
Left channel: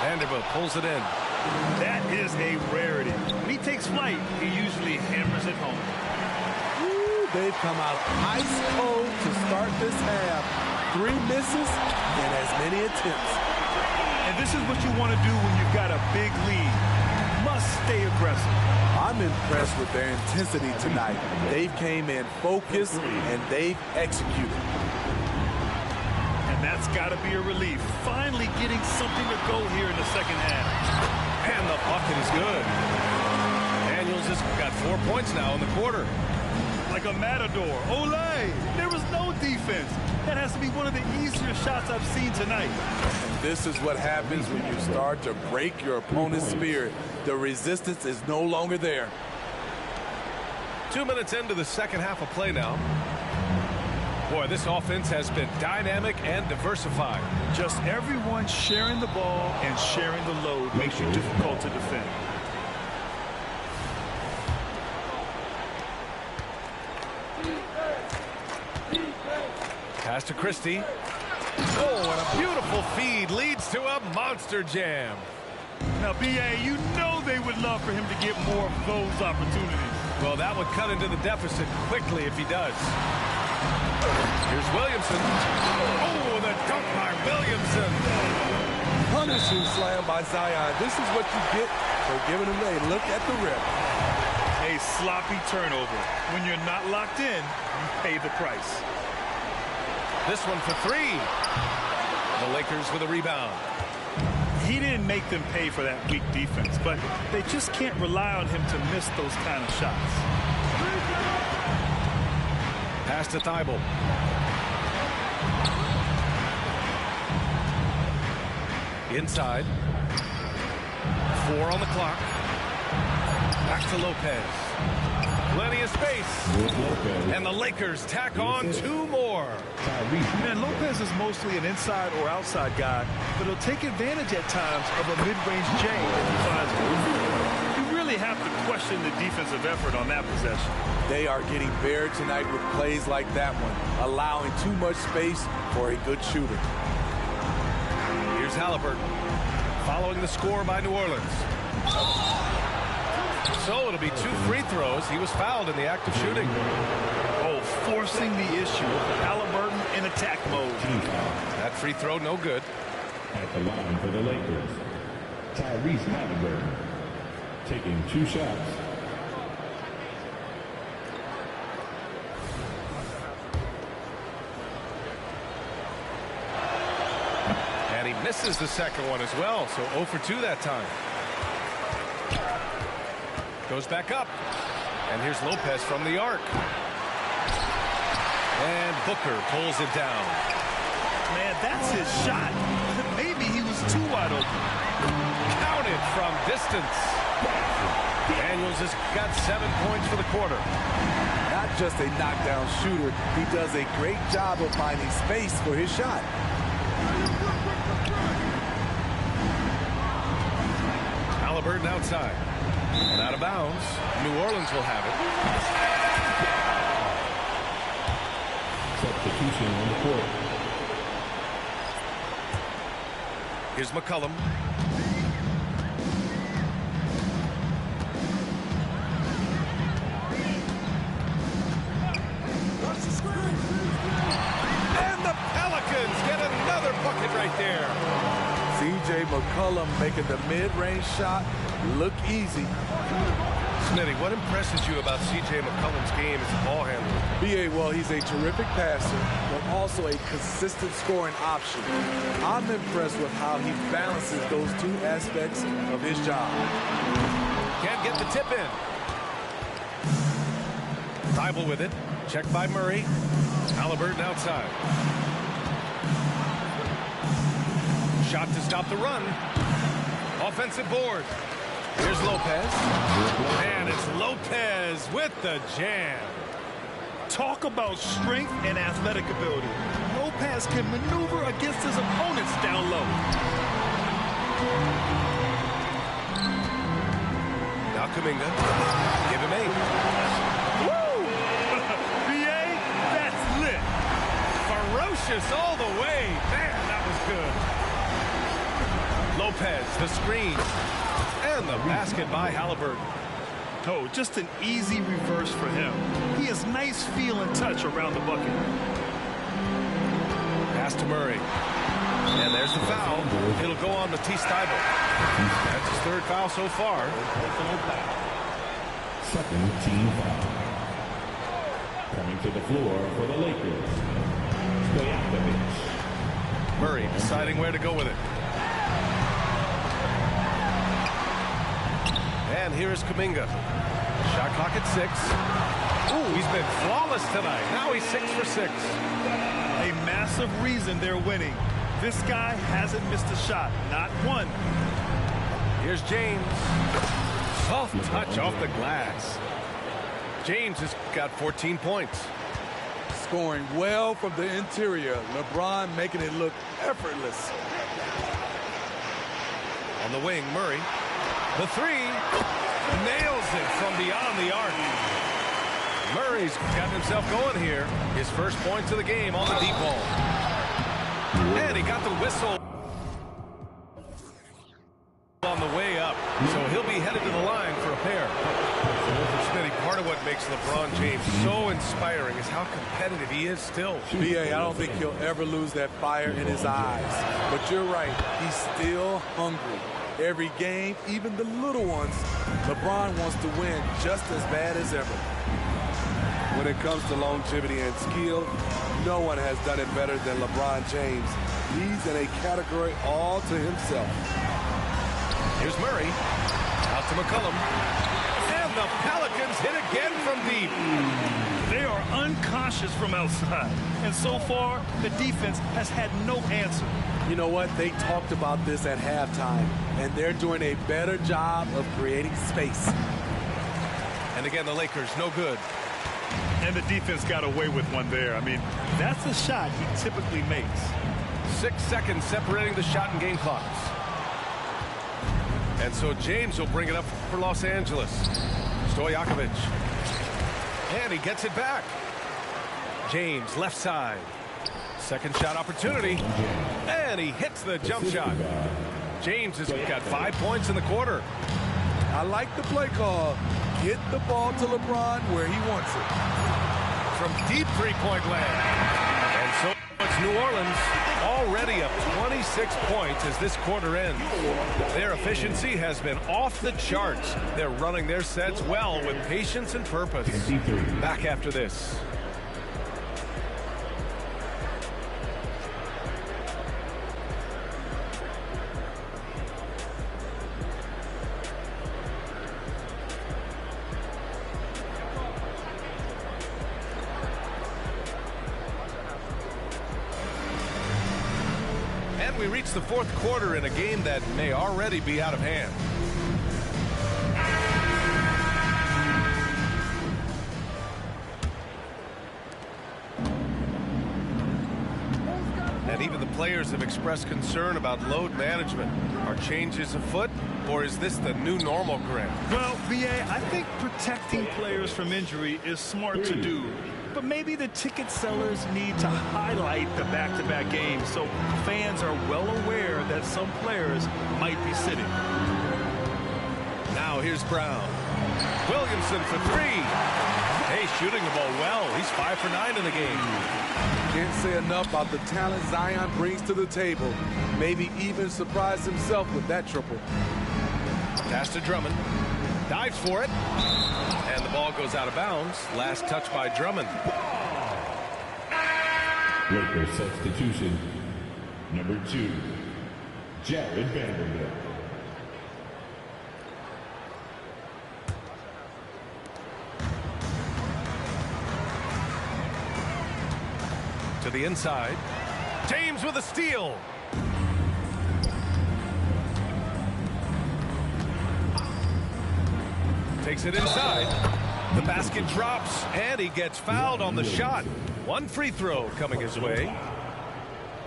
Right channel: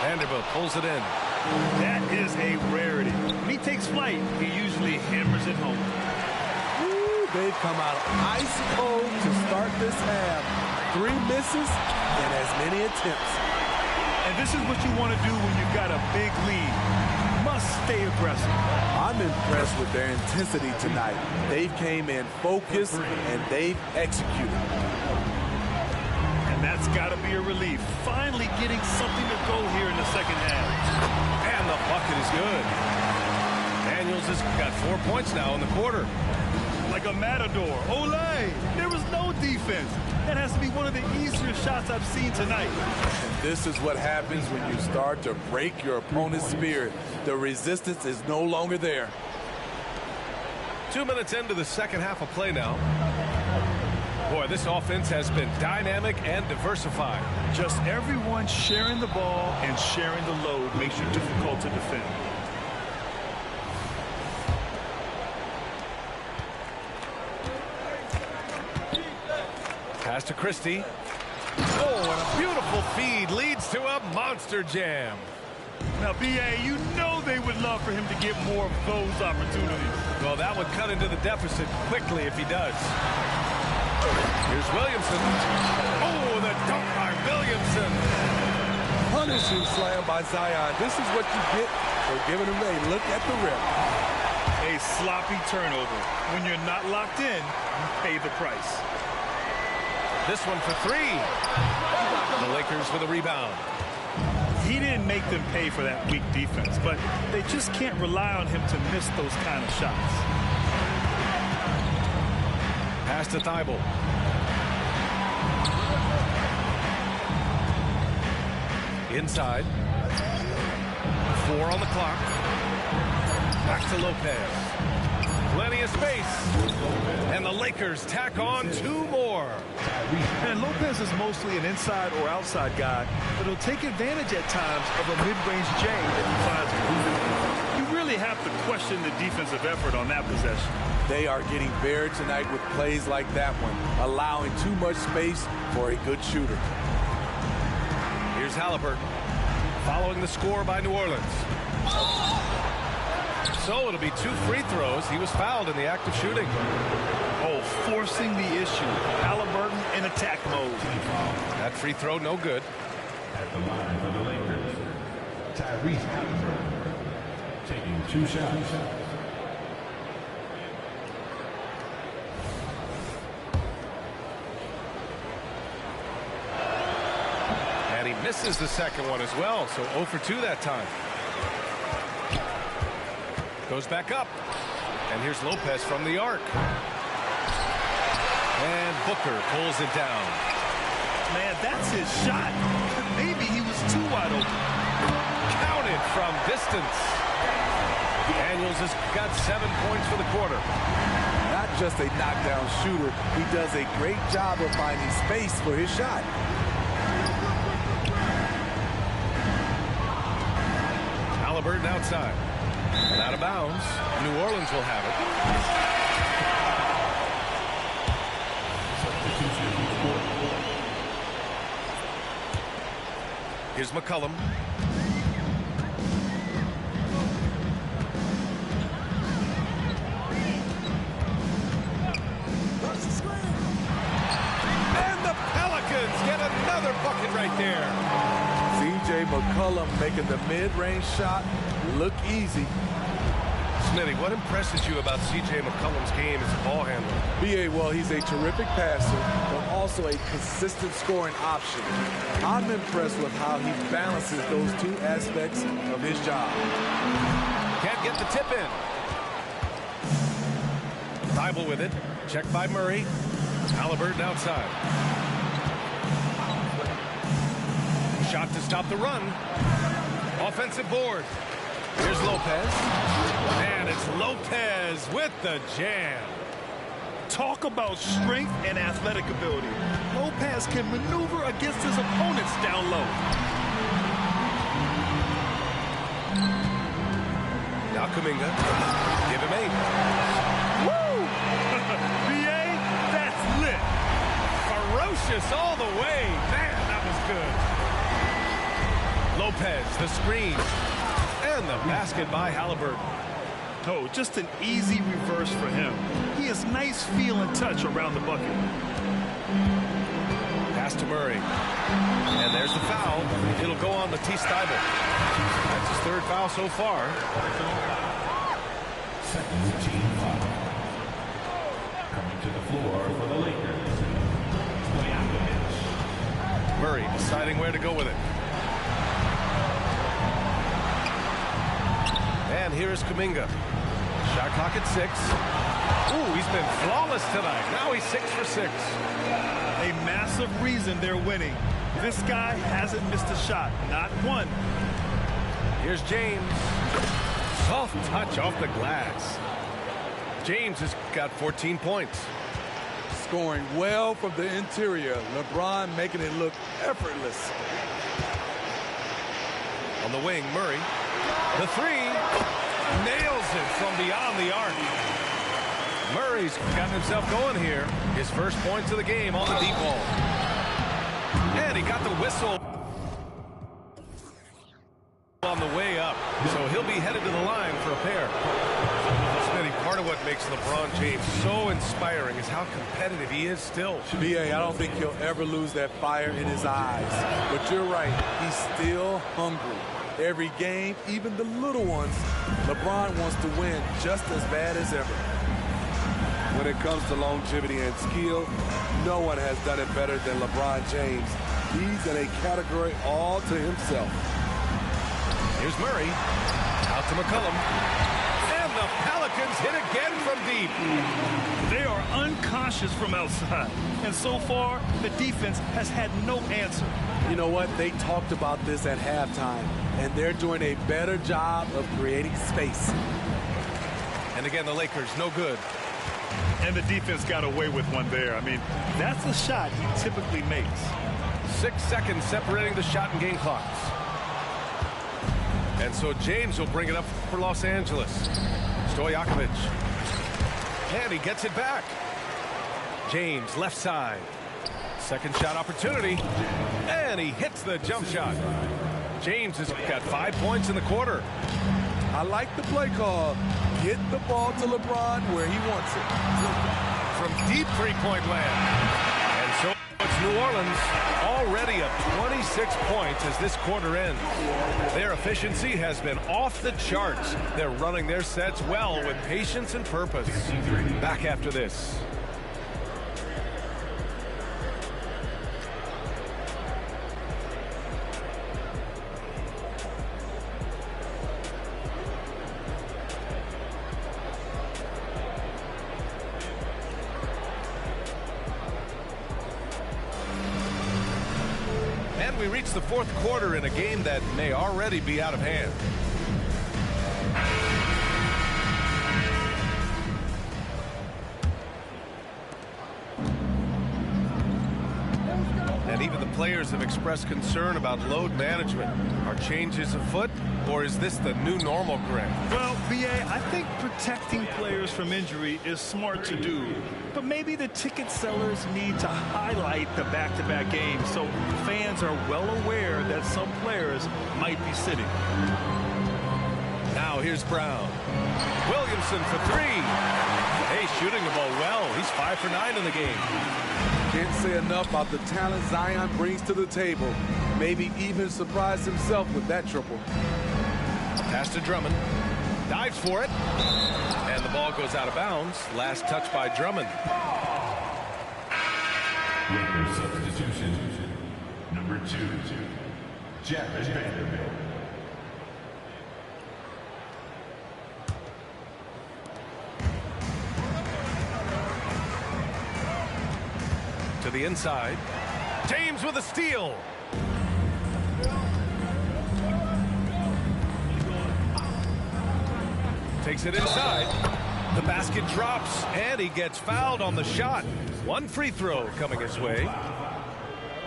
Vanderbilt pulls it in. That is a rarity. When he takes flight, he usually hammers it home. Ooh, they've come out ice cold to start this half. 3 misses and as many attempts. And this is what you want to do when you've got a big lead. Must stay aggressive. I'm impressed with their intensity tonight. They've came in focused and they've executed. And that's got to be a relief. Finally getting something to go here in the second half. And the bucket is good. Daniels has got 4 points now in the quarter. Like a matador. Olay! There was no defense. That has to be one of the easier shots I've seen tonight. And this is what happens when you start to break your opponent's spirit. The resistance is no longer there. 2 minutes into the second half of play now. Boy, this offense has been dynamic and diversified. Just everyone sharing the ball and sharing the load makes you difficult to defend. Pass to Christie. Oh, and a beautiful feed leads to a monster jam. Now, B.A., you know they would love for him to get more of those opportunities. Well, that would cut into the deficit quickly if he does. Here's Williamson. Oh, the dunk by Williamson. Punishing slam by Zion. This is what you get for giving him a look at the rim. A sloppy turnover. When you're not locked in, you pay the price. This one for three. The Lakers with a rebound. He didn't make them pay for that weak defense, but they just can't rely on him to miss those kind of shots. Pass to Thibault. Inside. 4 on the clock. Back to Lopez. Plenty of space. And the Lakers tack on 2 more. And Lopez is mostly an inside or outside guy, but he'll take advantage at times of a mid-range J if he finds it. You really have to question the defensive effort on that possession. They are getting buried tonight with plays like that one, allowing too much space for a good shooter. Here's Halliburton, following the score by New Orleans. So it'll be 2 free throws. He was fouled in the act of shooting. Oh, forcing the issue. Halliburton in attack mode. That free throw, no good. At the line for the Lakers, Tyrese Halliburton taking 2 shots. And he misses the second one as well, so 0 for 2 that time. Goes back up. And here's Lopez from the arc. And Booker pulls it down. Man, that's his shot. Maybe he was too wide open. Counted from distance. Daniels has got 7 points for the quarter. Not just a knockdown shooter, he does a great job of finding space for his shot. Halliburton outside. And out of bounds. New Orleans will have it. Substitution in the court. Here's McCollum. And the Pelicans get another bucket right there. C.J. McCollum making the mid-range shot look easy. Smitty, what impresses you about C.J. McCollum's game as a ball handler? B.A., well, he's a terrific passer, but also a consistent scoring option. I'm impressed with how he balances those 2 aspects of his job. Can't get the tip in. Thibault with it. Checked by Murray. Halliburton outside. Shot to stop the run. Offensive board. Here's Lopez. And it's Lopez with the jam. Talk about strength and athletic ability. Lopez can maneuver against his opponents down low. Now Kuminga. Give him 8. Woo! B.A., that's lit. Ferocious all the way. Man, that was good. Lopez, the screen. And the basket by Halliburton. Oh, just an easy reverse for him. He has nice feel and touch around the bucket. Pass to Murray. And there's the foul. It'll go on Matisse Thybulle. That's his 3rd foul so far. Second team foul. Coming to the floor for the Lakers, Stojakovic. Murray deciding where to go with it. And here's Kuminga. Shot clock at 6. Ooh, he's been flawless tonight. Now he's 6 for 6. A massive reason they're winning. This guy hasn't missed a shot, not one. Here's James. Soft touch off the glass. James has got 14 points. Scoring well from the interior. LeBron making it look effortless. On the wing, Murray. The 3. Nails it from beyond the arc. Murray's gotten himself going here. His first points of the game on the deep ball. And he got the whistle on the way up. So he'll be headed to the line for a pair. Smitty, part of what makes LeBron James so inspiring is how competitive he is still. B.A., I don't think he'll ever lose that fire in his eyes. But you're right, he's still hungry. Every game, even the little ones, LeBron wants to win just as bad as ever. When it comes to longevity and skill, no one has done it better than LeBron James. He's in a category all to himself. Here's Murray. Out to McCollum. And the Pelicans hit again from deep. They are unconscious from outside. And so far, the defense has had no answer. You know what? They talked about this at halftime, and they're doing a better job of creating space. And again, the Lakers, no good. And the defense got away with one there. I mean, that's the shot he typically makes. 6 seconds separating the shot and game clocks. And so James will bring it up for Los Angeles. Stojakovic. And he gets it back. James, left side. Second shot opportunity. And he hits the jump shot. James has got 5 points in the quarter. I like the play call. Get the ball to LeBron where he wants it. From deep three-point land. And so it's New Orleans already up 26 points as this quarter ends. Their efficiency has been off the charts. They're running their sets well with patience and purpose. Back after this. And we reach the fourth quarter in a game that may already be out of hand. And even the players have expressed concern about load management. Are changes afoot, or is this the new normal, Greg? Well, B.A., I think protecting players from injury is smart to do. But maybe the ticket sellers need to highlight the back-to-back games so fans are well aware that some players might be sitting. Now here's Brown. Williamson for three. Hey, shooting the ball well. He's 5 for 9 in the game. Can't say enough about the talent Zion brings to the table. Maybe even surprise himself with that triple. Pass to Drummond. Dives for it. And the ball goes out of bounds. Last touch by Drummond. Lakers substitution. Number 2, Jared Vanderbilt. To the inside. James with a steal. Takes it inside. The basket drops, and he gets fouled on the shot. One free throw coming his way.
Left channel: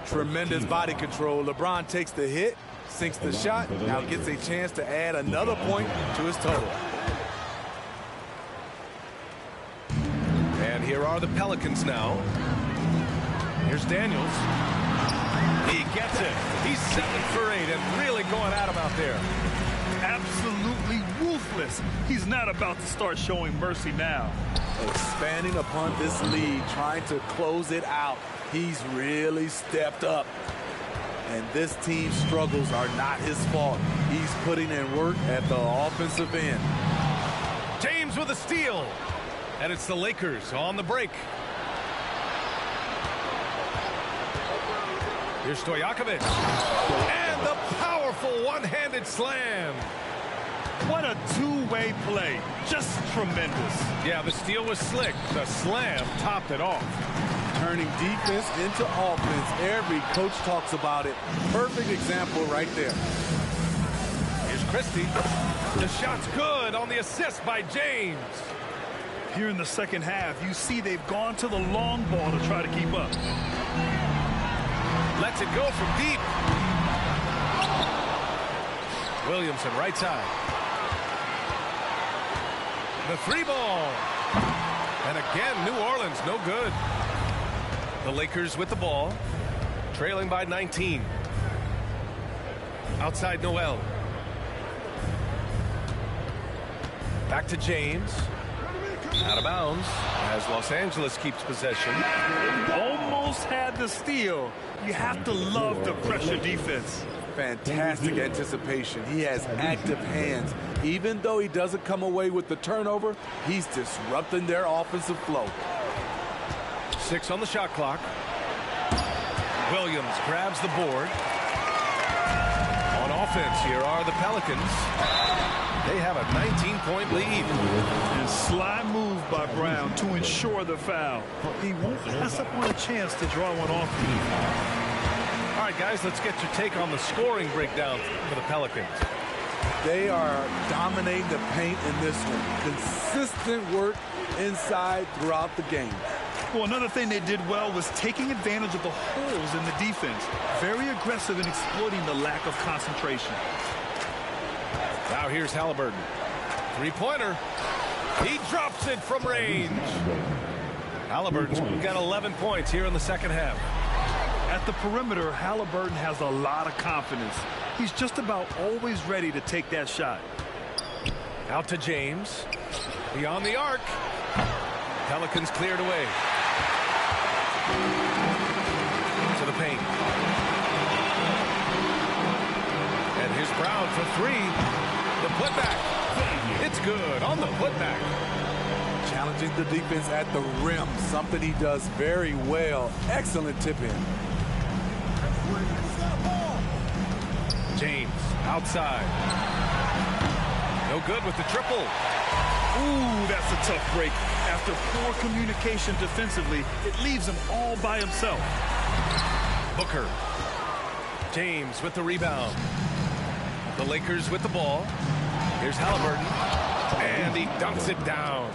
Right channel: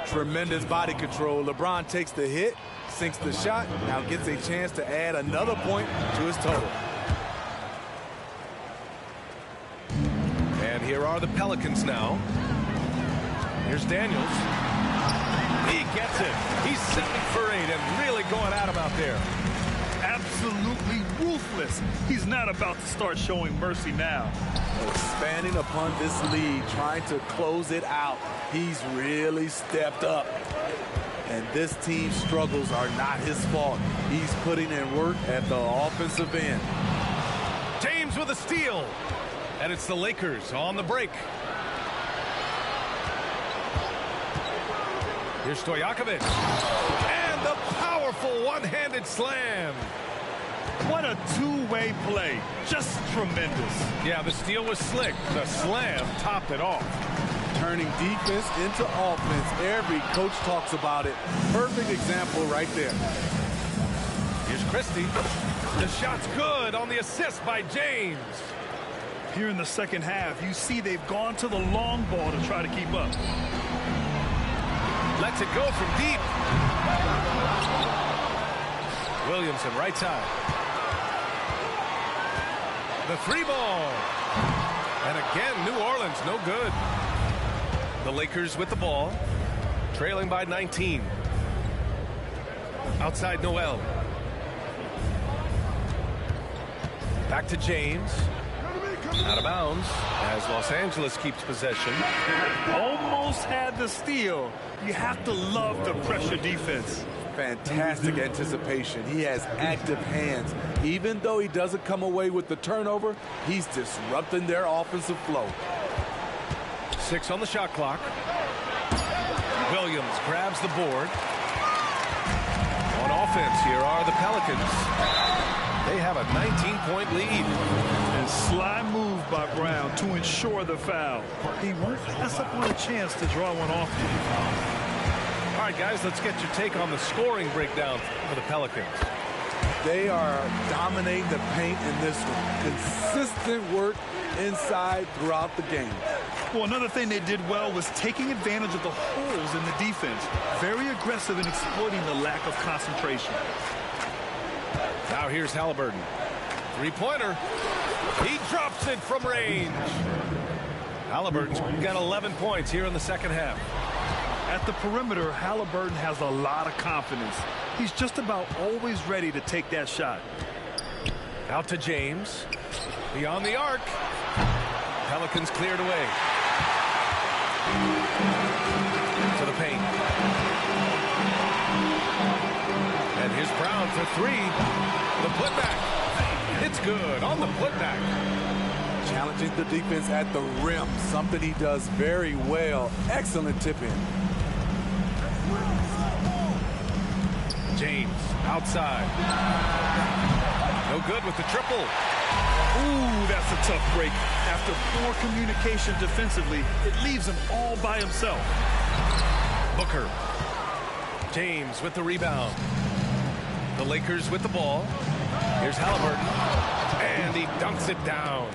Tremendous body control. LeBron takes the hit, sinks the shot, now gets a chance to add another point to his total. And here are the Pelicans now. Here's Daniels. He gets it. He's 7 for 8 and really going at him out there. Absolutely ruthless. He's not about to start showing mercy now. Expanding upon this lead, trying to close it out. He's really stepped up. And this team's struggles are not his fault. He's putting in work at the offensive end. James with a steal. And it's the Lakers on the break. Here's Stojakovic. And the powerful one-handed slam. What a two-way play. Just tremendous. Yeah, the steal was slick. The slam topped it off. Turning defense into offense. Every coach talks about it. Perfect example right there. Here's Christie. The shot's good on the assist by James. Here in the second half, you see they've gone to the long ball to try to keep up. Lets it go from deep. Williamson, right side. The three ball. And again, New Orleans, no good. The Lakers with the ball, trailing by 19. Outside Noel. Back to James. Out of bounds as Los Angeles keeps possession. Almost had the steal. You have to love the pressure defense. Fantastic anticipation. He has active hands. Even though he doesn't come away with the turnover, he's disrupting their offensive flow. 6 on the shot clock. Williams grabs the board. On offense, here are the Pelicans. They have a 19-point lead. And sly move by Brown to ensure the foul. He won't pass up on a chance to draw one off you. All right, guys, let's get your take on the scoring breakdown for the Pelicans. They are dominating the paint in this one. Consistent work inside throughout the game. Well, another thing they did well was taking advantage of the holes in the defense. Very aggressive in exploiting the lack of concentration. Now here's Haliburton. Three-pointer. He drops it from range. Haliburton's got 11 points here in the second half. At the perimeter, Haliburton has a lot of confidence. He's just about always ready to take that shot. Out to James. Beyond the arc. Pelicans cleared away. To the paint. And here's Brown for three. The putback. It's good on the putback. Challenging the defense at the rim, something he does very well. Excellent tip in. James outside. No good with the triple. Ooh, that's a tough break. After poor communication defensively, it leaves him all by himself. Booker. James with the rebound. The Lakers with the ball. Here's Haliburton. And he dunks it down.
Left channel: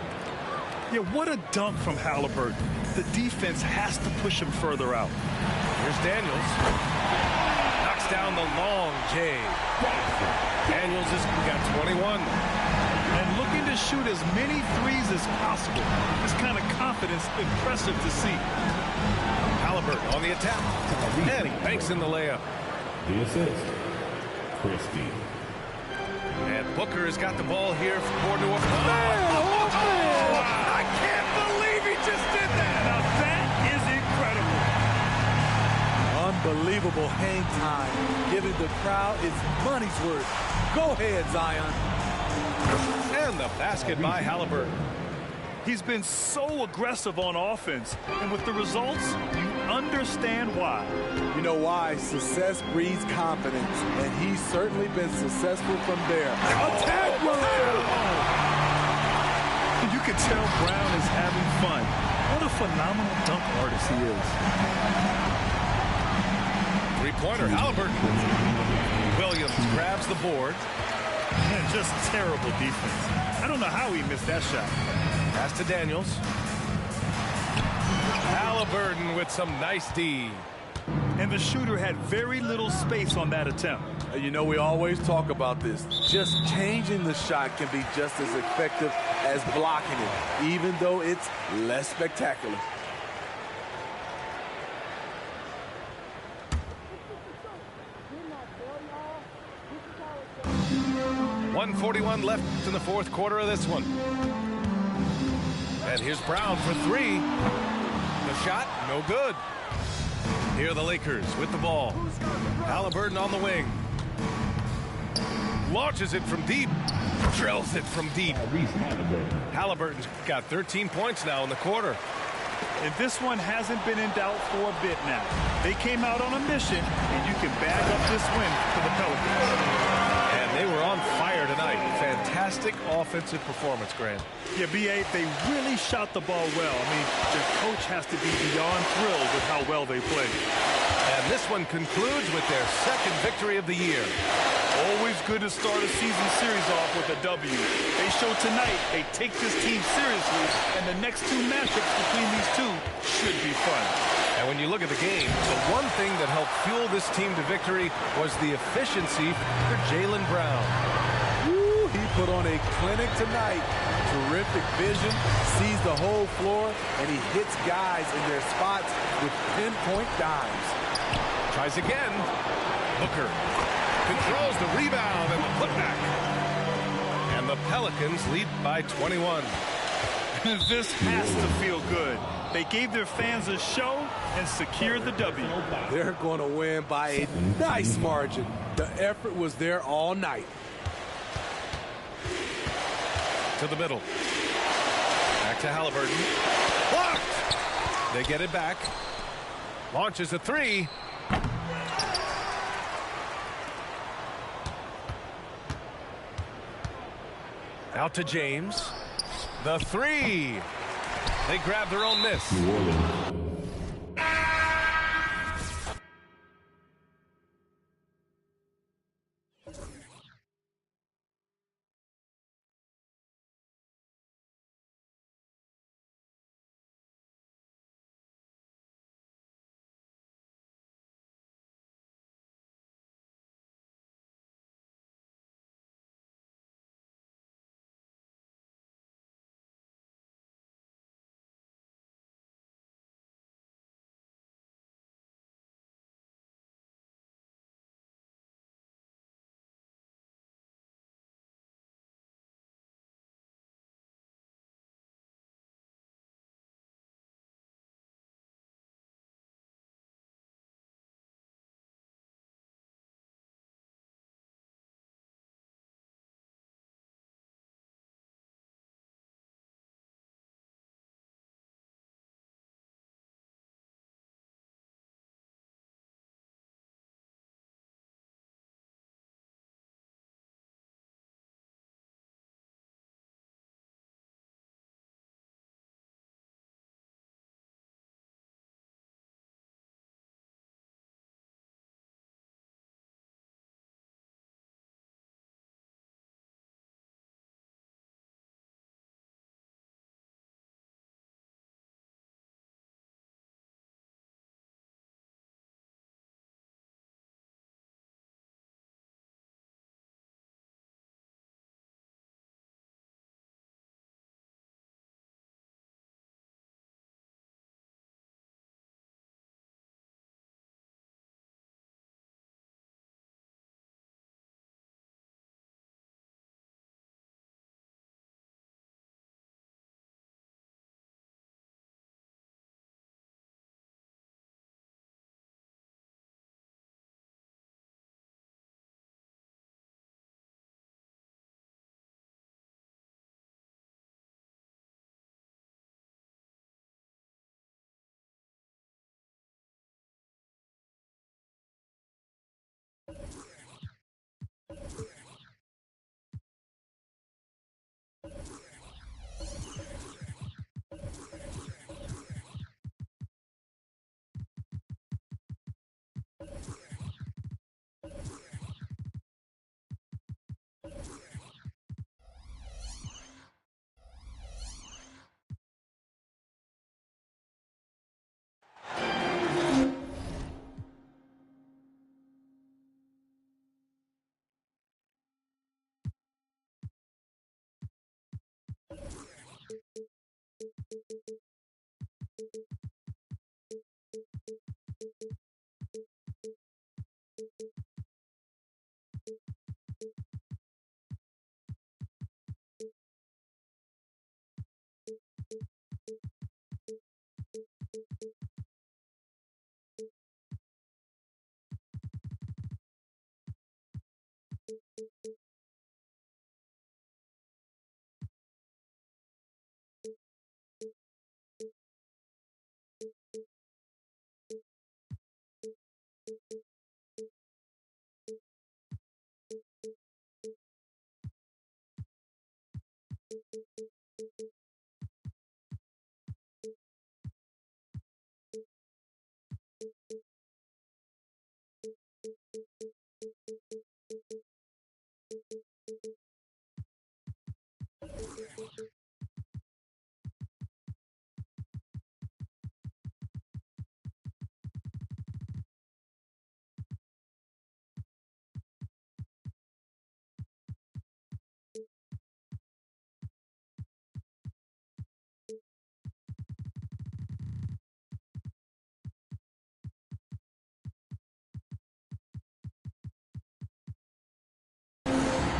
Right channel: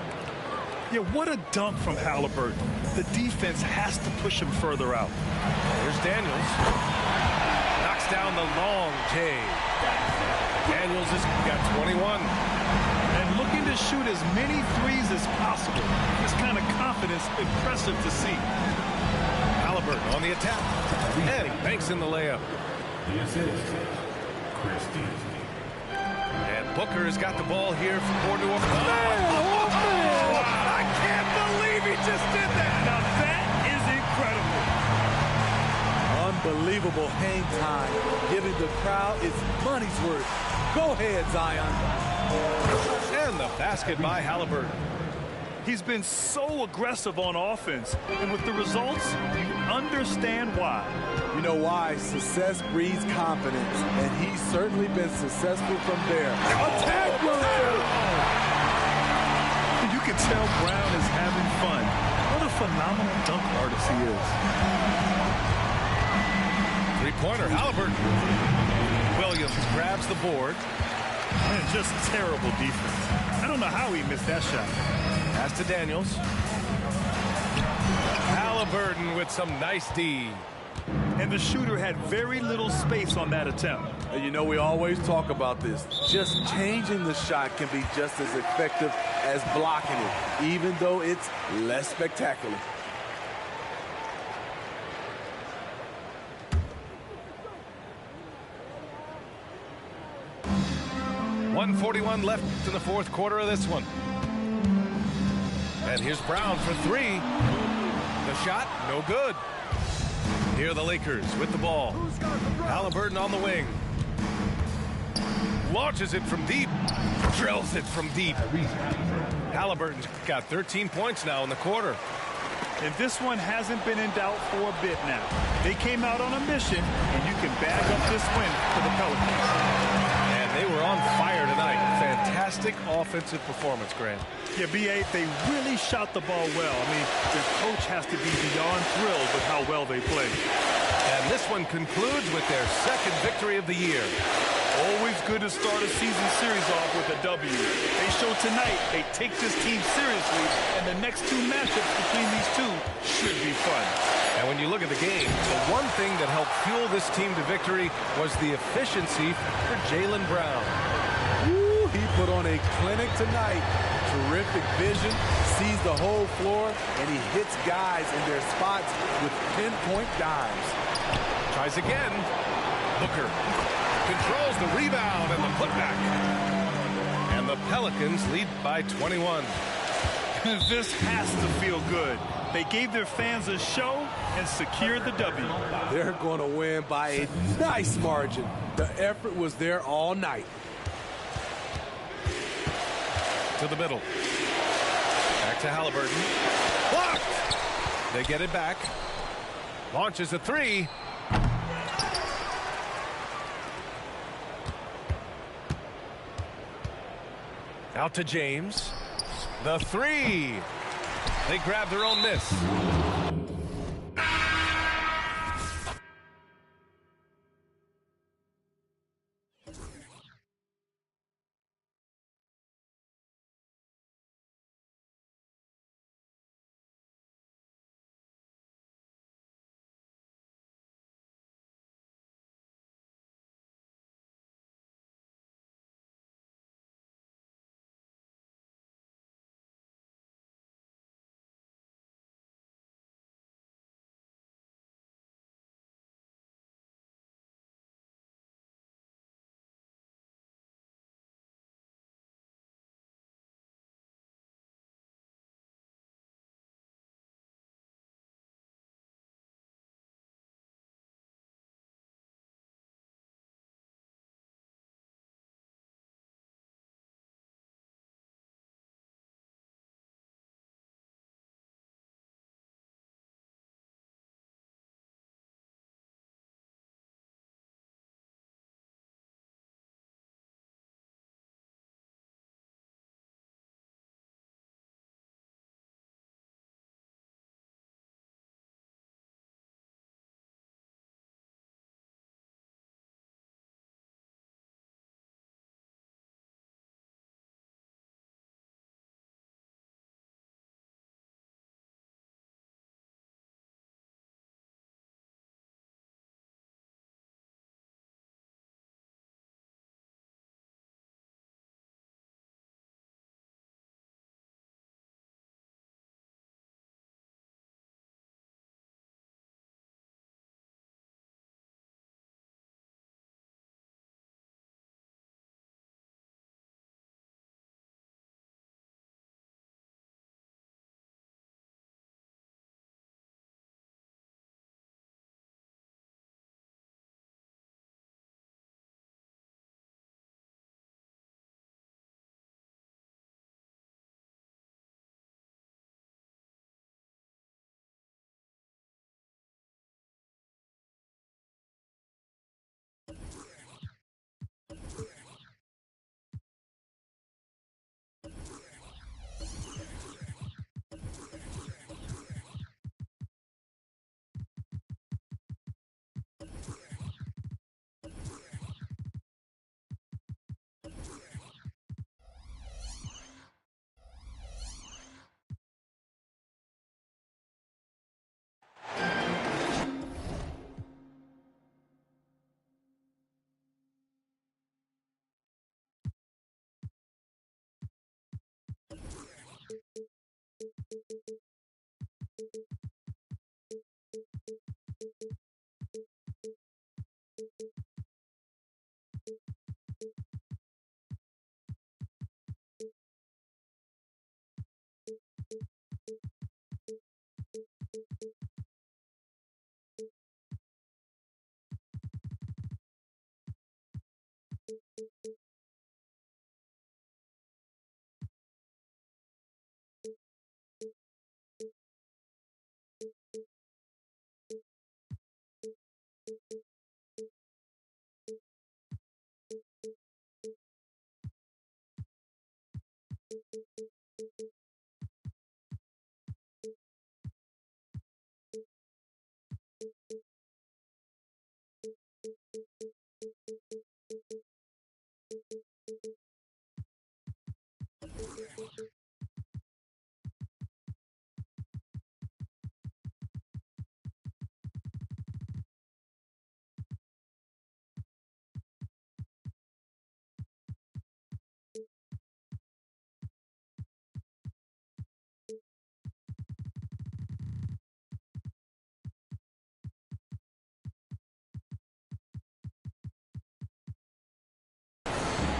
Yeah, what a dunk from Haliburton. The defense has to push him further out. Here's Daniels. Knocks down the long J. Daniels has got 21. And looking to shoot as many threes as possible. This kind of confidence, impressive to see. Haliburton on the attack. And he banks in the layup. The assist, Christie. And Booker has got the ball here for New Orleans. I can't believe he just did that. Now that is incredible. Unbelievable hang time, giving the crowd its money's worth. Go ahead, Zion. And the basket by Haliburton. He's been so aggressive on offense, and with the results, you understand why. You know why? Success breeds confidence, and he's certainly been successful from there. Attack run! You can tell Brown is having fun. What a phenomenal dunk artist he is. Three-pointer, Haliburton. Williams grabs the board. And just terrible defense. I don't know how he missed that shot. Pass to Daniels. Haliburton with some nice D. And the shooter had very little space on that attempt. You know, we always talk about this. Just changing the shot can be just as effective as blocking it, even though it's less spectacular. .141 left in the fourth quarter of this one. And here's Brown for three. The shot, no good. Here are the Lakers with the ball. Haliburton on the wing. Launches it from deep. Drills it from deep. Haliburton's got 13 points now in the quarter. And this one hasn't been in doubt for a bit now. They came out on a mission, and you can bag up this win for the Pelicans. And they were on fire tonight. Fantastic offensive performance, Grant. Yeah, B.A., they really shot the ball well. I mean, their coach has to be beyond thrilled with how well they played. And this one concludes with their second victory of the year. Always good to start a season series off with a W. They show tonight they take this team seriously, and the next two matchups between these two should be fun. And when you look at the game, the one thing that helped fuel this team to victory was the efficiency for Jaylen Brown. Woo, he put on a clinic tonight. Terrific vision, sees the whole floor, and he hits guys in their spots with pinpoint dimes. Tries again. Booker controls the rebound and the putback. And the Pelicans lead by 21. This has to feel good. They gave their fans a show and secured the W. They're going to win by a nice margin. The effort was there all night. To the middle. Back to Haliburton. Blocked! They get it back. Launches a three. Out to James. The three. They grab their own miss.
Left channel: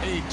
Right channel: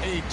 8.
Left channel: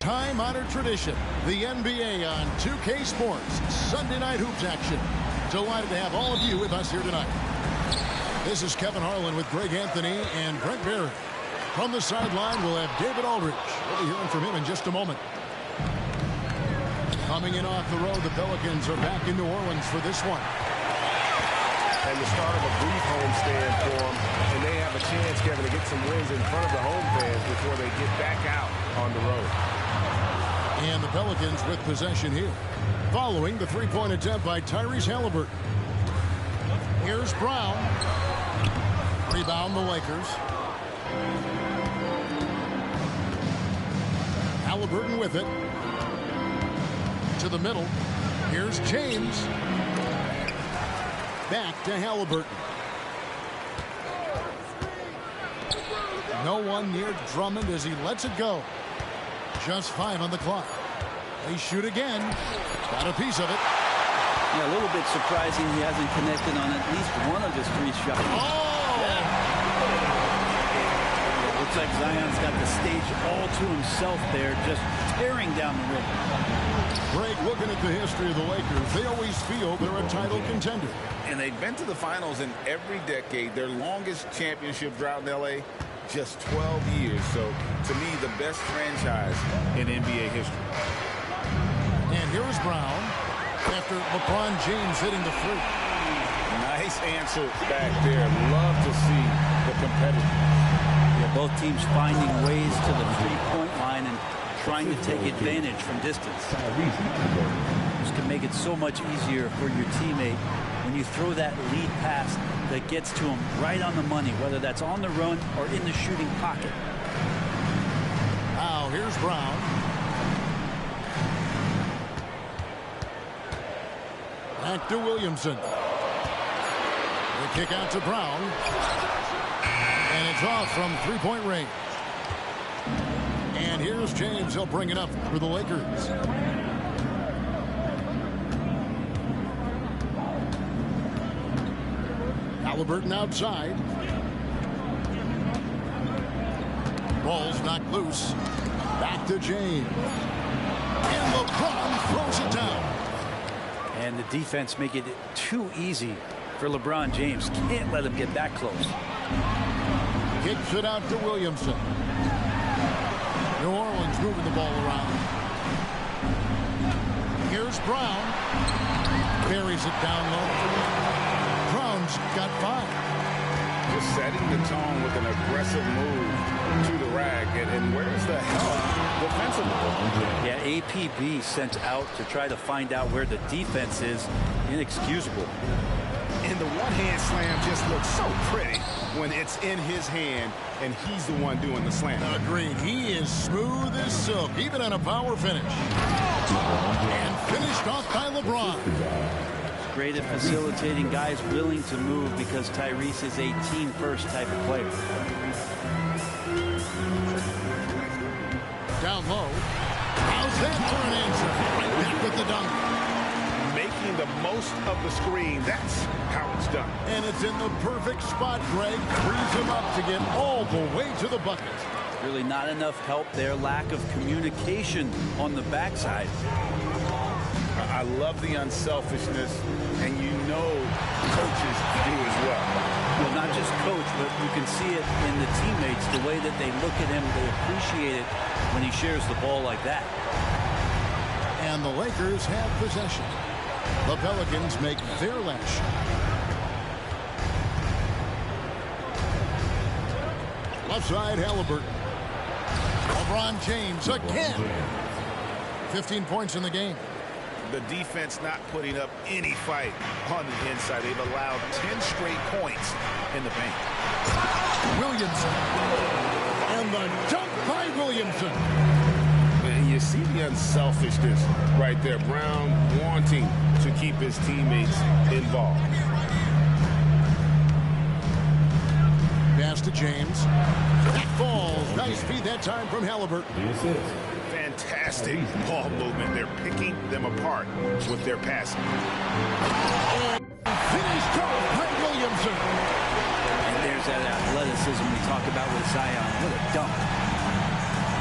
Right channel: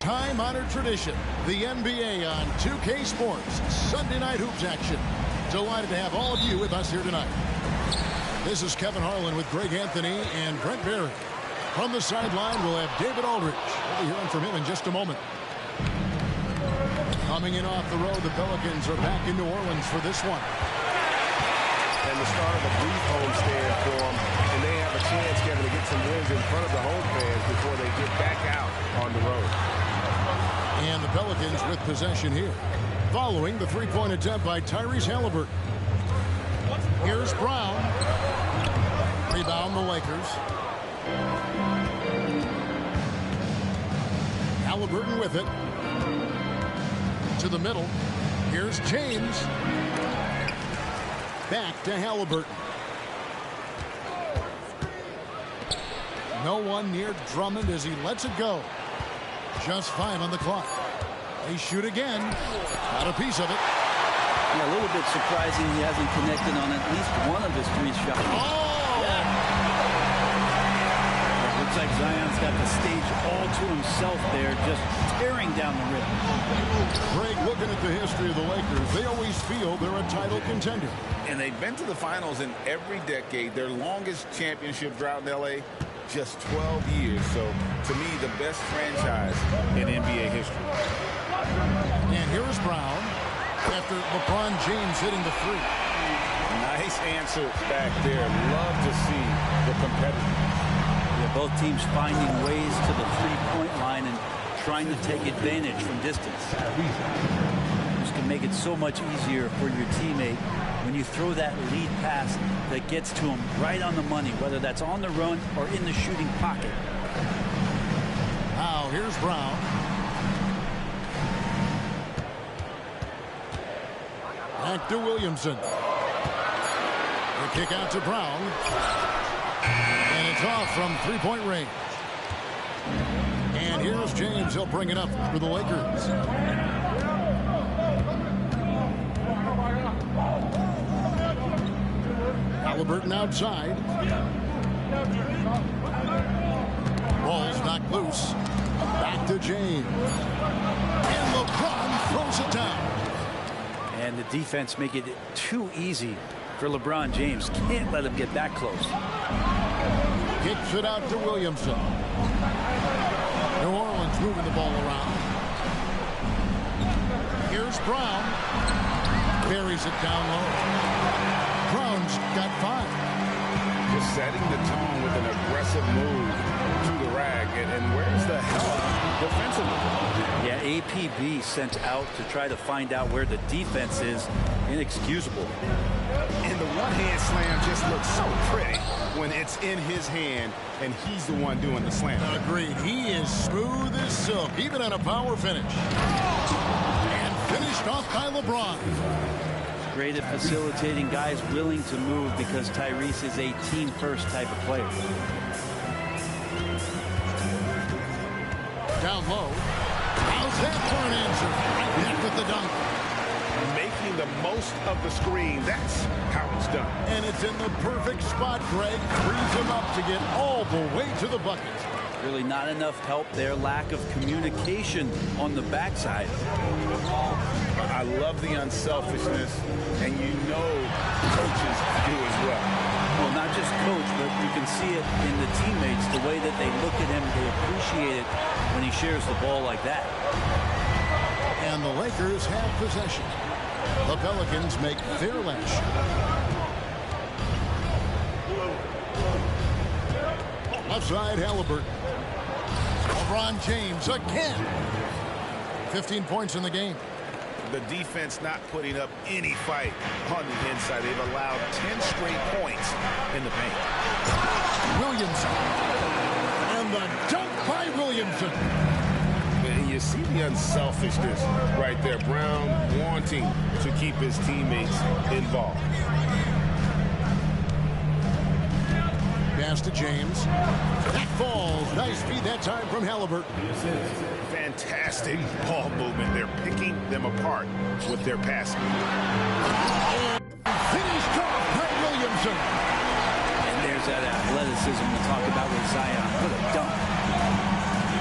Time-honored tradition, the NBA on 2K Sports, Sunday Night Hoops action. Delighted to have all of you with us here tonight. This is Kevin Harlan with Greg Anthony and Brent Barry. From the sideline, we'll have David Aldridge. We'll be hearing from him in just a moment. Coming in off the road, the Pelicans are back in New Orleans for this one. And the start of a brief homestand for them, and they have a chance, Kevin, to get some wins in front of the home fans before they get back out on the road. And the Pelicans with possession here. Following the three-point attempt by Tyrese Halliburton. Here's Brown. Rebound the Lakers. Halliburton with it. To the middle. Here's James. Back to Halliburton. No one near Drummond as he lets it go. Just 5 on the clock. They shoot again. Got a piece of it. Yeah, a little bit surprising he hasn't connected on at least one of his 3 shots. Oh! Yeah, looks like Zion's got the stage all to himself there, just tearing down the rim. Greg, looking at the history of the Lakers, they always feel they're a title contender. And they've been to the finals in every decade. Their longest championship drought in L.A., just 12 years. So, to me, the best franchise in NBA history. And here's Brown after LeBron James hitting the free. Nice answer back there. Love to see the competitiveness. Yeah, both teams finding ways to the three-point line and trying to take advantage from distance. This can make it so much easier for your teammate when you throw that lead pass that gets to him right on the money, whether that's on the run or in the shooting pocket. Now here's Brown. Back to Williamson. The kick out to Brown. And it's off from three-point range. And here's James. He'll bring it up for the Lakers. Halliburton outside. Ball's knocked loose. Back to James. And LeBron throws it down. And the defense make it too easy for LeBron James. Can't let him get that close. Kicks it out to Williamson. New Orleans moving the ball around. Here's Brown. Carries it down low. Brown's got 5. Just setting the tone with an aggressive move to the rack. And where's the help defensively? Yeah, APB sent out to try to find out where the defense is. Inexcusable. And the one-hand slam just looks so pretty when it's in his hand and he's the one doing the slam. Agreed. He is smooth as silk, even on a power finish. And finished off by LeBron. It's great at facilitating guys willing to move because Tyrese is a team-first type of player. Down low. How's that for an answer? Right back with the dunk. Making the most of the screen. That's how it's done. And it's in the perfect spot, Greg. Frees him up to get all the way to the bucket. Really not enough help there. Lack of communication on the backside. I love the unselfishness, and you know coaches do as well. Well, not just coach, but you can see it in the teammates, the way that they look at him. They appreciate it when he shares the ball like that. And the Lakers have possession. The Pelicans make their last shot. Left side, Halliburton. LeBron James again. 15 points in the game. The defense not putting up any fight on the inside. They've allowed 10 straight points in the paint. Williamson. And the dunk by Williamson. And you see the unselfishness right there. Brown wanting to keep his teammates involved. Pass to James. That falls. Nice feed that time from Halliburton. Fantastic ball movement. They're picking them apart with their passing. And finished off by Williamson. And there's that athleticism we talk about with Zion. What a dunk.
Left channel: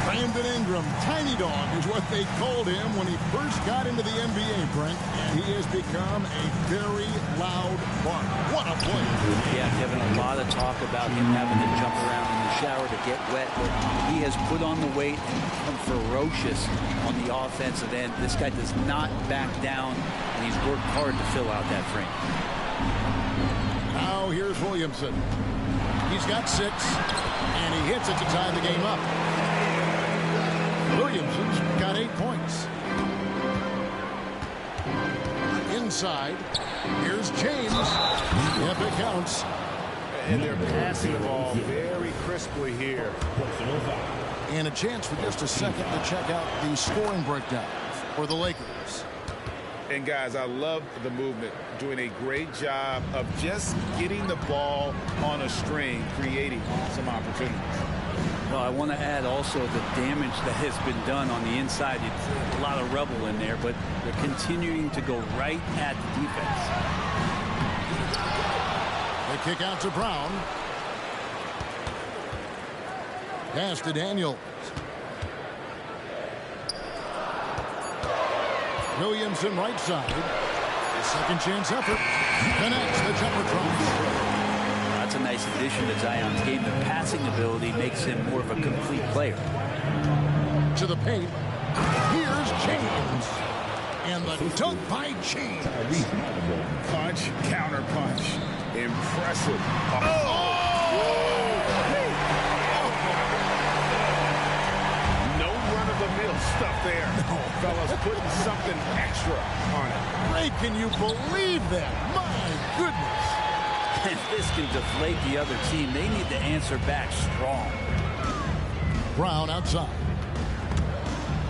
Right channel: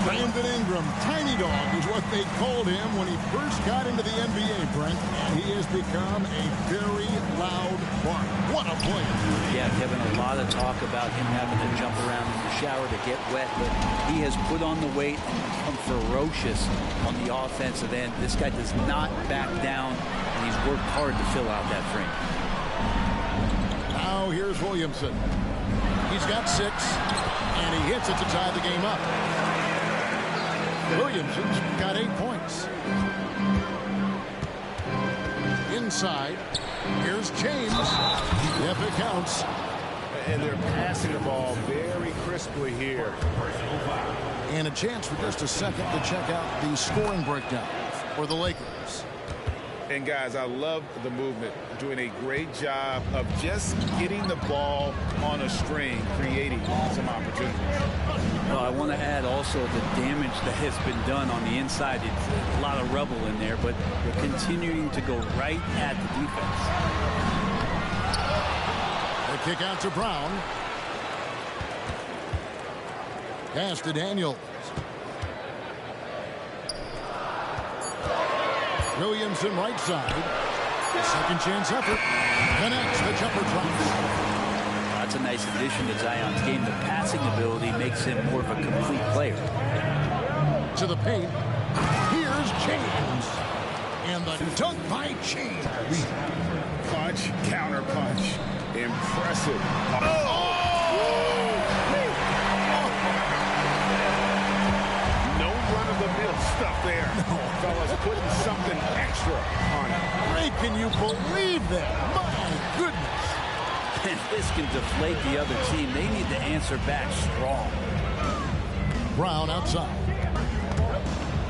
Brandon Ingram, tiny dog is what they called him when he first got into the NBA, Brent. And he has become a very loud bark. What a player. Yeah, Kevin, a lot of talk about him having to jump around in the shower to get wet, but he has put on the weight and become ferocious on the offensive end. This guy does not back down, and he's worked hard to fill out that frame. Now here's Williamson. He's got 6, and he hits it to tie the game up. Williamson's got 8 points. Inside, here's James. Yep, it counts. And they're passing the ball very crisply here. And a chance for just a second to check out the scoring breakdown for the Lakers. And guys, I love the movement, doing a great job of just getting the ball on a string, creating some opportunities. Well, I want to add also the damage that has been done on the inside. It's a lot of rubble in there, but they're continuing to go right at the defense. The kick out to Brown. Pass to Daniels. Williamson right side. Second chance effort. Connects. The jumper drops. That's a nice addition to Zion's game. The passing ability makes him more of a complete player. To the paint. Here's James. And the dunk by James. Punch, counter punch. Impressive. No run-of-the-mill stuff there. No. Fellas putting something extra on it. Ray, can you believe that? My goodness. And this can deflate the other team. They need to answer back strong. Brown outside.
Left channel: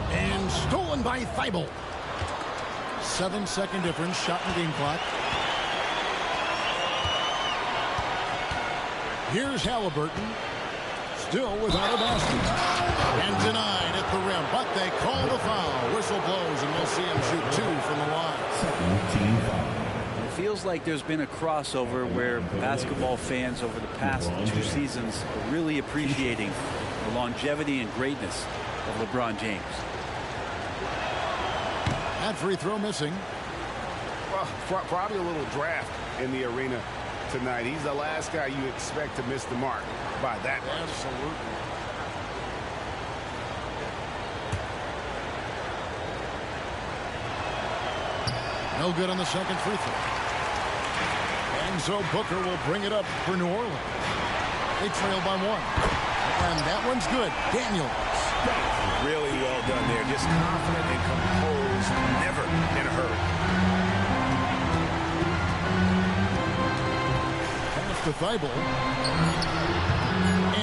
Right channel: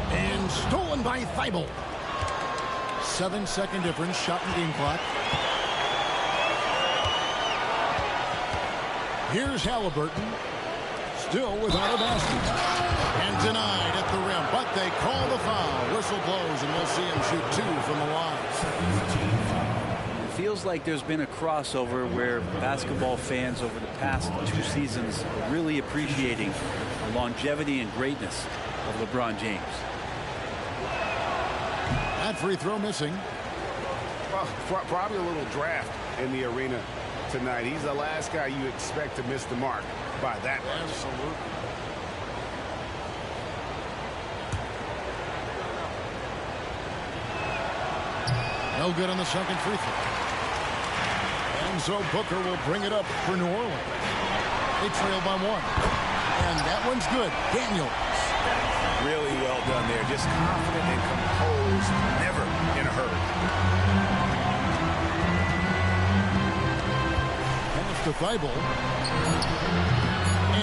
And stolen by Thibault. 7-second difference. Shot and game clock. Here's Halliburton. Still without a basket. And denied at the rim. But they call the foul. Whistle blows, and we'll see him shoot 2 from the line. It feels like there's been a crossover where basketball fans over the past 2 seasons are really appreciating the longevity and greatness of LeBron James. That free throw missing. Well, probably a little draft in the arena tonight. He's the last guy you expect to miss the mark by that much. Absolutely. No good on the second free throw. And so Booker will bring it up for New Orleans. They trail by 1. And that one's good. Daniels. Really well done there. Just confident and composed. Never in a hurry. Pass to Thibault.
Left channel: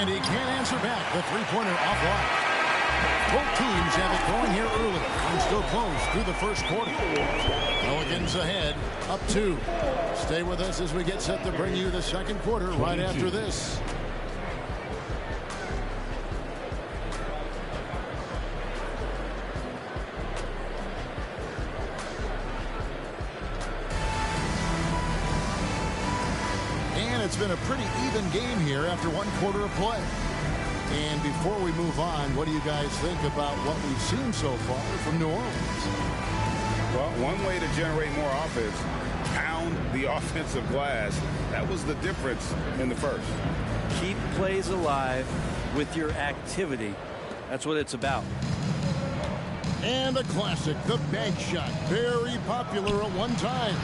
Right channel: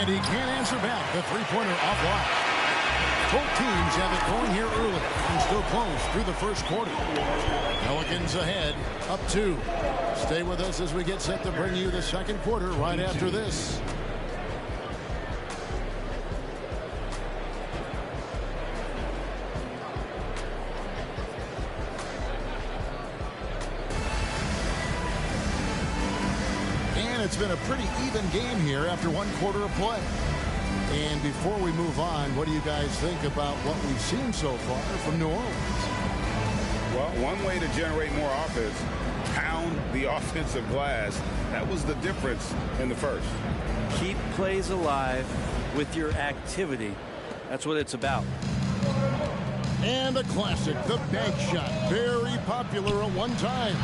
And he can't answer back. The three-pointer offline. Both teams have it going here early and still close through the first quarter. Pelicans ahead, up 2. Stay with us as we get set to bring you the second quarter right after this. And it's been a pretty even game here after 1 quarter of play. And before we move on, what do you guys think about what we've seen so far from New Orleans? Well, one way to generate more offense, pound the offensive glass. That was the difference in the first. Keep plays alive with your activity. That's what it's about. And a classic, the bank shot. Very popular at one time.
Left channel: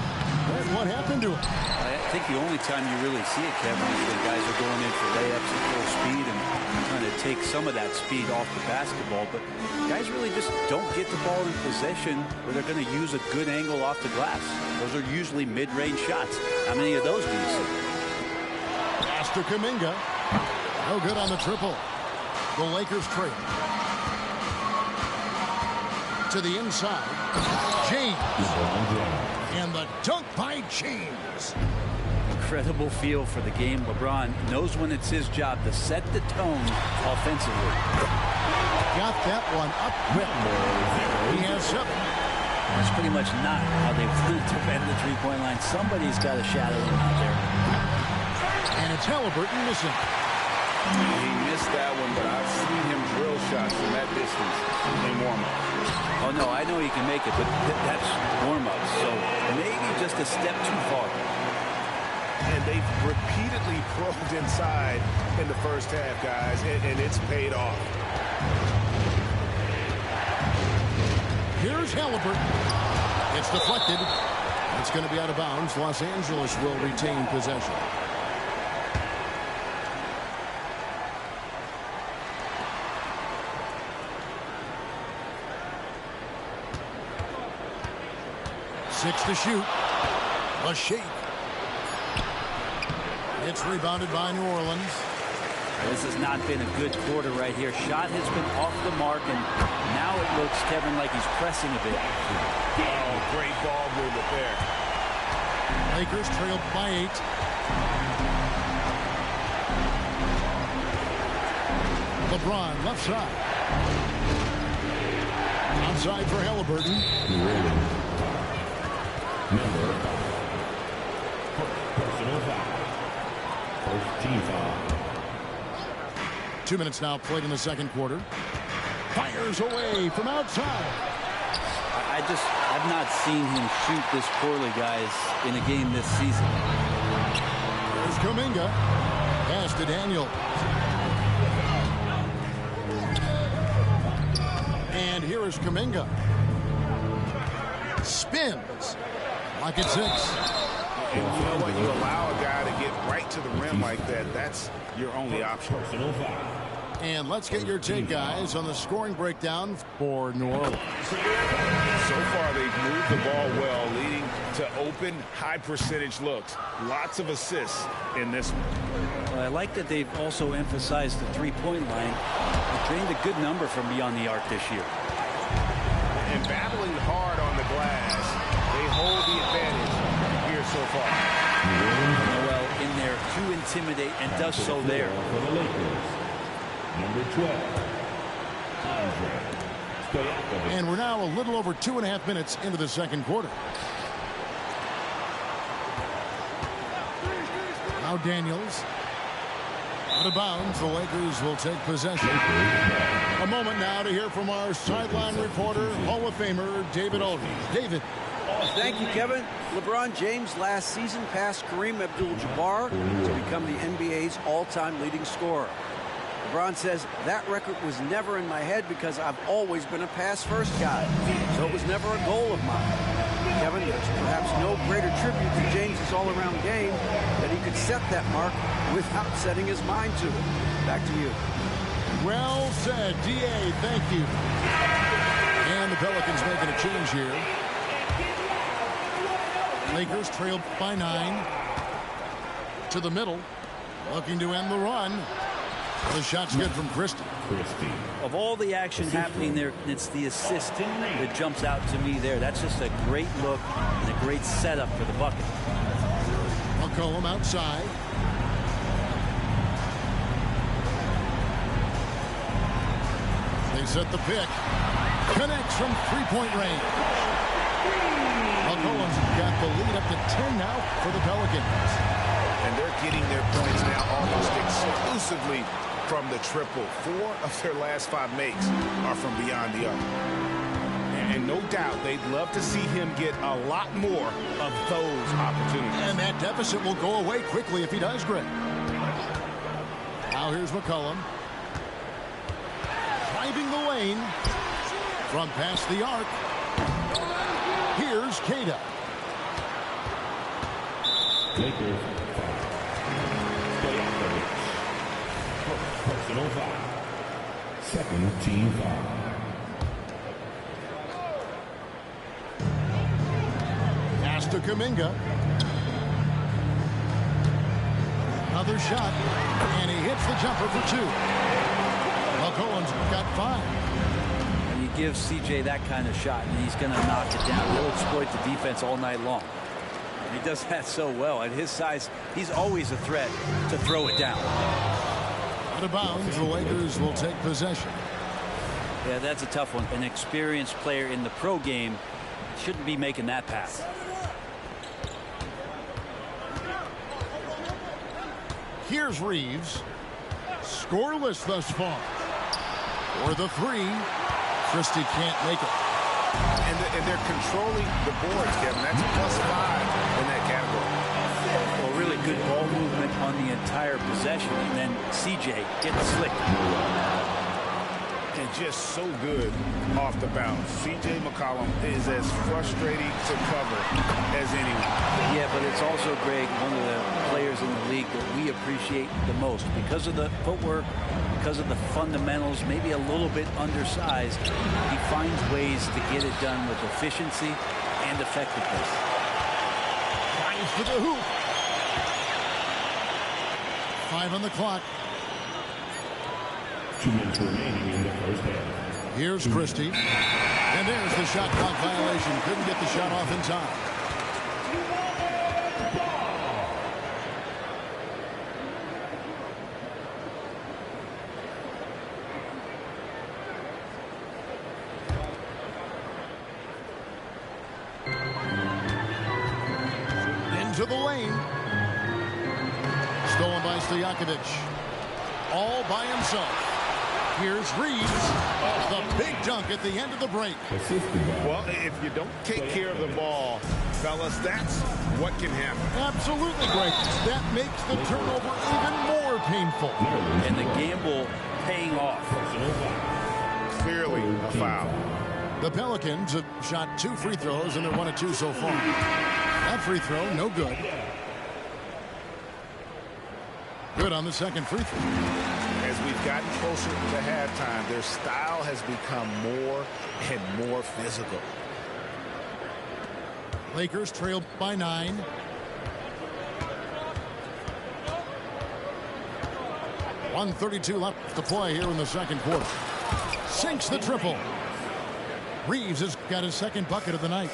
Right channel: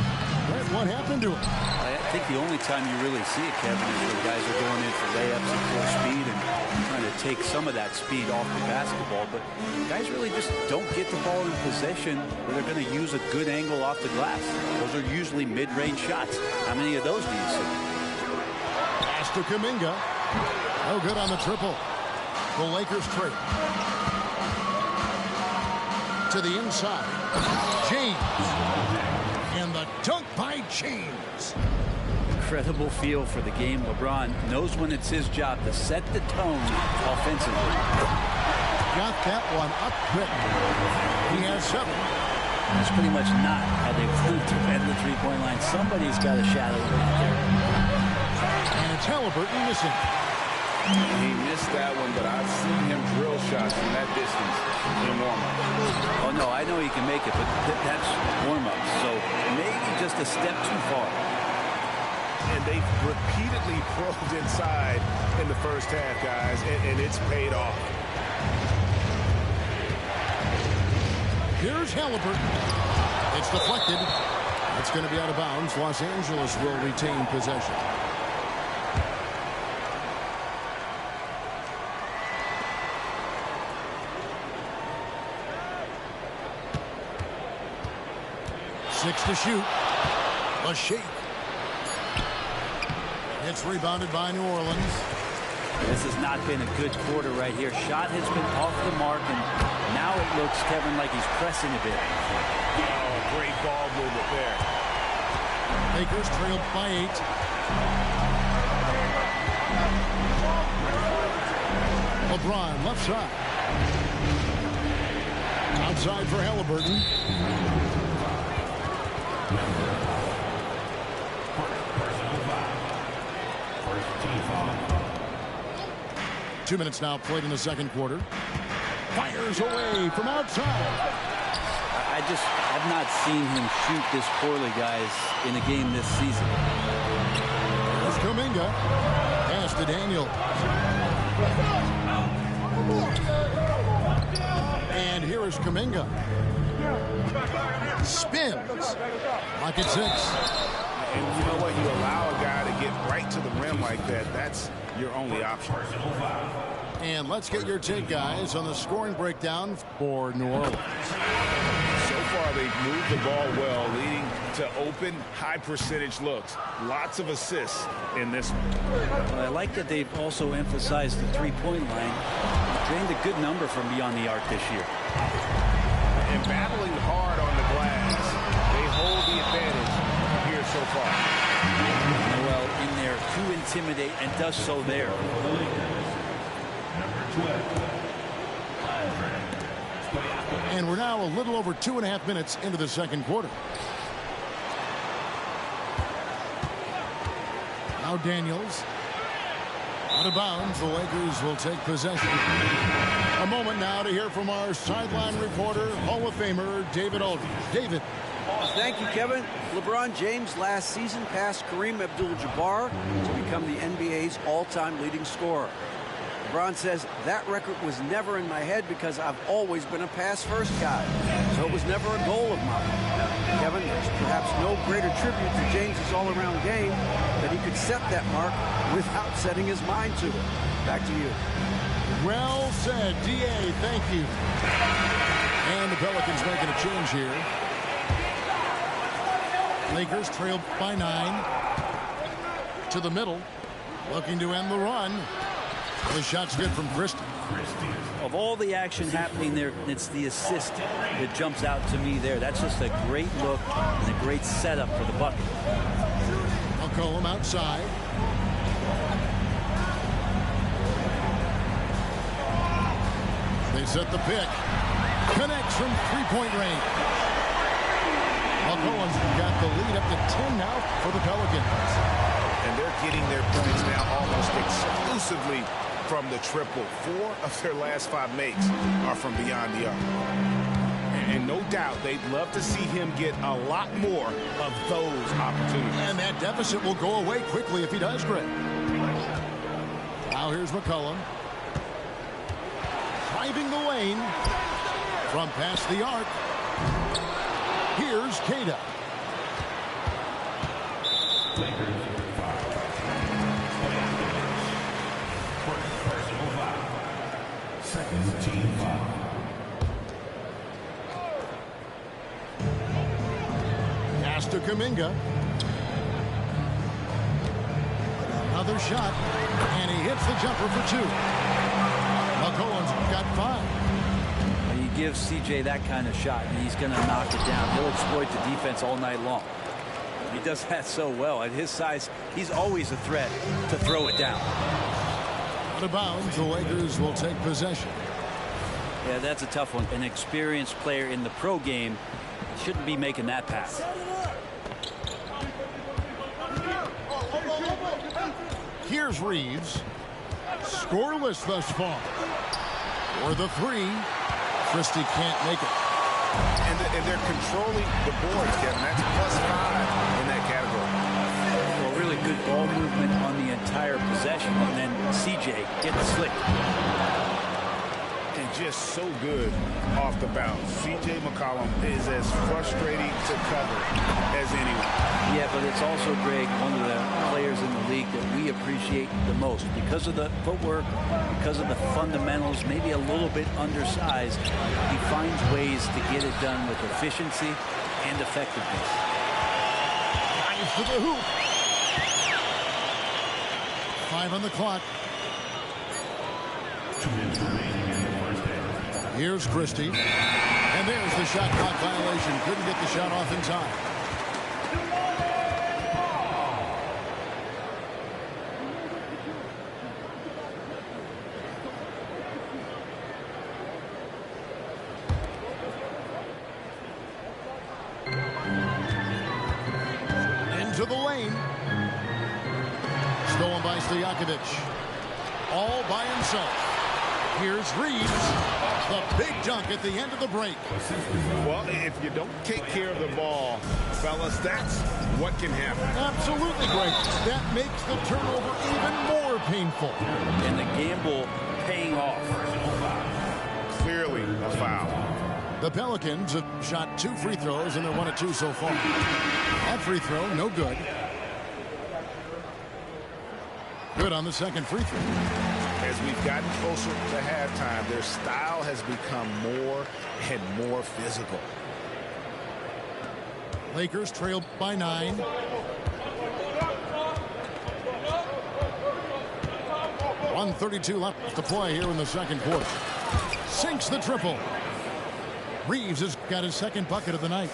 But what happened to it? I think the only time you really see it, Kevin, is when guys are going in for layups at full speed and trying to take some of that speed off the basketball. But guys really just don't get the ball in possession where they're going to use a good angle off the glass. Those are usually mid-range shots. How many of those do you see? Pass to Kuminga. No good on the triple. The Lakers trail. To the inside. James. And the dunk by James. Incredible feel for the game. LeBron knows when it's his job to set the tone offensively. Got that one up quick. He has 7. That's pretty much not how they want to defend the three-point line. Somebody's got to shadow him out there. And it's Halliburton missing. He missed that one, but I've seen him drill shots from that distance in warm-up. Oh, no, I know he can make it, but that's warm-up. So maybe just a step too far. And they've repeatedly probed inside in the first half, guys, and it's paid off. Here's Halliburton. It's deflected. It's going to be out of bounds. Los Angeles will retain possession. 6 to shoot. A shake. It's rebounded by New Orleans. This has not been a good quarter right here. Shot has been off the mark, and now it looks, Kevin, like he's pressing a bit. Oh, great ball movement there. Lakers trailed by 8. LeBron left side. Outside for Halliburton. Personal foul. First team foul. 2 minutes now played in the second quarter. Fires away from outside. I've not seen him shoot this poorly, guys, in a game this season. Here's Kuminga. Pass to Daniel. And here is Kuminga. Spins. Like it's 6. And you know what? You allow a guy to get right to the rim like that. That's your only option. And let's get your take, guys, on the scoring breakdown for New Orleans. So far, they've moved the ball well, leading to open, high-percentage looks. Lots of assists in this one. Well, I like that they've also emphasized the three-point line. They trained a good number from beyond the arc this year. And battling hard on the glass, they hold the advantage here so far. Noel in there to intimidate, and does so there. For the Lakers, number 12, Andre. And we're now a little over 2.5 minutes into the second quarter. Now Daniels. Out of bounds, the Lakers will take possession. A moment now to hear from our sideline reporter, Hall of Famer David Aldridge. David. Thank you, Kevin. LeBron James last season passed Kareem Abdul-Jabbar to become the NBA's all-time leading scorer. LeBron says, that record was never in my head because I've always been a pass-first guy, so it was never a goal of mine. Kevin, there's perhaps no greater tribute to James's all-around game that he could set that mark without setting his mind to it. Back to you. Well said, D.A. Thank you. And the Pelicans making a change here. Lakers trailed by 9. To the middle. Looking to end the run. The shot's good from Christie. Of all the action happening there, it's the assist that jumps out to me there. That's just a great look and a great setup for the bucket. McCollum outside. They set the pick. Connects from three-point range. McCollum's got the lead up to 10 now for the Pelicans. And they're getting their points now almost exclusively from the triple. 4 of their last 5 makes are from beyond the arc. And no doubt they'd love to see him get a lot more of those opportunities. And that deficit will go away quickly if he does, Greg. Now here's McCollum. Driving the lane from past the arc. Here's Queta. Lakers foul. First personal foul. Second team foul. Pass to Kuminga. Another shot, and he hits the jumper for 2. McCollum's got 5. And you give CJ that kind of shot, and he's going to knock it down. He'll exploit the defense all night long. He does that so well. At his size, he's always a threat to throw it down. Out of bounds, the Lakers will take possession. Yeah, that's a tough one. An experienced player in the pro game shouldn't be making that pass. Here's Reeves. Scoreless thus far. For the 3, Christie can't make it. And they're controlling the boards, Kevin. That's +5 in that category. Well, really good ball movement on the entire possession, and then CJ gets slick. And just so good off the bounce. C.J. McCollum is as frustrating to cover as anyone. Yeah, but it's also, Greg, one of the players in the league that we appreciate the most because of the footwork, because of the fundamentals, maybe a little bit undersized. He finds ways to get it done with efficiency and effectiveness. Drives to the hoop. 5 on the clock. 2 minutes remaining in the first half. Here's Christie. And there's the shot clock violation. Couldn't get the shot off in time. Into the lane. Stolen by Stojakovic. All by himself. Here's Reeves. The big dunk at the end of the break. Well, if you don't take care of the ball, fellas, that's what can happen. Absolutely, Greg. That makes the turnover even more painful. And the gamble paying off. Clearly a foul. The Pelicans have shot 2 free throws, and they're 1 of 2 so far. That free throw, no good. Good on the second free throw. As we've gotten closer to halftime, their style has become more and more physical. Lakers trail by 9. .132 left to play here in the second quarter. Sinks the triple. Reeves has got his second bucket of the night.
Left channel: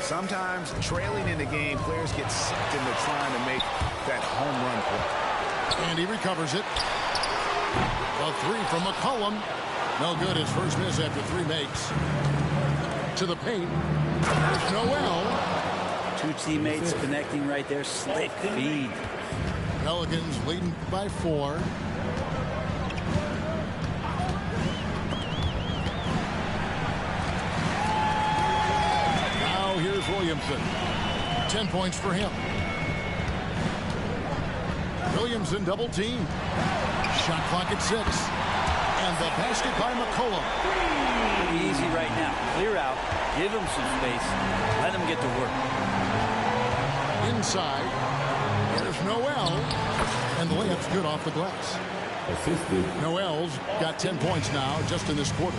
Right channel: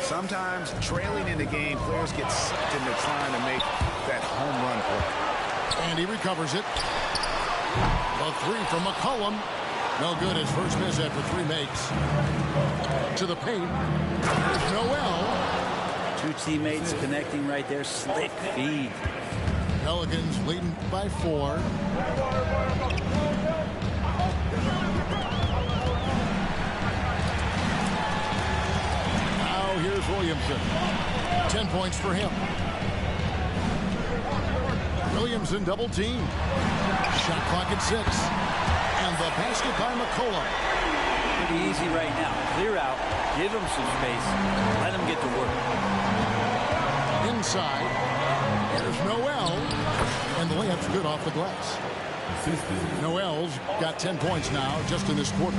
Sometimes trailing in the game, players get sucked into trying to make that home run play. And he recovers it. A 3 from McCollum. No good. His first miss after 3 makes. To the paint. There's Noel. 2 teammates connecting right there. Slick feed. Pelicans leading by 4. Now here's Williamson. 10 points for him. Williamson double team. Shot clock at 6. And the basket by McCollum. Pretty easy right now. Clear out. Give him some space. Let him get to work. Inside. There's Noel. And the layup's good off the glass. Noel's got 10 points now just in this quarter.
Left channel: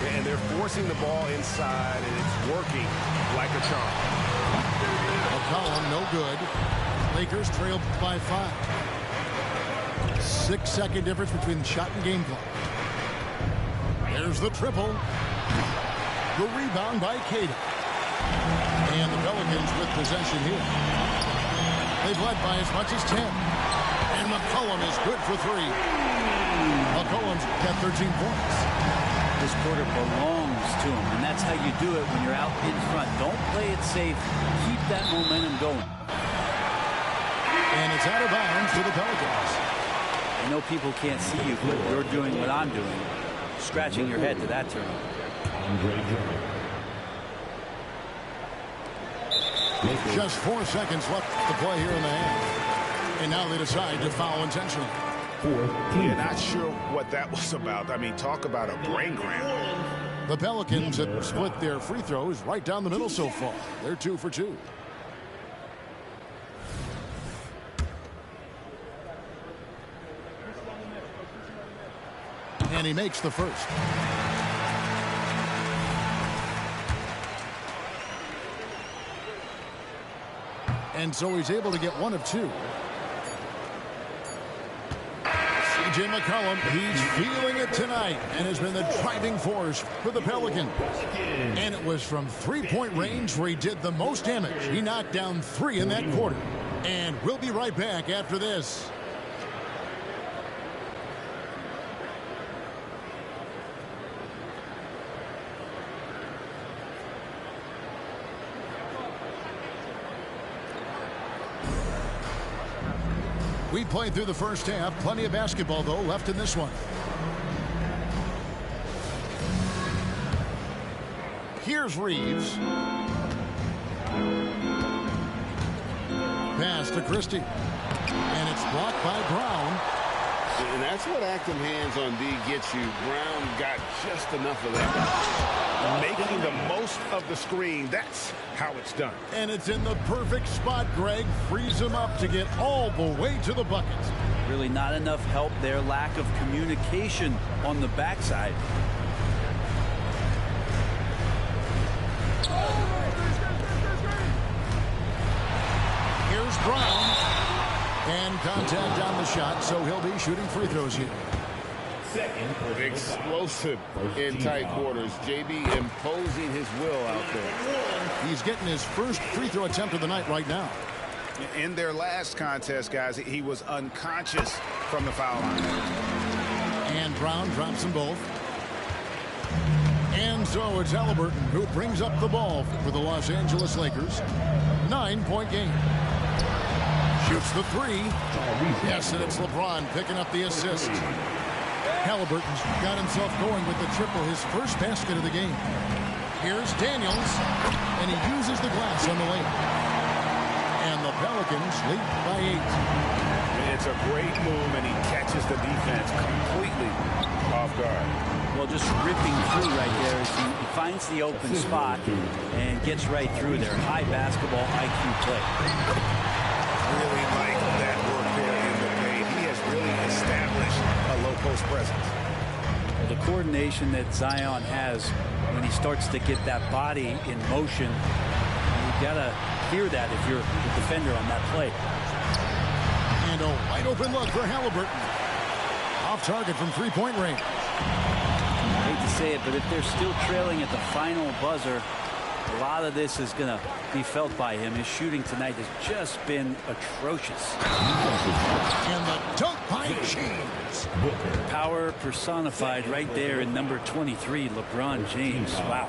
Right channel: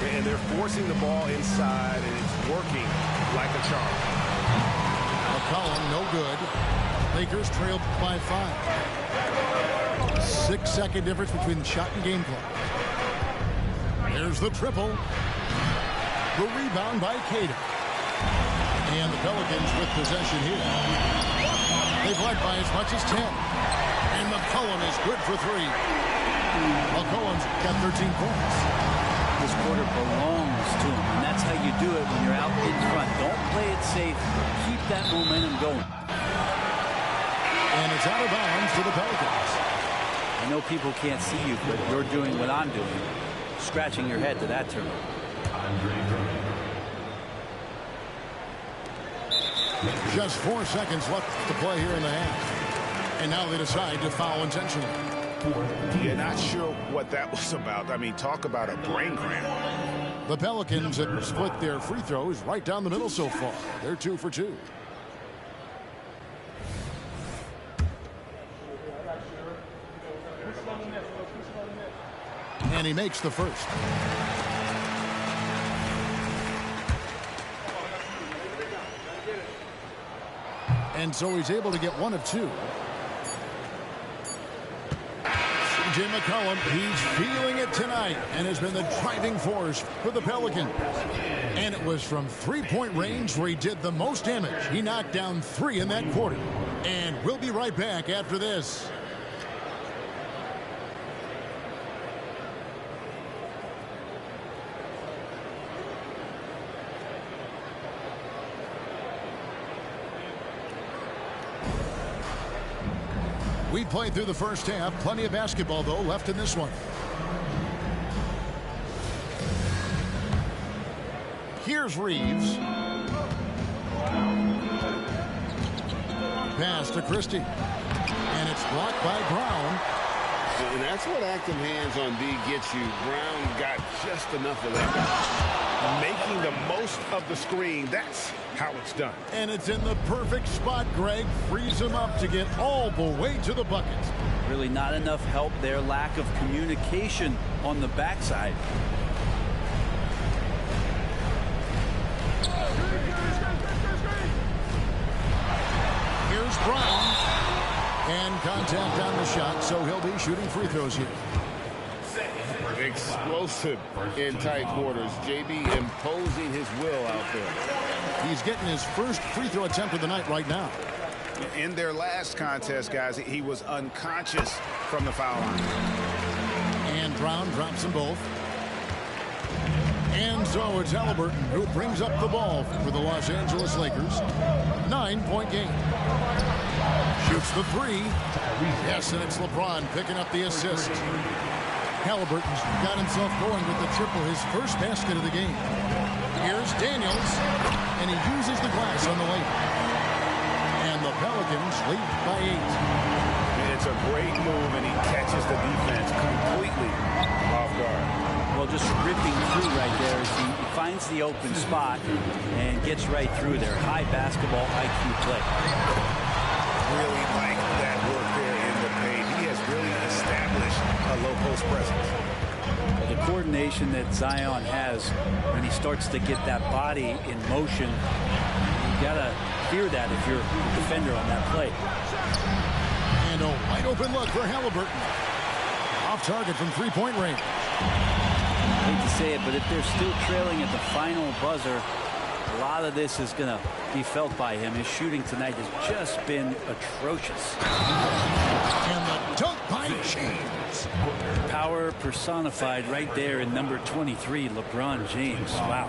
And they're forcing the ball inside, and it's working like a charm. McCollum, no good. Lakers trail by 5. 6-second difference between shot and game clock. There's the triple. The rebound by Cada. And the Pelicans with possession here. They've led by as much as 10. And McCollum is good for 3. McCollum's got 13 points. This quarter belongs to him, and that's how you do it when you're out in front. Don't play it safe. Keep that momentum going. And it's out of bounds to the Pelicans. I know people can't see you, but you're doing what I'm doing. Scratching your head to that turnover. Just 4 seconds left to play here in the half. And now they decide to foul intentionally. You're not sure what that was about. I mean, talk about a brain cramp. The Pelicans have split their free throws right down the middle so far. They're 2 for 2. And he makes the first. And so he's able to get 1 of 2. C.J. McCollum, he's feeling it tonight and has been the driving force for the Pelicans. And it was from 3-point range where he did the most damage. He knocked down 3 in that quarter. And we'll be right back after this. We played through the first half. Plenty of basketball, though, left in this one. Here's Reeves. Pass to Christie. And it's blocked by Brown. And that's what active hands on D gets you. Brown got just enough of that. Making the most of the screen. That's how it's done. And it's in the perfect spot, Greg. Frees him up to get all the way to the bucket. Really not enough help there. Lack of communication on the backside. Here's Brown. And contact on the shot, so he'll be shooting free throws here. Explosive in tight quarters. JB imposing his will out there. He's getting his first free throw attempt of the night right now. In their last contest, guys, he was unconscious from the foul line. And Brown drops them both. And so it's Haliburton who brings up the ball for the Los Angeles Lakers. 9-point game. Shoots the three. Yes, and it's LeBron picking up the assist. Haliburton's got himself going with the triple, his first basket of the game. Here's Daniels, and he uses the glass on the layup. And the Pelicans lead by 8. It's a great move, and he catches the defense completely off guard. Well, just ripping through right there as he finds the open spot and gets right through there. High basketball IQ play. Really like that work there in the paint. He has really established a low post presence. Well, the coordination that Zion has when he starts to get that body in motion, you gotta fear that if you're the defender on that play. And a wide open look for Haliburton. Off target from 3-point range. I hate to say it, but if they're still trailing at the final buzzer, a lot of this is going to be felt by him. His shooting tonight has just been atrocious. And the dunk by James. Power personified right there in number 23, LeBron James. Wow.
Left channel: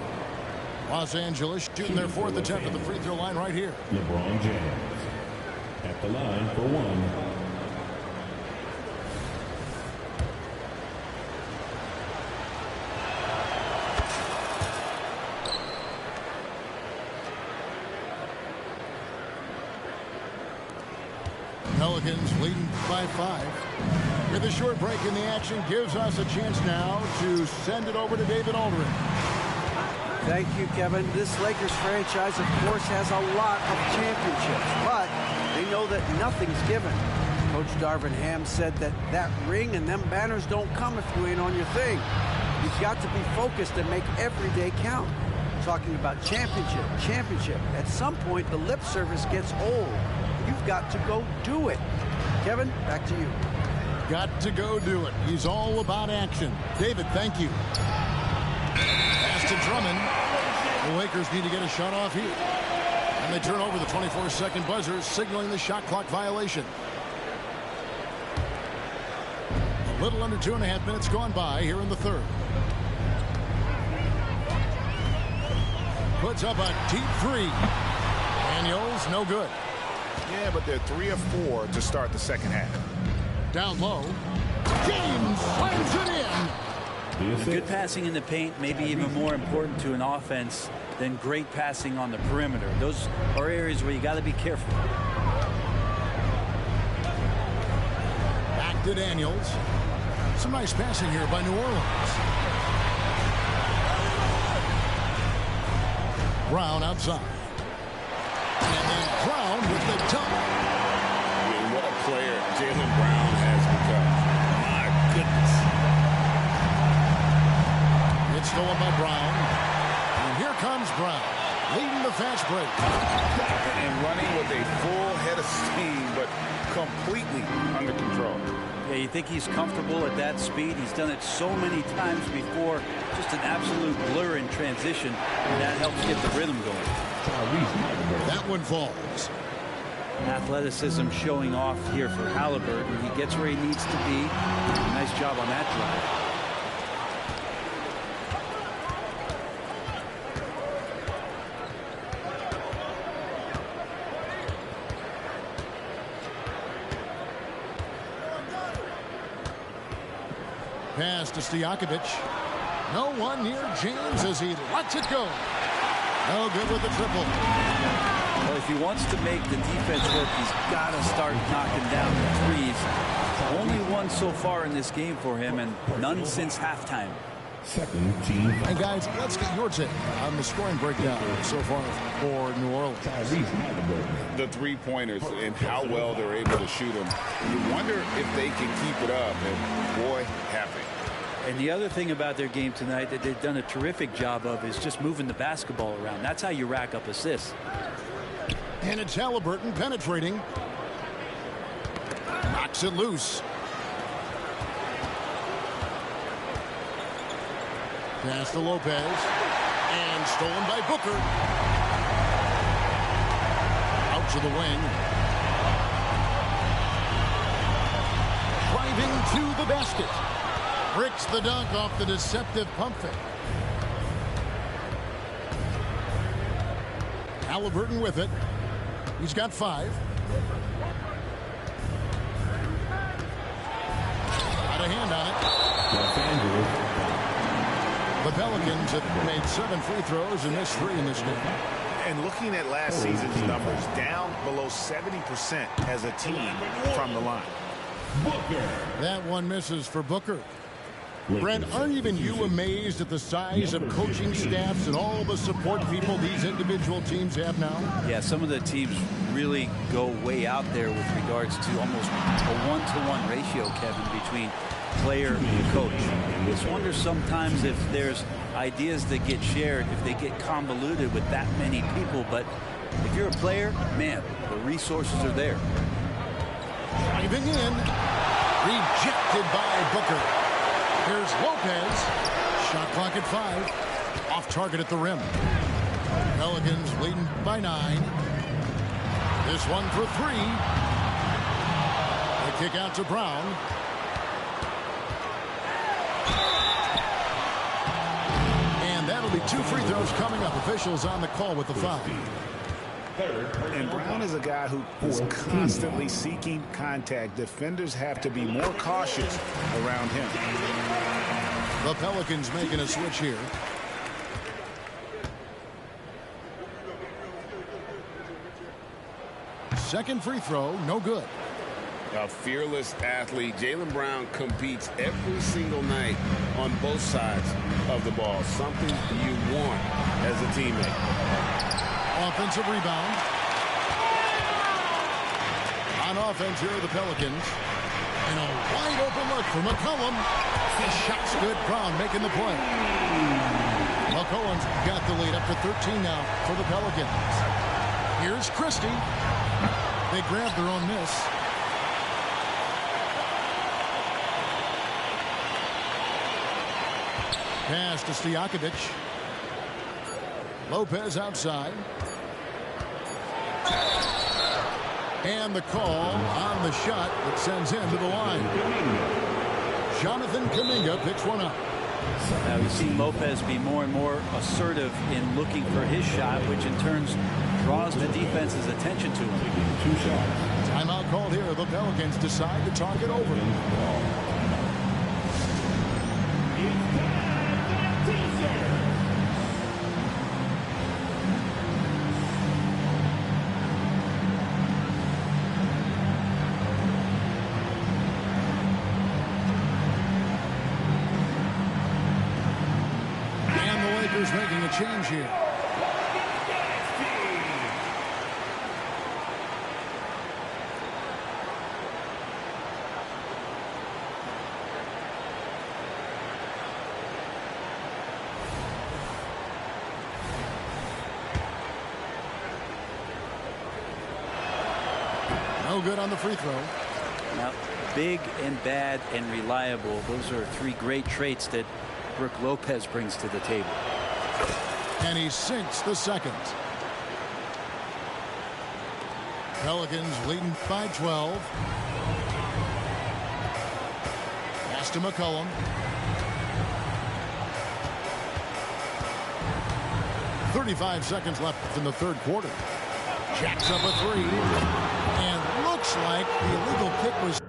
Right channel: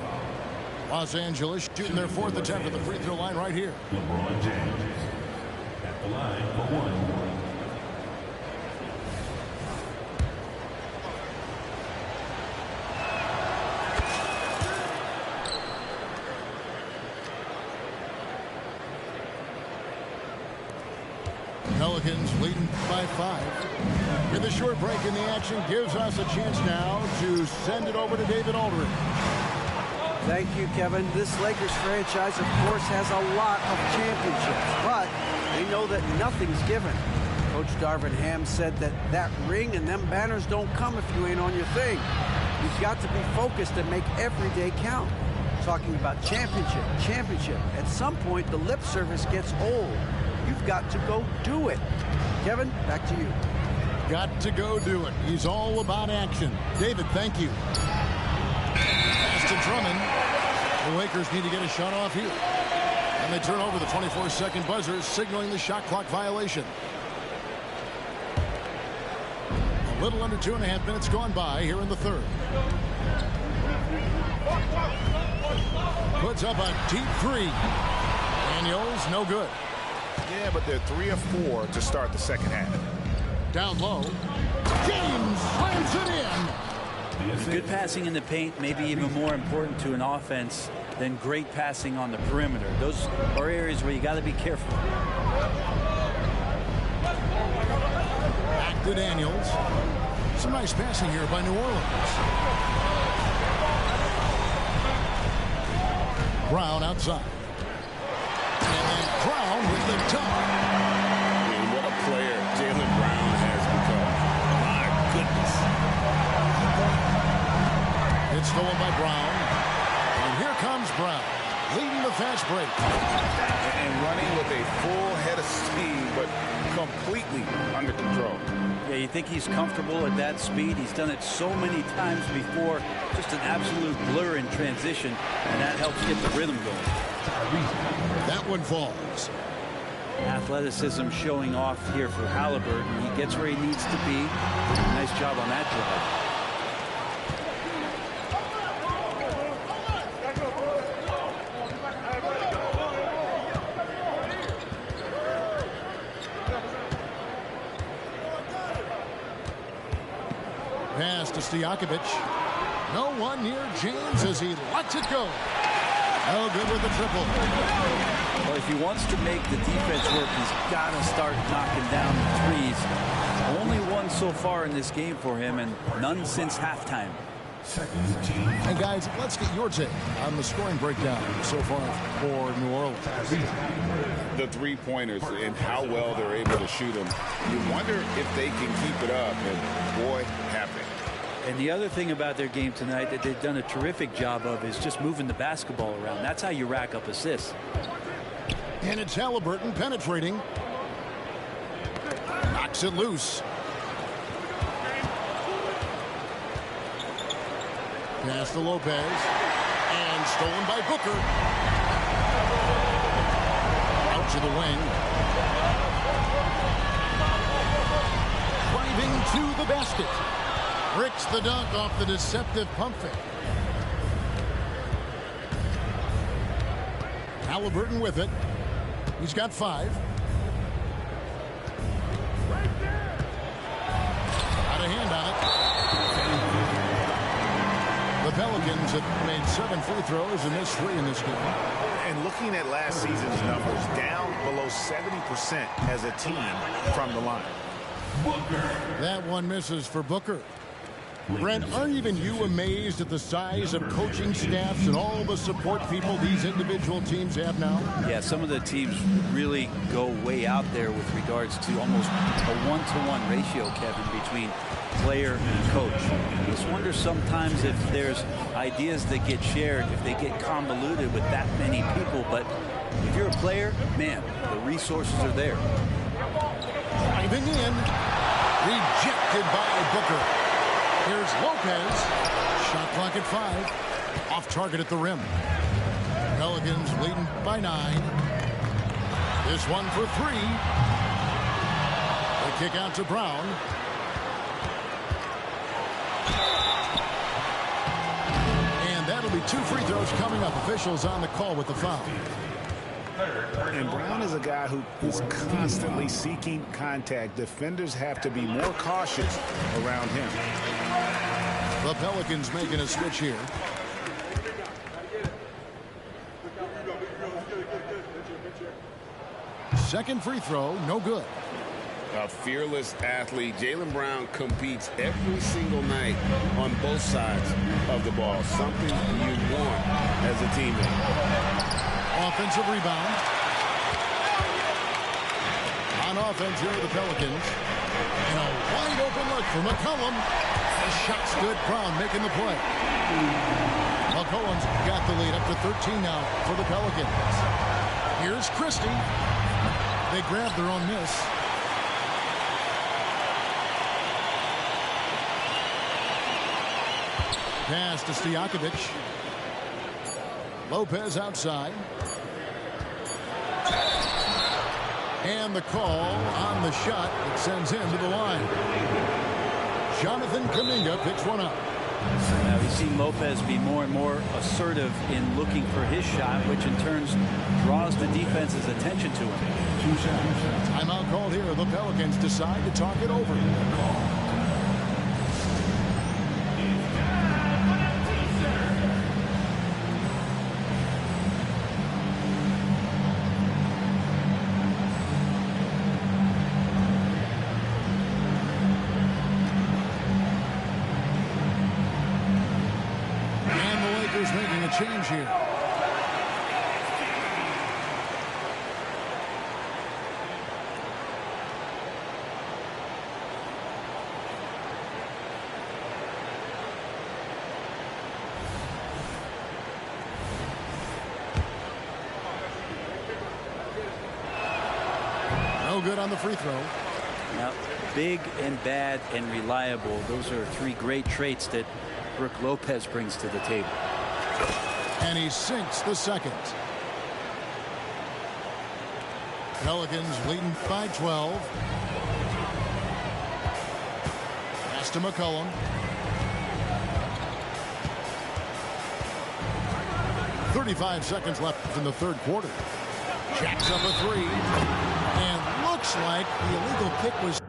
Los Angeles shooting their 4th attempt at the free throw line right here. LeBron James at the line for one. Pelicans leading by 5. With a short break in the action gives us a chance now to send it over to David Aldridge. Thank you, Kevin. This Lakers franchise, of course, has a lot of championships, but they know that nothing's given. Coach Darvin Ham said that ring and them banners don't come if you ain't on your thing. You've got to be focused and make every day count. Talking about championship. At some point, the lip service gets old. You've got to go do it. Kevin, back to you. Got to go do it. He's all about action. David, thank you. Pass to Drummond. The Lakers need to get a shot off here. And they turn over the 24-second buzzer, signaling the shot clock violation. A little under 2.5 minutes gone by here in the third. Puts up a deep three. Daniels, no good. Yeah, but they're 3 of 4 to start the second half. Down low. James slams it in. Good passing in the paint may be even more important to an offense than great passing on the perimeter. Those are areas where you got to be careful. Back to Daniels. Some nice passing here by New Orleans. Brown outside. And then Brown with the dunk. I mean, what a player Jaylen Brown has become. My goodness. It's stolen by Brown. And here comes Brown, leading the fast break. And running with a full head of steam, but completely under control. Yeah, you think he's comfortable at that speed? He's done it so many times before. Just an absolute blur in transition, and that helps get the rhythm going. That one falls. Athleticism showing off here for Haliburton. He gets where he needs to be. Nice job on that drive. Pass to Stojakovic. No one near James as he lets it go. No good with the triple. Well, if he wants to make the defense work, he's got to start knocking down the threes. Only one so far in this game for him, and none since halftime. Second team. And guys, let's get your take on the scoring breakdown so far for New Orleans. The three-pointers and how well they're able to shoot them. You wonder if they can keep it up, and boy, have they. And the other thing about their game tonight that they've done a terrific job of is just moving the basketball around. That's how you rack up assists. And it's Halliburton penetrating. Knocks it loose. Pass to Lopez. And stolen by Booker. Out to the wing. Driving to the basket. Bricks the dunk off the deceptive pump fake. Halliburton with it. He's got 5. Got a hand on it. The Pelicans have made 7 free throws and missed 3 in this game. And looking at last season's numbers, down below 70% as a team from the line. That one misses for Booker. Brent, aren't even you amazed at the size of coaching staffs and all the support people these individual teams have now? Yeah, some of the teams really go way out there with regards to almost a 1-to-1 ratio, Kevin, between player and coach. I just wonder sometimes if there's ideas that get shared, if they get convoluted with that many people. But if you're a player, man, the resources are there. Driving in. Rejected by Booker. Here's Lopez. Shot clock at 5. Off target at the rim. Pelicans leading by 9. This one for 3. The kick out to Brown. And that'll be 2 free throws coming up. Officials on the call with the foul. And Brown is a guy who is constantly seeking contact. Defenders have to be more cautious around him. The Pelicans making a switch here. Second free throw, no good. A fearless athlete. Jaylen Brown competes every single night on both sides of the ball. Something you want as a teammate. Offensive rebound. On offense here are the Pelicans. And a wide open look for McCollum. The shot's good. Brown making the play. McCollum's got the lead up to 13 now for the Pelicans. Here's Christie. They grab their own miss. Pass to Stojakovic. Lopez outside. And the call on the shot that sends him to the line. Jonathan Kuminga picks one up. Now we've seen Lopez be more and more assertive in looking for his shot, which in turn draws the defense's attention to him. 2 shots. Timeout called here. The Pelicans decide to talk it over. Making a change here. No good on the free throw. Now, big and bad and reliable. Those are 3 great traits that Brook Lopez brings to the table. And he sinks the second. Pelicans leading by 12. Pass to McCollum. .35 seconds left in the third quarter. Jacks up a 3. And looks like the illegal pick was...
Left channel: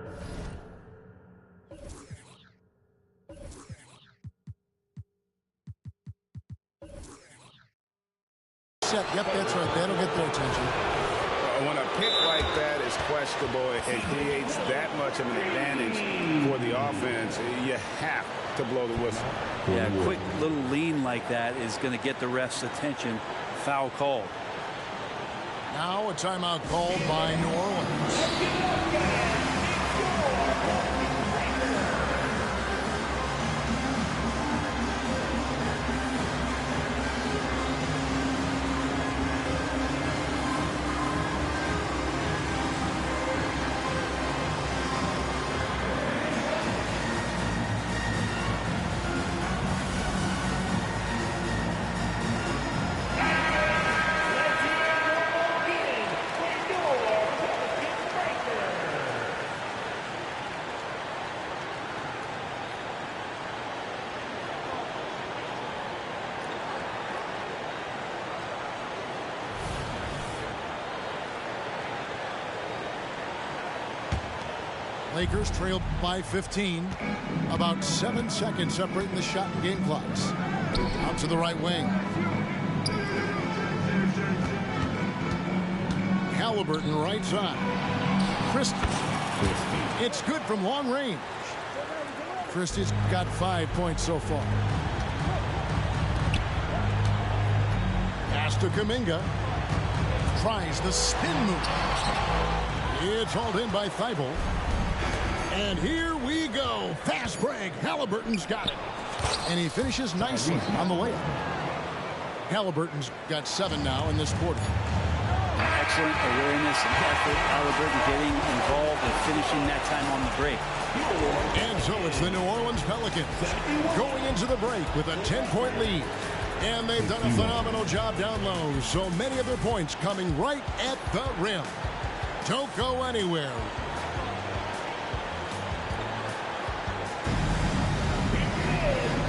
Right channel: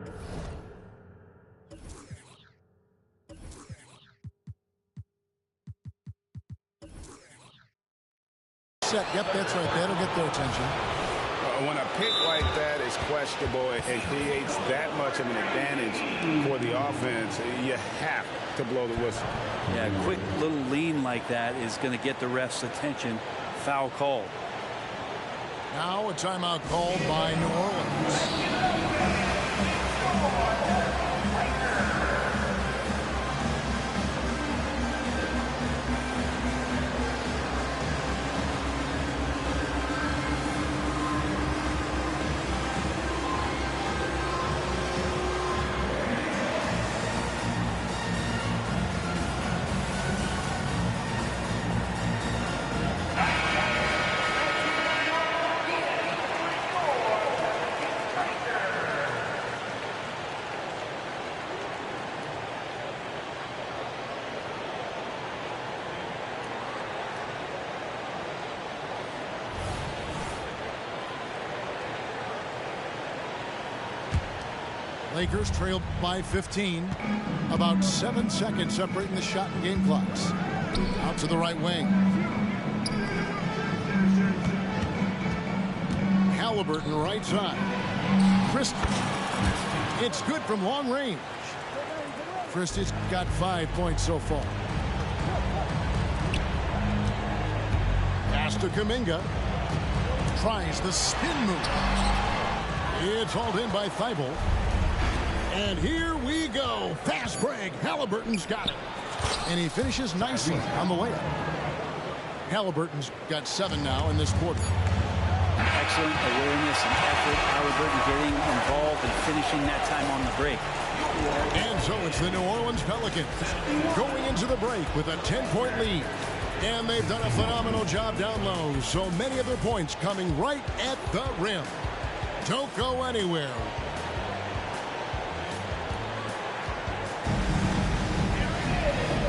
Yep, that's right. That'll get their attention. When a pick like that is questionable, it creates that much of an advantage for the offense. You have to blow the whistle. Yeah, a quick little lean like that is going to get the ref's attention. Foul called. Now a timeout called by New Orleans. Lakers trail by 15. About 7 seconds separating the shot and game clocks. Out to the right wing. Halliburton right side. Christie. It's good from long range. Christie's got 5 points so far. Pass to Kuminga. Tries the spin move. It's hauled in by Thibault. And here we go. Fast break. Halliburton's got it. And he finishes nicely on the layup. Halliburton's got 7 now in this quarter. Excellent awareness and effort. Halliburton getting involved and finishing that time on the break. And so it's the New Orleans Pelicans going into the break with a 10-point lead. And they've done a phenomenal job down low. So many of their points coming right at the rim. Don't go anywhere.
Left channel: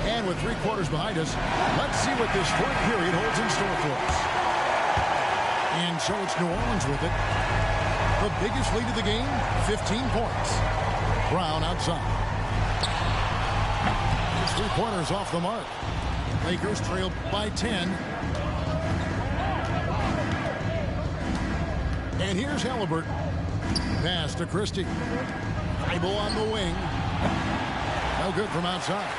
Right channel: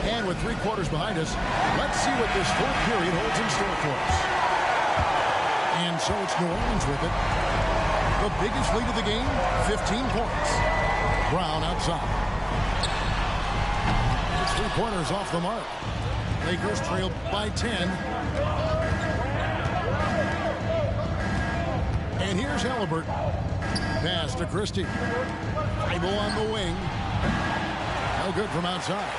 And with 3 quarters behind us, let's see what this 4th period holds in store for us. And so it's New Orleans with it. The biggest lead of the game, 15 points. Brown outside. His 3-pointers off the mark. Lakers trail by 10. And here's Halliburton. Pass to Christie. Thibault on the wing. No good from outside.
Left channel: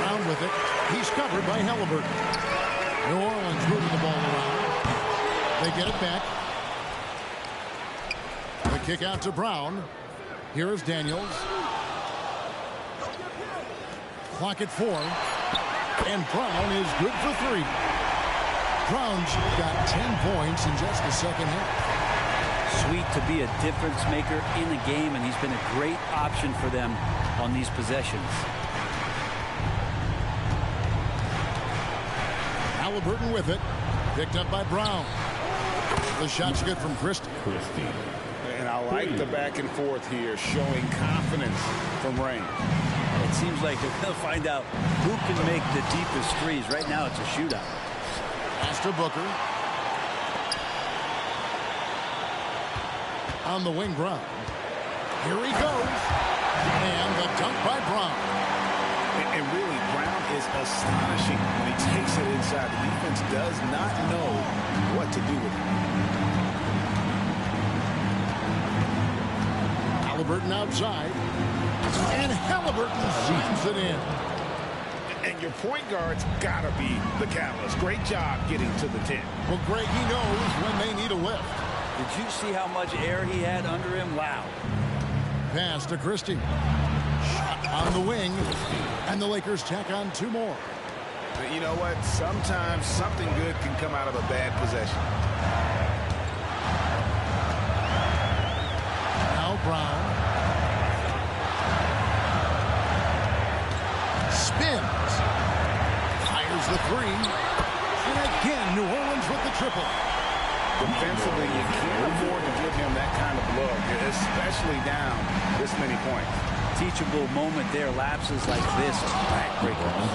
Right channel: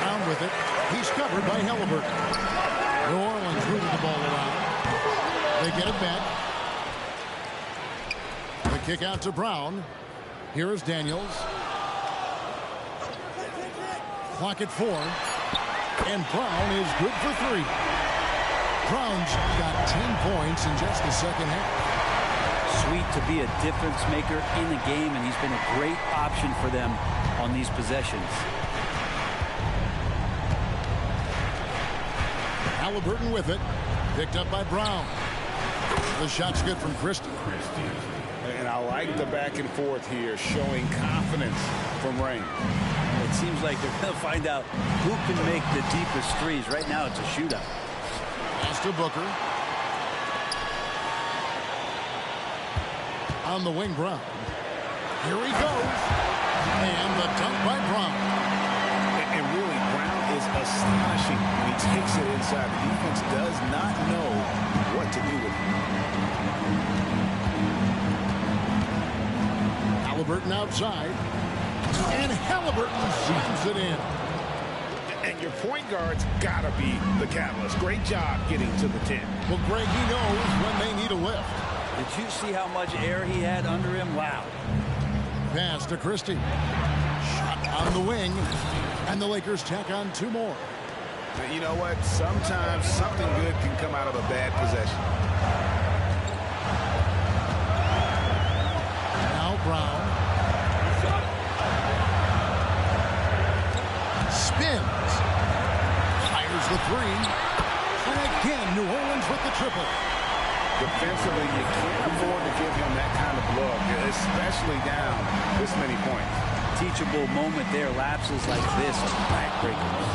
Brown with it. He's covered by Halliburton. New Orleans moving the ball around. They get it back. The kick out to Brown. Here is Daniels. Clock at 4. And Brown is good for 3. Brown's got 10 points in just the second half. Sweet to be a difference maker in the game, and he's been a great option for them on these possessions. Halliburton with it. Picked up by Brown. The shot's good from Christie. And I like the back and forth here, showing confidence from Rain. It seems like they're going to find out who can make the deepest threes. Right now, it's a shootout. Pass to Booker. On the wing, Brown. Here he goes. And the dunk by Brown. And really, Brown is astonishing when he takes it inside. The defense does not know what to do with it. Halliburton outside. And Halliburton slams it in. And your point guard's got to be the catalyst. Great job getting to the 10. Well, Greg, he knows when they need a lift. Did you see how much air he had under him? Wow. Pass to Christie. Shot on the wing. And the Lakers tack on 2 more. But you know what? Sometimes something good can come out of a bad possession. Now Brown. Spins. Fires the 3. And again, New Orleans with the triple. Defensively, you can't afford to give him that kind of look, especially down this many points. Teachable moment there. Lapses like this are backbreakers.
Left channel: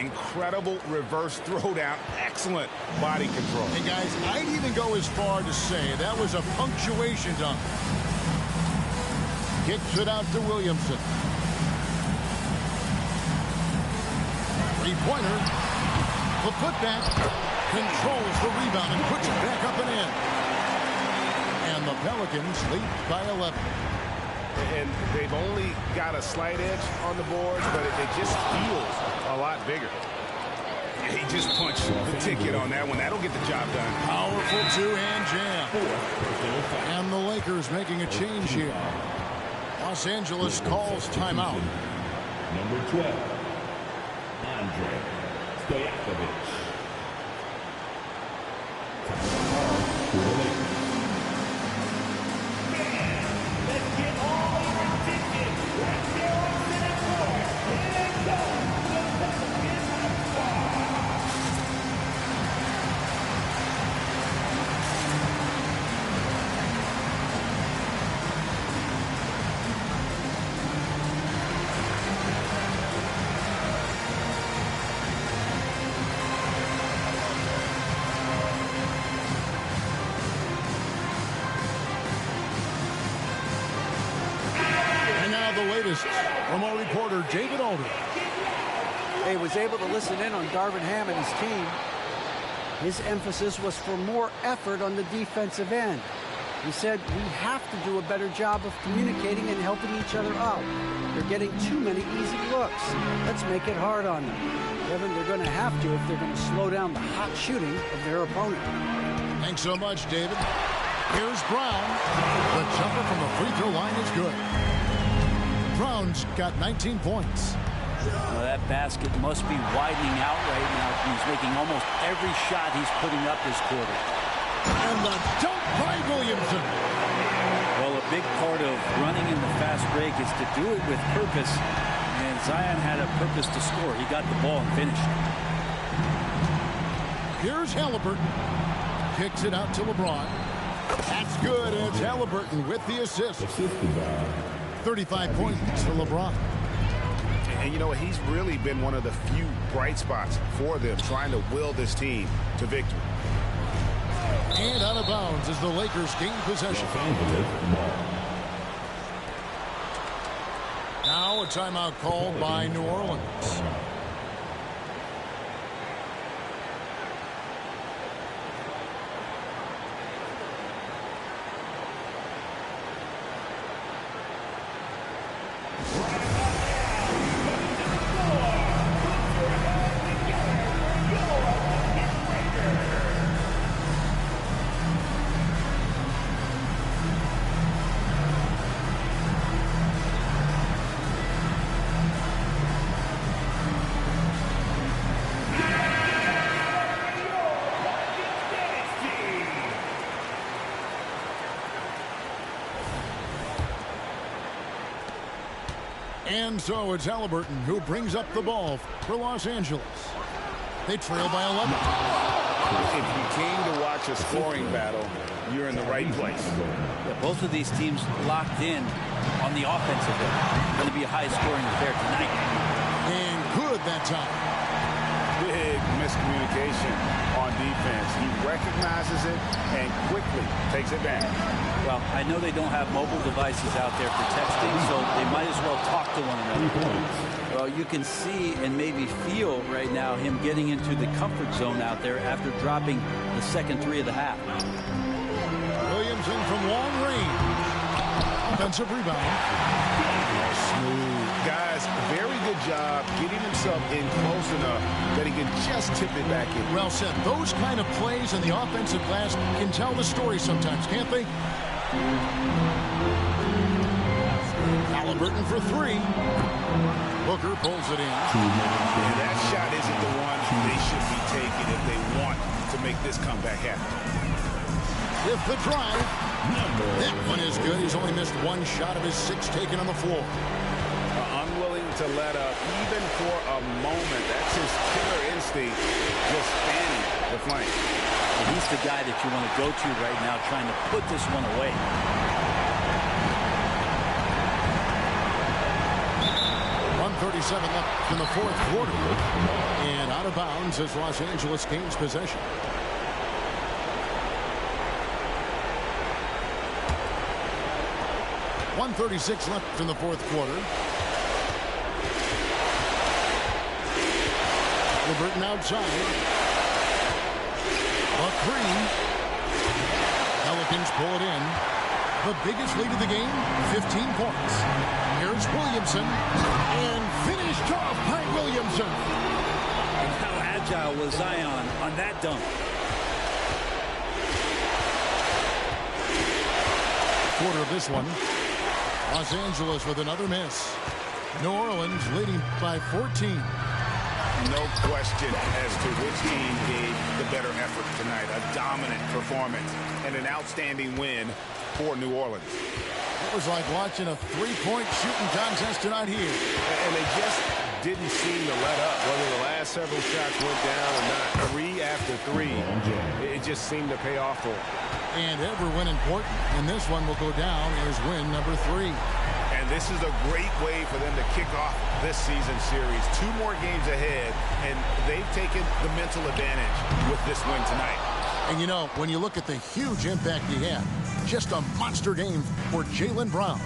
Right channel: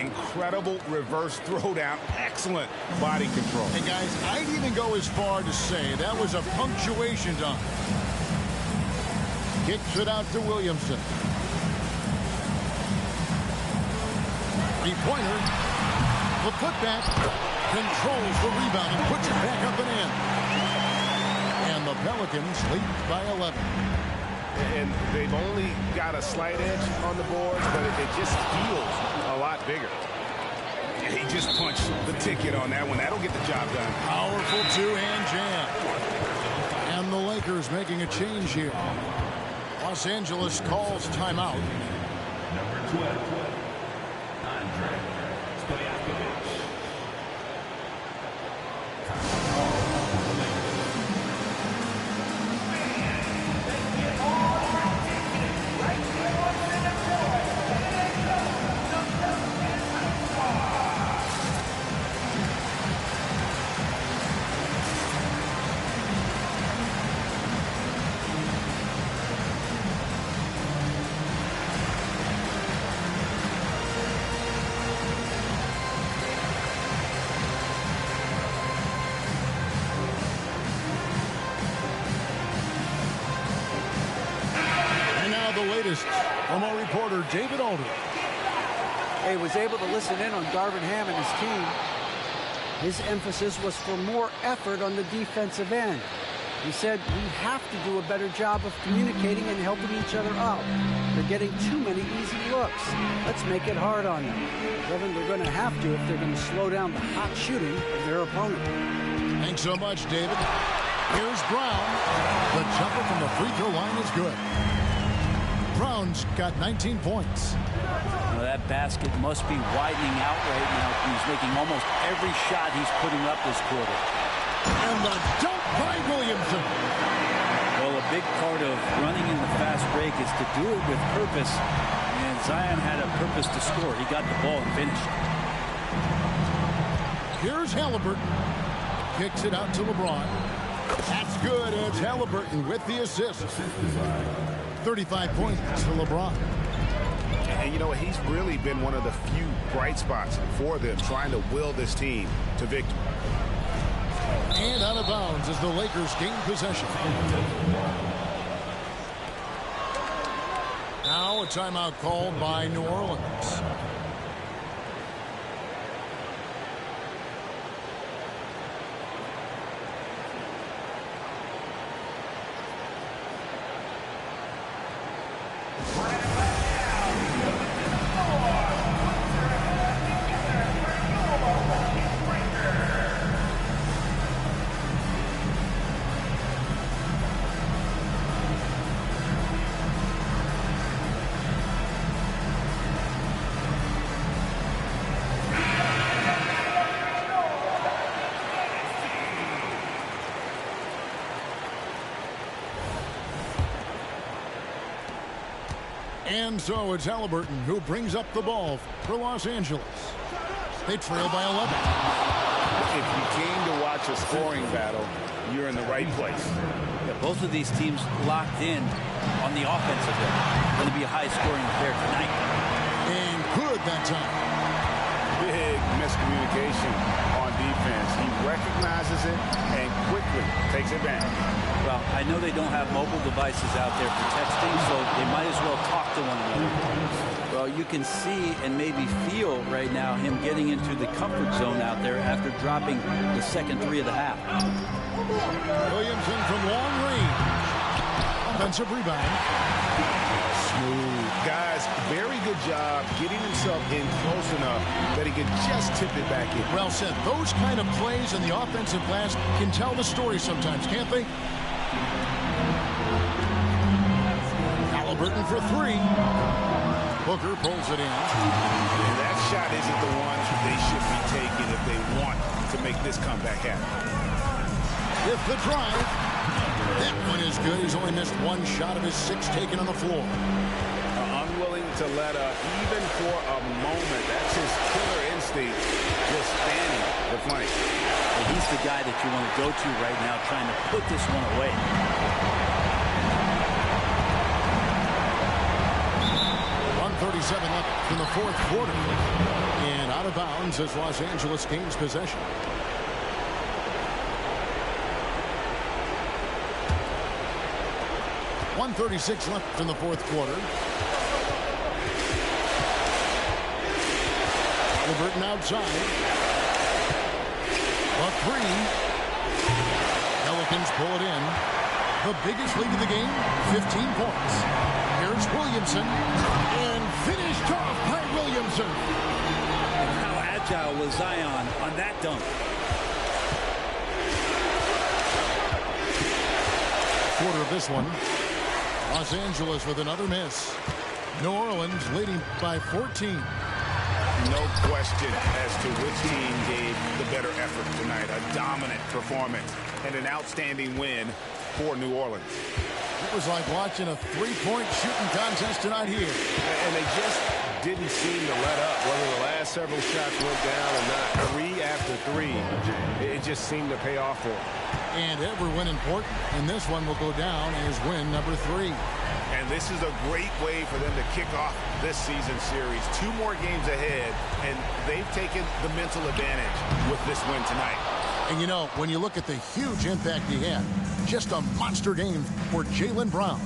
Incredible reverse throwdown. Excellent body control. And guys, I'd even go as far to say that was a punctuation dunk. Kicks it out to Williamson. 3-pointer. The putback. Controls the rebound and puts it back up and in. And the Pelicans lead by 11. And they've only got a slight edge on the boards, but it just feels a lot bigger. He just punched the ticket on that one. That'll get the job done. Powerful 2-hand jam. And the Lakers making a change here. Los Angeles calls timeout. Number 12, Andre Stojakovic. For the Lakers. now the latest from our reporter, David Alder. He was able to listen in on Darvin Ham and his team. His emphasis was for more effort on the defensive end. He said we have to do a better job of communicating and helping each other out. They're getting too many easy looks. Let's make it hard on them. Kevin, they're going to have to if they're going to slow down the hot shooting of their opponent. Thanks so much, David. Here's Brown. The jumper from the free throw line is good. Brown's got 19 points. Well, that basket must be widening out right now. He's making almost every shot he's putting up this quarter. And the dunk by Williamson. Well, a big part of running in the fast break is to do it with purpose. And Zion had a purpose to score. He got the ball and finished. Here's Halliburton. Kicks it out to LeBron. That's good. It's Halliburton with the assist. 35 points for LeBron. And you know, he's really been one of the few bright spots for them, trying to will this team to victory. And out of bounds as the Lakers gain possession. Now a timeout called by New Orleans. And so it's Halliburton who brings up the ball for Los Angeles. They trail by 11. If you came to watch a scoring battle, you're in the right place. Yeah, both of these teams locked in on the offensive end. Going to be a high-scoring affair tonight. And good that time. Big miscommunication on defense. He recognizes it and quickly takes advantage. Well, I know they don't have mobile devices out there for texting, so they might as well talk to one another. Well, you can see and maybe feel right now him getting into the comfort zone out there after dropping the second three of the half. Williamson from long range. Offensive rebound. Smooth. Guys, very good job getting himself in close enough that he could just tip it back in. Well said. Those kind of plays in the offensive glass can tell the story sometimes, can't they? Halliburton for three. Booker pulls it in. And that shot isn't the one they should be taking if they want to make this comeback happen. With the drive. That one is good. He's only missed one shot of his 6 taken on the floor. Unwilling to let up even for a moment. That's his killer instinct, just fanning the flank. And he's the guy that you want to go to right now, trying to put this one away. .137 left in the fourth quarter. And out of bounds as Los Angeles gains possession. .136 left in the fourth quarter. Halliburton outside. A three. Pelicans pull it in. The biggest lead of the game, 15 points. Here's Williamson. And finished off by Williamson. And how agile was Zion on that dunk. Quarter of this one. Los Angeles with another miss. New Orleans leading by 14. No question as to which team gave the better effort tonight. A dominant performance and an outstanding win for New Orleans. It was like watching a three-point shooting contest tonight here. And they just didn't seem to let up. Whether the last several shots went down or not, 3 after 3, it just seemed to pay off for them. And every win important. And this one will go down as win number 3. And this is a great way for them to kick off this season series. 2 more games ahead, and they've taken the mental advantage with this win tonight. And you know, when you look at the huge impact he had, Just a monster game for Jaylen Brown.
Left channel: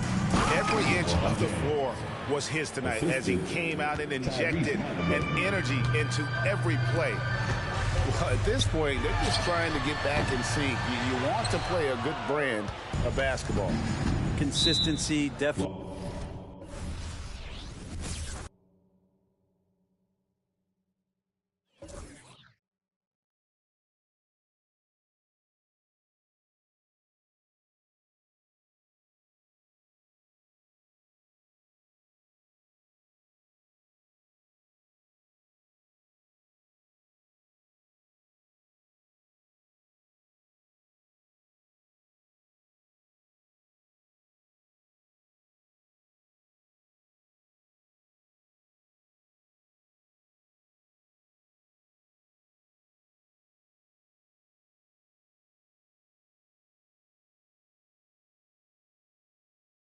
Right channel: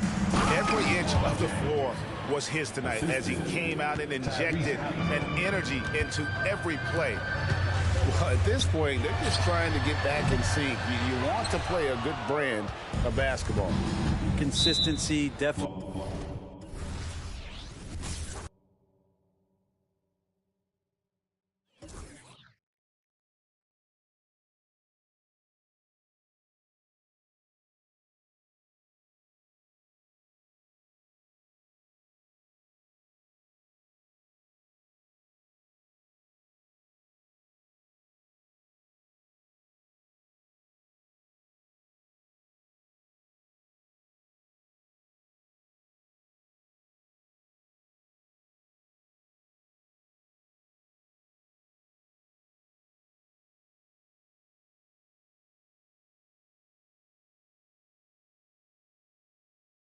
Every inch of the floor was his tonight as he came out and injected an energy into every play. Well, at this point, they're just trying to get back in sync. You want to play a good brand of basketball. Consistency, definitely.